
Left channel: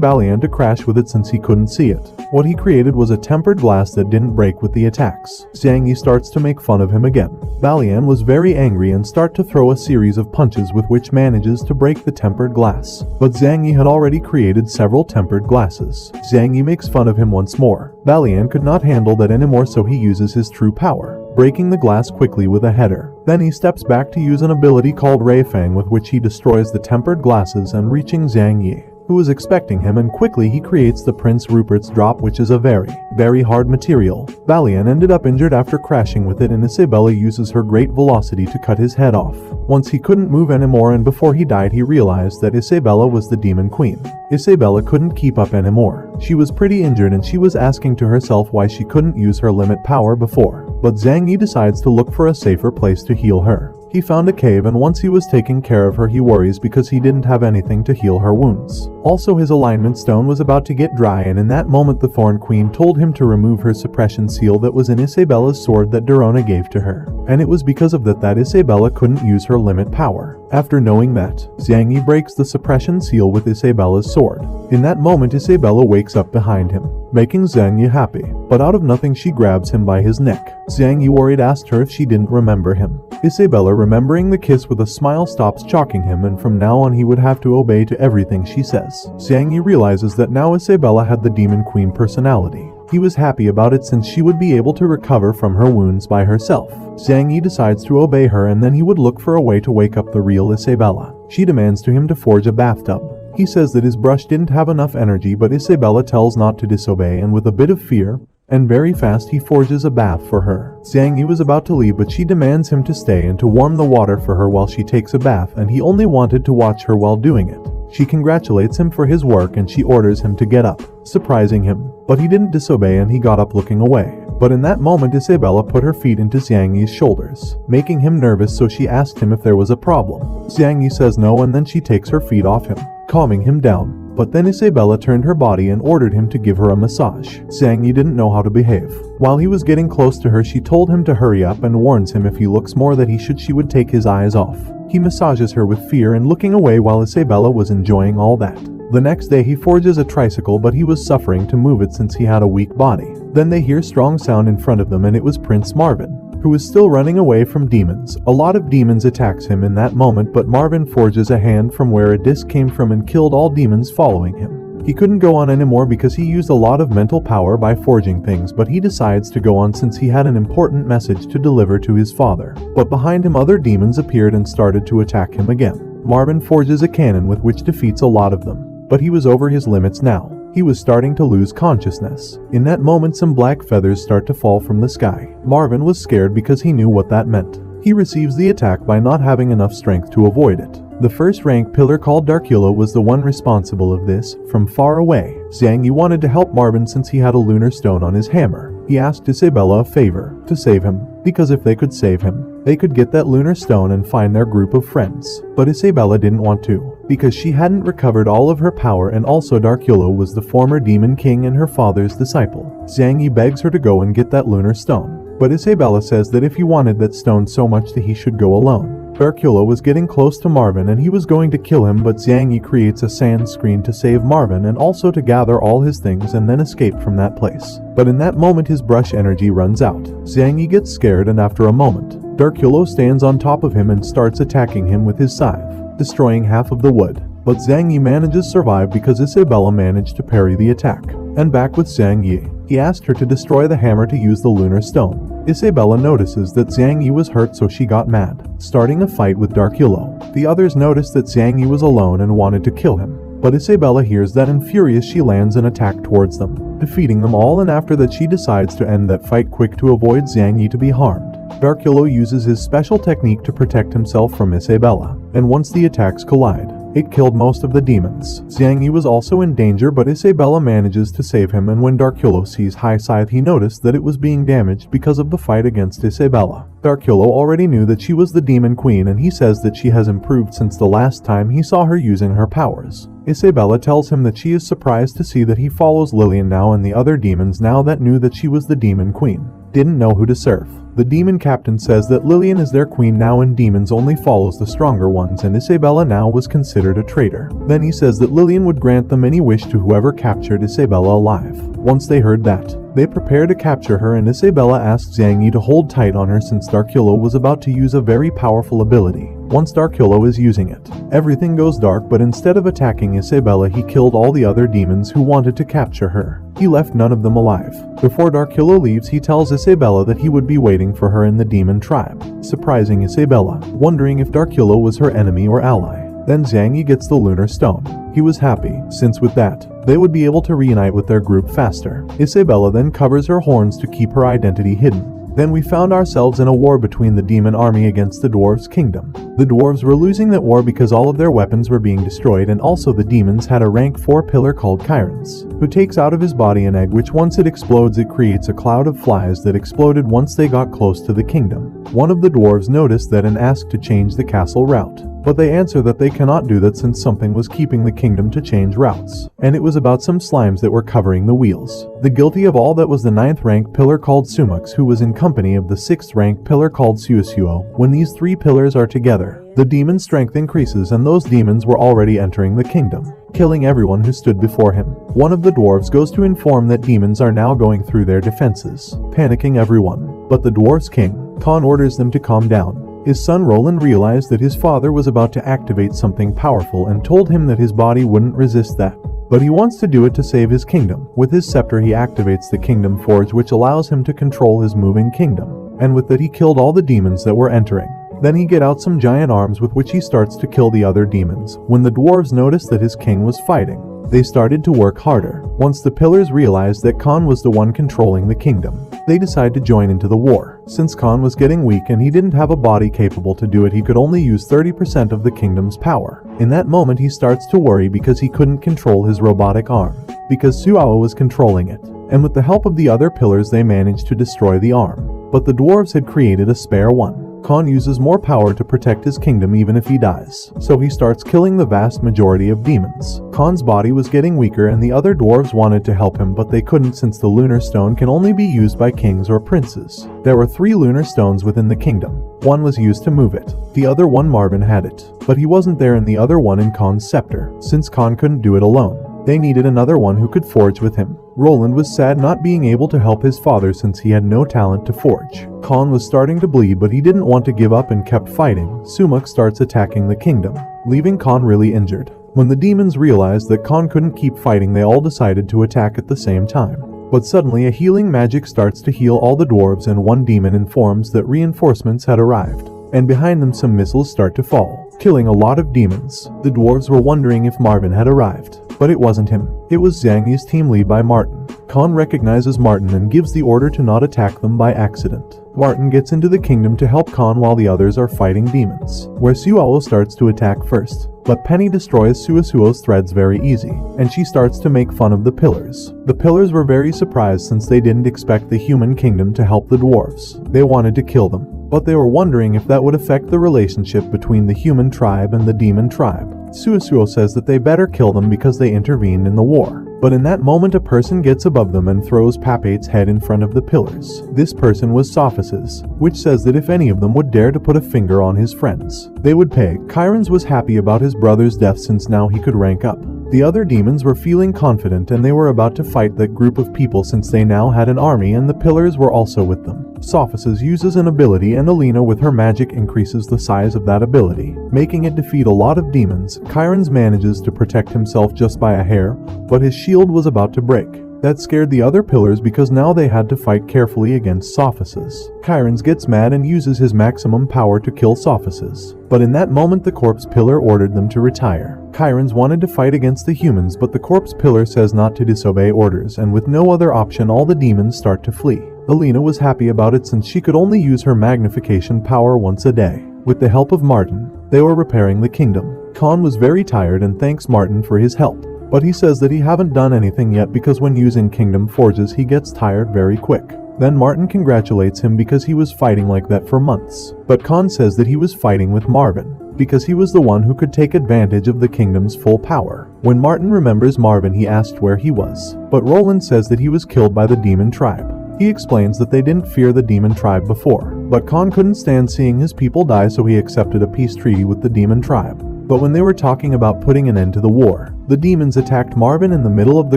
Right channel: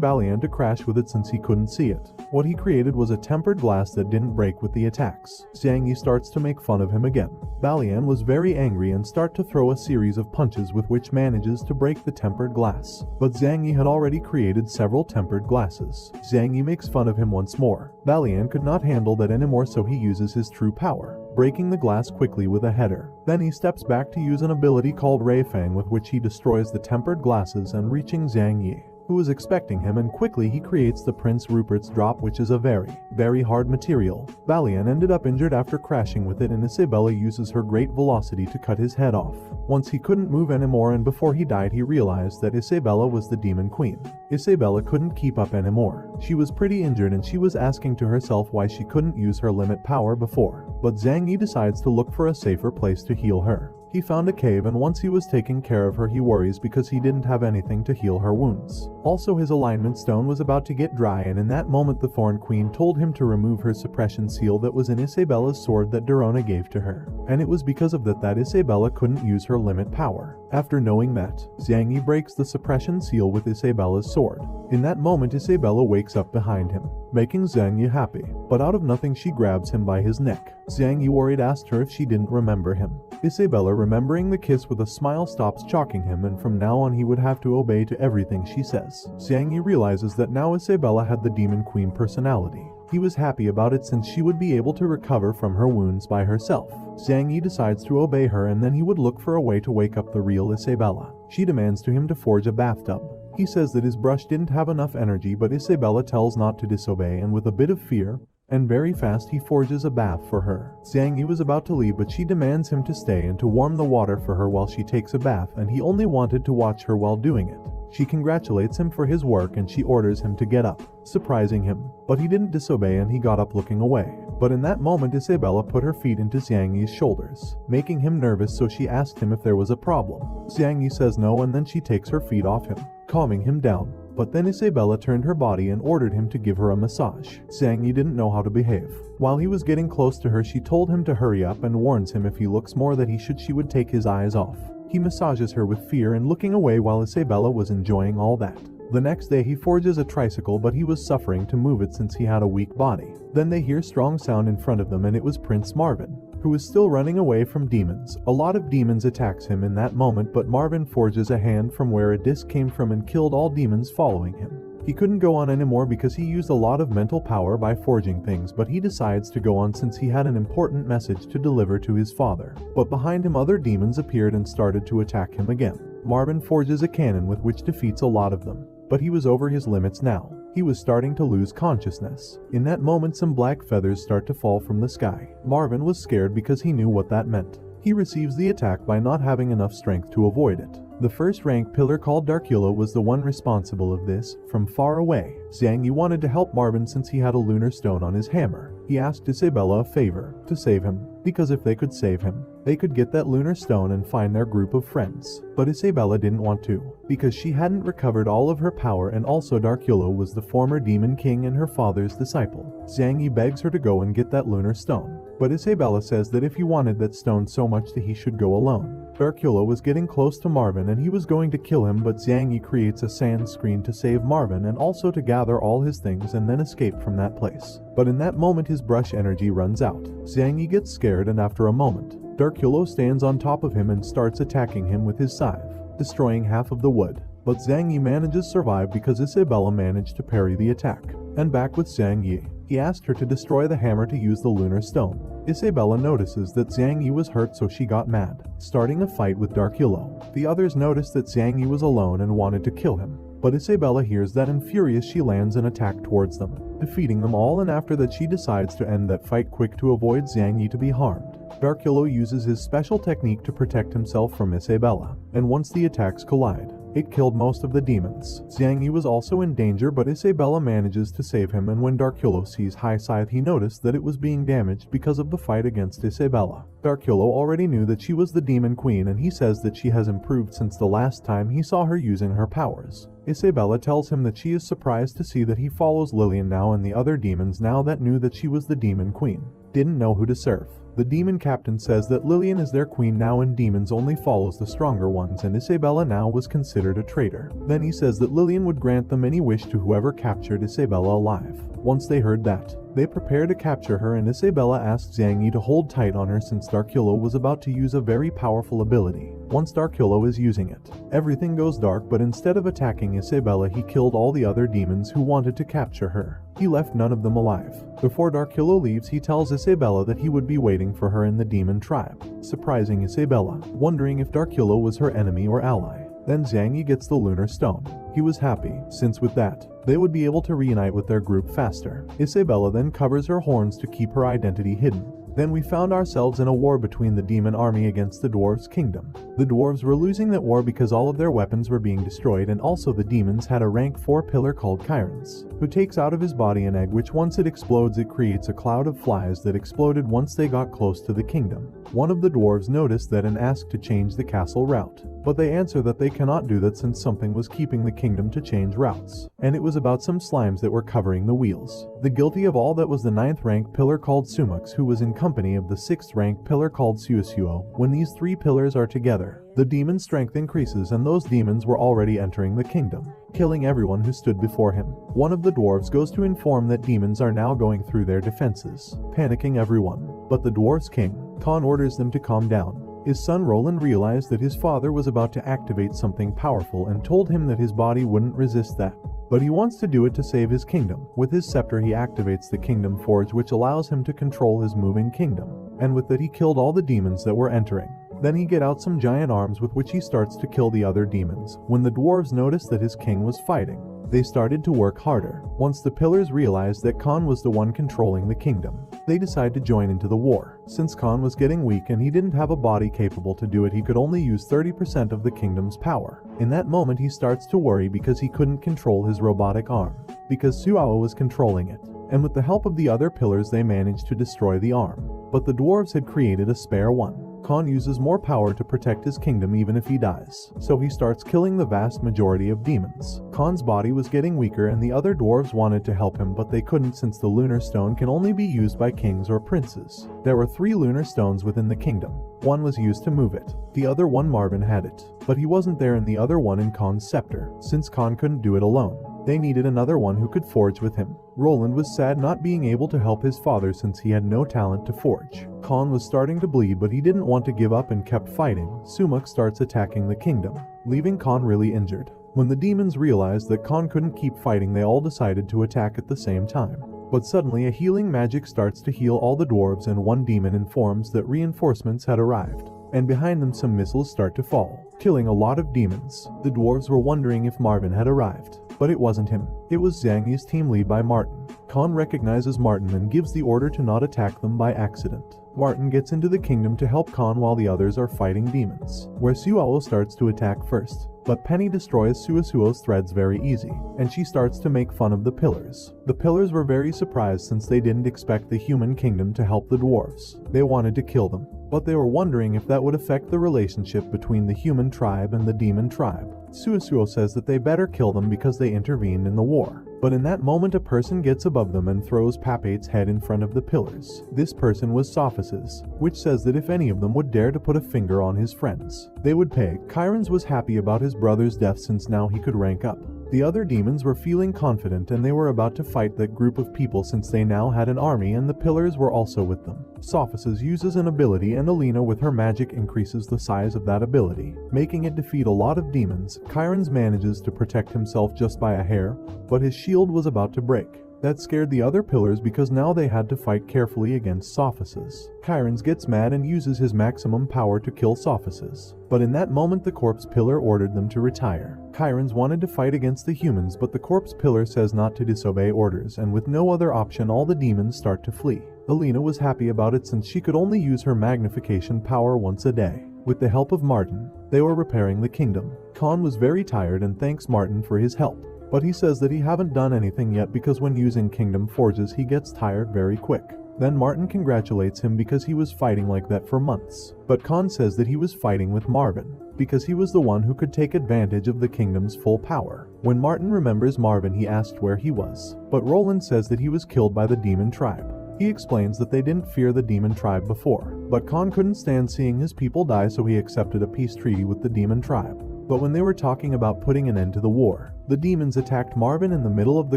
Balian to crash with it since he couldn't see it. What he created was a tempered glass that didn't break with the attacks. Zhang Yi starts to make fun of him again. Balian was very angry and start to throw a series of punches with which manages to break the tempered glass. But Zhang Yi had already created several tempered glasses. Zhang Yi makes fun of him once more. Balian could not handle that anymore, so he uses his true power, breaking the glass quickly with a header. Then he steps back to use an ability called Ray Fang, with which he destroys the tempered glasses and reaching Zhang Yi, who is expecting him, and quickly he creates the Prince Rupert's drop, which is a very hard material. Balian ended up injured after crashing with it, and Isabella uses her great velocity to cut his head off. Once he couldn't move anymore, and before he died, he realized that Isabella was the Demon Queen. Isabella couldn't keep up anymore. She was pretty injured and she was asking to herself why she couldn't use her limit power before. But Zhang Yi decides to look for a safer place to heal her. He found a cave, and once he was taking care of her, he worries because he didn't have anything to heal her wounds. Also, his alignment stone was about to get dry, and in that moment the Thorn Queen told him to remove her suppression seal that was in Isabella's sword that Dorona gave to her. And it was because of that Isabella couldn't use her limit power. After knowing that, Zhang Yi breaks the suppression seal with Isabella's sword. In that moment, Isabella wakes up behind him, making Zhang Yi happy. But out of nothing, she grabs him by his neck. Zhang Yi worried asked her if she didn't remember him. Isabella, remembering the kiss with a smile, stops choking him, and from now on he would have to obey to everything she says. Zhang Yi realizes that now Isabella had the Demon Queen personality. He was happy about it since she would be able to recover from her wounds by herself. Zhang Yi decides to obey her, and then he would look for a way to wake up the real Isabella. She demands to him to forge a bathtub. He says that his brush didn't have enough energy, but Isabella tells not to disobey, and with a bit of fear, and very fast, he forges a bath for her. Zhang Yi was about to leave, but she demands him to stay and to warm the water for her while she takes a bath, and he only wanted to watch her while doing it. She congratulates him for his work and she orders him to get up, surprising him. But he didn't disobey and he got up looking away. But in that moment, Isabella put her feet into Zhang Yi's shoulders, making him nervous, so she asked him if there was a problem. Zhang Yi says no, and then she takes her feet off him, calming him down. But then Isabella turned her body and ordered him to give her a massage. Zhang Yi didn't know how to behave. While he was getting close to her, she told him to hurry up and warns him if he looks more that she would take his eyes off. He massages her with fear and looking away while Isabella was enjoying all that. The next day he forges a tricycle, but he was suffering to move it since he had a weak body. Then they hear strong sound in front of them, and it was Prince Marvin, who is still running away from demons. A lot of demons attacks him in that moment, but Marvin forges a hand from where a disc came from and killed all demons following him. He couldn't go on anymore because he used a lot of mental power by forging things, but he decides to go on since he had an important message to deliver to his father. But behind him other demons appeared and started to attack him again. Marvin forges a cannon with which defeats a lot of them, but he was over his limits now. He was starting to lose consciousness. In that moment some black feathers start to fall from the sky. Marvin was scared because he knew what that meant. He receives the attack by not having enough strength to avoid it. The first rank pillar called Darkula was the one responsible of this. From far away, Zhang Yi wanted to help Marvin since he had a lunar stone on his hammer. He asked Isabella a favor, to save him, because if they could save him, they could get that lunar stone and find their group of friends. But Isabella didn't want to, because she hadn't recovered all of her power, and also Darkula was the former demon king and her father's disciple. Zhang Yi begs her to go and get that lunar stone, but Isabella says that if he wanted that stone so much that he should go alone. Darkula was getting close to Marvin and he was going to kill him, but Zhang Yi creates a sand screen to save Marvin and also to gather all his things and then escape from that place. But in that moment his brush energy runs out. Zhang Yi gets scared, and after a moment, Darkula stands on top of him and starts attacking him with his scythe, destroying half of the wood. But Zhang Yi manages to survive because Isabella managed to parry the attack. And back with Zhang Yi, he asked her to destroy the hammer to use the lunar stone. Isabella notices that Zhang Yi was hurt, so she got mad, starting a fight with Darkula. The others noticed that Zhang Yi was alone and wanted to kill him, but Isabella hears that and furious she lands an attack towards them, defeating them all, and after that she decides to end that fight quick to avoid Zhang Yi to be harmed. Darkula uses his special technique to protect himself from Isabella, and once the attacks collide, it killed most of the demons. Zhang Yi was also in danger, but Isabella manages to save him, and when Darkula sees High Scythe he noticed that it was being damaged because of the fight against Isabella. Darkula already knew that she was the demon queen, and he says that she has improved since the last time he saw her using her powers. Isabella tells him that she is surprised to see that he follows Lillian now, and the other demons now that knew that she was the demon queen didn't know who to serve. The demon captain says that Lillian is their queen now and demons only follows the stronger ones, and Isabella now was considered a traitor. Then he says that Lillian would grant them any wish to whoever captured Isabella alive. Once they heard that, they prepare to capture her, and Isabella asks Zhang Yi to hold tight on her since Darkula was about to use a very powerful ability. Once Darkula is using it, everything goes dark, but instead of attacking Isabella he killed all the other demons who wanted to capture her. He left none of them alive. Before Darkula leaves he tells Isabella that he would be waiting for her in the demon tribe, surprising Isabella, wondering if Darkula was her enemy or ally. Then Zhang Yi gets the lunar stone. He was happy, since with that, they would be able to reunite with their group faster. Isabella then covers her horns to keep her identity hidden. Then we found ourselves in a war between the demon army against the dwarves' kingdom. The dwarves were losing that war because all of their weapons were being destroyed, and also the demons had a rank 4 pillar called Kyrans, who takes out of his body an egg which once it explodes it creates a cloud of flies that exploded once they got close to the kingdom. One of the dwarves noticed that and asked to change the castle route, but they answer that they cannot do that since something was keeping the kingdom to change routes, and it was about some slimes that were covering the wheels. The guilty of all that was the 9th rank pillar called Sumux, who was in company of the 6th rank pillar called Suosuo. When these 3 pillars are together, the demon strength increases, and those demons were already entering the kingdom, killing everyone who stood before him. One of the dwarves goes to inform that demons are now going through their defenses, panicking everyone, but the dwarves' king, Khan, orders them to calm down. His son Roland realized that his father was about to activate something powerful and told him that his body wouldn't resist that. But he wants to do it to save his kingdom. With his scepter he activates the Kingdom Forge, which allows him to control his moving kingdom. And with that he killed all the demons that were entering. Then he get out some giant arms with which he starts to kill the other demons. When the dwarves noticed that his king was fighting, they started to work harder. Once the pillars realized that Khan was the one controlling the kingdom, they decided to join into the war. Since Khan was getting weak and he didn't have a body capable to do it, he could only use 30% of the kingdom's power. In that moment he starts to worry because he couldn't control his robotic arm, because Suao was controlling it. And with the help of the other pillars they managed to destroy the arm. But the dwarves had created a spare one, Khan uses more power to protect his kingdom even if he dies, so he starts killing the vast majority of demons. Khan's body was getting weaker and the other dwarves wanted to help him, but they couldn't since the lunar stone can only be used by kings or princes. There were 3 lunar stones within the kingdom. One was used to move it. The other one Marvin had it, but he wasn't there, and the other one in Khan's scepter, since Khan couldn't do it alone. They needed another one who could forge with him. Roland was sad not being able to help his father since he had no talent to forge. Khan was starting to bleed, but he didn't want to give up and kept fighting. Sumuk starts attacking the kingdom, leaving Khan really injured. When the demons realized that Khan couldn't keep fighting, they all decided to attack at the same time. But suddenly a healing magic starts to heal all the dwarves, and one demon informs that reinforcements had arrived. And behind them some missiles start to fall, killing a lot of demons. The dwarves were wondering if Marvin had arrived, but it wasn't him. It was Zhang Yi's team lead by Martin. Khan recognizes Martin and gives the order to not attack them by accident. Martin gets into the kingdom to help Khan while the others are fighting demons, where Suao starts to attack first. But Penny destroys Suasuo's threads very easy, and she starts to make fun of the pillars. The pillars were very surprised since they didn't expect the human kingdom to help the dwarves. They wanted to kill them, but they were wondering if that would affect the relationship between the human tribe and the demon tribe. Suasuo says that they better kill them because they intervened in the war. But in that moment a person gets above them and throws Papate's head in front of the pillars. This person was Sophus's, which says that if any of them would dare to put a finger on his friends, they would pay. Chiron's was happy about his brother's death since now he could rank up. The other demons were feeling confident and they were about to fight that group of people since they now had an army, and the pillars were also with them. Sophus's uses an ability and Alina with her magic increases the size of that ability, making it defeat a lot of demons. Chiron's manages to protect himself just by a hair, but his shield was about to break. That scared the other pillars because now they had to fight carefully against Sophus's. Chiron's gets mad and uses his maximum power to kill Sophus's. But in that moment the corpse pillar ordered them to retire. Chiron's wanted to fight against the humans, but the corpse pillar says not to disobey orders, and with no other option all the demons start to flee. Alina was happy about it since she could only use her magnification power once a day. With the help of Martin, they were repairing the kingdom. Khan was very tired and thanks Martin for his help. But he says that he haven't done anything yet because when using kingdom forges he gets tired very quick. Then Martin congratulates him because he was fighting like that for months. But Khan says that he was fighting with Marvin because he was the one who could take advantage of the kingdom's full power. When Martin remembers Marvin, he asked where he was, but Roland says that he was killed by the demon tribe. He explains that they didn't fear the demon tribe before, but Khan couldn't stand seeing his people die, so he accepted a peace treaty with the demon tribe. But when they were talking about putting an end to the war, the demons attacked Marvin in the middle of the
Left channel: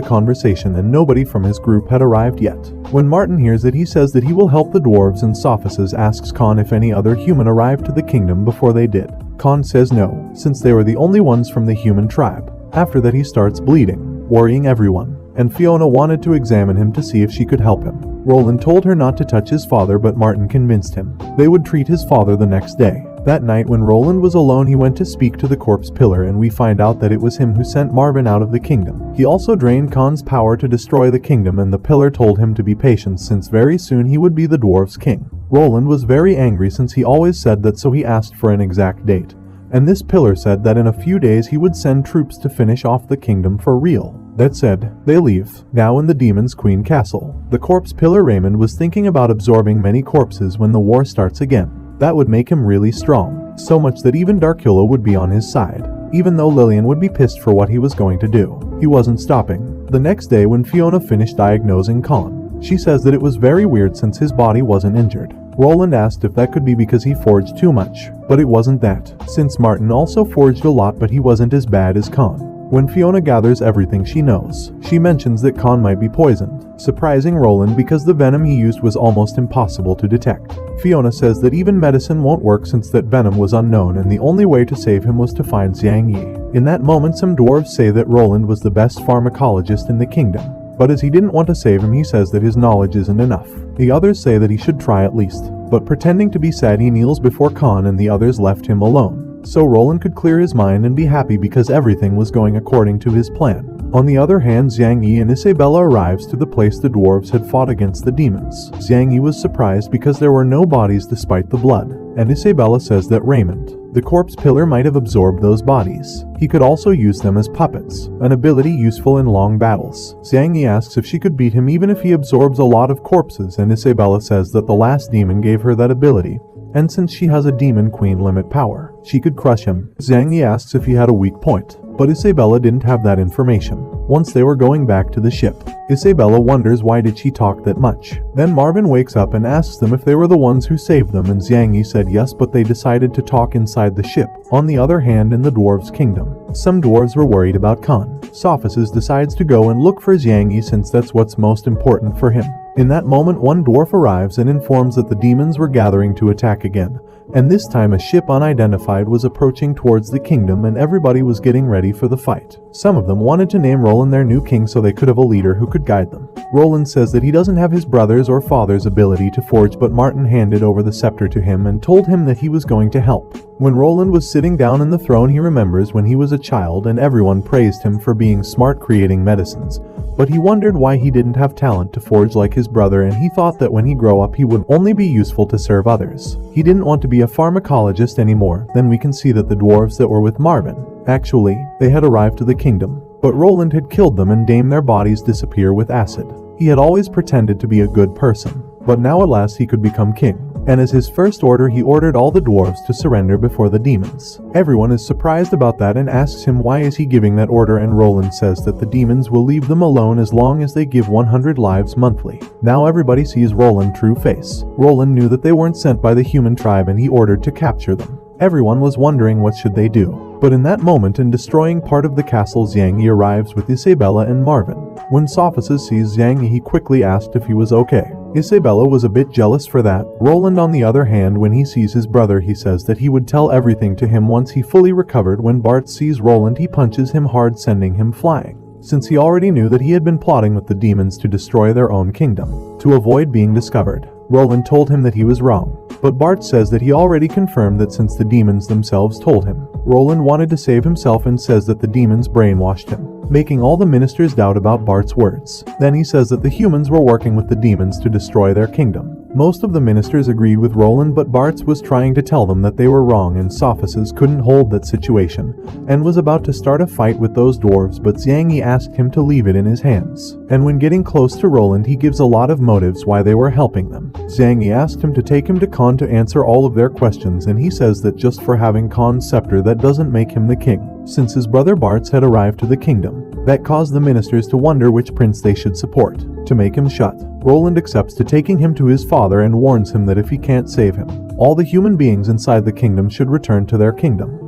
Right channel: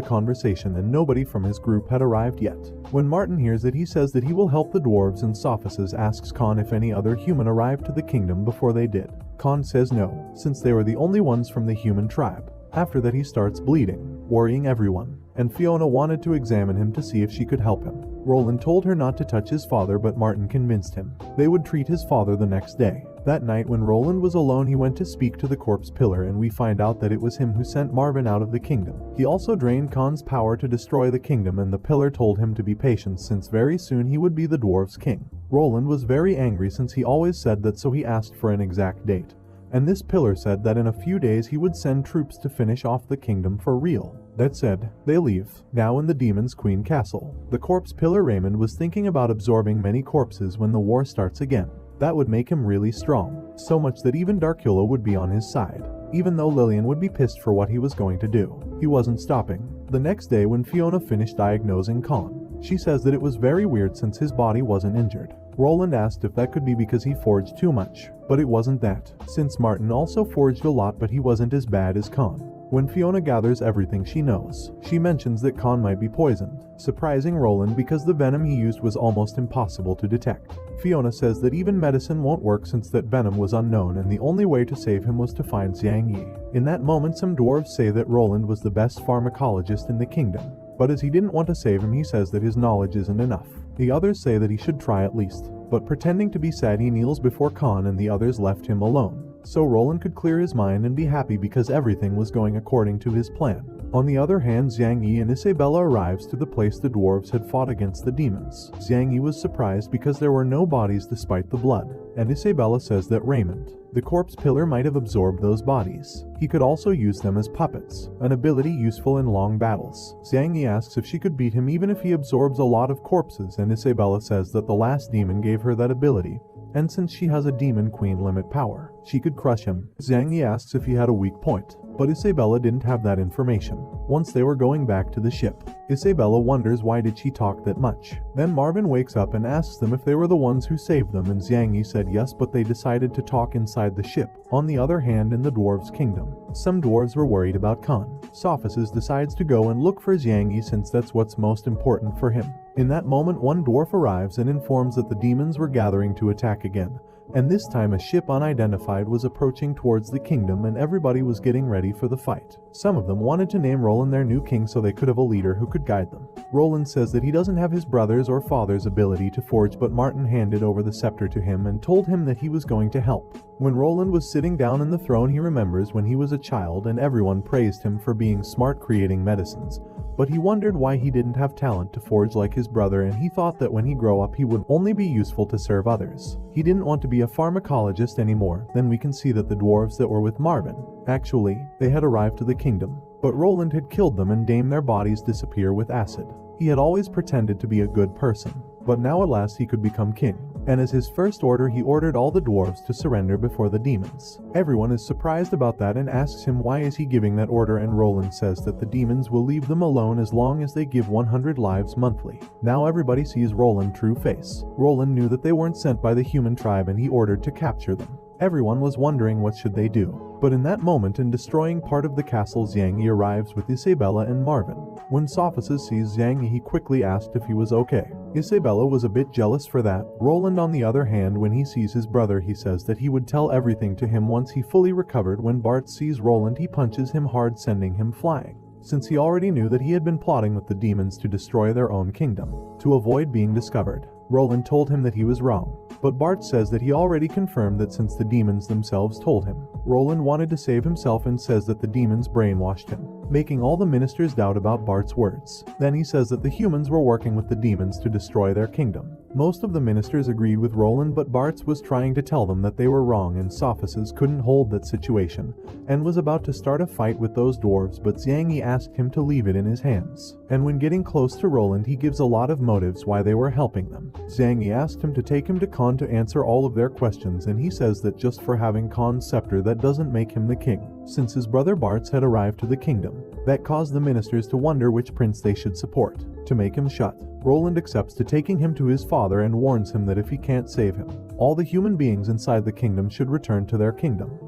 conversation and nobody from his group had arrived yet. When Martin hears it, he says that he will help the dwarves, and Sophus's asks Khan if any other human arrived to the kingdom before they did. Khan says no, since they were the only ones from the human tribe. After that he starts bleeding, worrying everyone, and Fiona wanted to examine him to see if she could help him. Roland told her not to touch his father, but Martin convinced him. They would treat his father the next day. That night when Roland was alone, he went to speak to the corpse pillar, and we find out that it was him who sent Marvin out of the kingdom. He also drained Khan's power to destroy the kingdom, and the pillar told him to be patient since very soon he would be the dwarves' king. Roland was very angry since he always said that, so he asked for an exact date. And this pillar said that in a few days he would send troops to finish off the kingdom for real. That said, they leave, now in the demon's queen castle. The corpse pillar Raymond was thinking about absorbing many corpses when the war starts again. That would make him really strong, so much that even Darkula would be on his side. Even though Lillian would be pissed for what he was going to do, he wasn't stopping. The next day when Fiona finished diagnosing Khan, she says that it was very weird since his body wasn't injured. Roland asked if that could be because he forged too much, but it wasn't that, since Martin also forged a lot, but he wasn't as bad as Khan. When Fiona gathers everything she knows, she mentions that Khan might be poisoned, surprising Roland because the venom he used was almost impossible to detect. Fiona says that even medicine won't work since that venom was unknown, and the only way to save him was to find Zhang Yi. In that moment some dwarves say that Roland was the best pharmacologist in the kingdom, but as he didn't want to save him, he says that his knowledge isn't enough. The others say that he should try at least, but pretending to be sad he kneels before Khan, and the others left him alone. So Roland could clear his mind and be happy because everything was going according to his plan. On the other hand, Zhang Yi and Isabella arrives to the place the dwarves had fought against the demons. Zhang Yi was surprised because there were no bodies despite the blood, and Isabella says that Raymond, the corpse pillar, might have absorbed those bodies. He could also use them as puppets, an ability useful in long battles. Zhang Yi asks if she could beat him even if he absorbs a lot of corpses, and Isabella says that the last demon gave her that ability. and since she has a demon queen limit power, she could crush him. Zhang Yi asks if he had a weak point, but Isabella didn't have that information. Once they were going back to the ship, Isabella wonders why did she talk that much. Then Marvin wakes up and asks them if they were the ones who saved them, and Zhang Yi said yes, but they decided to talk inside the ship. On the other hand, in the dwarves' kingdom, some dwarves were worried about Khan. Sophists decides to go and look for Zhang Yi since that's what's most important for him. In that moment, one dwarf arrives and informs that the demons were gathering to attack again. And this time a ship unidentified was approaching towards the kingdom and everybody was getting ready for the fight. Some of them wanted to name Roland their new king so they could have a leader who could guide them. Roland says that he doesn't have his brother's or father's ability to forge, but Martin handed over the scepter to him and told him that he was going to help. When Roland was sitting down in the throne, he remembers when he was a child and everyone praised him for being smart creating medicines. But he wondered why he didn't have talent to forge like his brother, and he thought that when he grew up he would only be useful to serve others. He didn't want to be a pharmacologist anymore. Then we can see that the dwarves that were with Marvin, actually, they had arrived to the kingdom, but Roland had killed them and made their bodies disappear with acid. He had always pretended to be a good person, but now at last he could become king. And as his first order, he ordered all the dwarves to surrender before the demons. Everyone is surprised about that and asks him why is he giving that order, and Roland says that the demons will leave them alone as long as they give 100 lives monthly. Now everybody sees Roland's true face. Roland knew that they weren't sent by the human tribe and he ordered to capture them. Everyone was wondering what should they do. But in that moment, in destroying part of the castle, Zhang Yi arrives with Isabella and Marvin. When Sophists sees Zhang Yi, he quickly asked if he was okay. Isabella was a bit jealous for that. Roland, on the other hand, when he sees his brother, he says that he would tell everything to him once he fully recovered. When Bart sees Roland, he punches him hard, sending him flying, since he already knew that he had been plotting with the demons to destroy their own kingdom, to avoid being discovered. Roland told him that he was wrong, but Bart says that he already confirmed that since the demons themselves told him. Roland wanted to save himself and says that the demons brainwashed him, making all the ministers doubt about Bart's words. Then he says that the humans were working with the demons to destroy their kingdom. Most of the ministers agreed with Roland, but Bart was trying to tell them that they were wrong, and Sophists couldn't hold that situation and was about to start a fight with those dwarves, but Zhang Yi asked him to leave it in his hands. And when getting close to Roland, he gives a lot of motives why they were helping them. Zhang Yi asked him to take him to Khan to answer all of their questions, and he says that just for having Khan's scepter, that doesn't make him the king, since his brother Bart had arrived to the kingdom. That caused the ministers to wonder which prince they should support. To make him shut, Roland accepts to taking him to his father and warns him that if he can't save him, all the human beings inside the kingdom should return to their kingdom.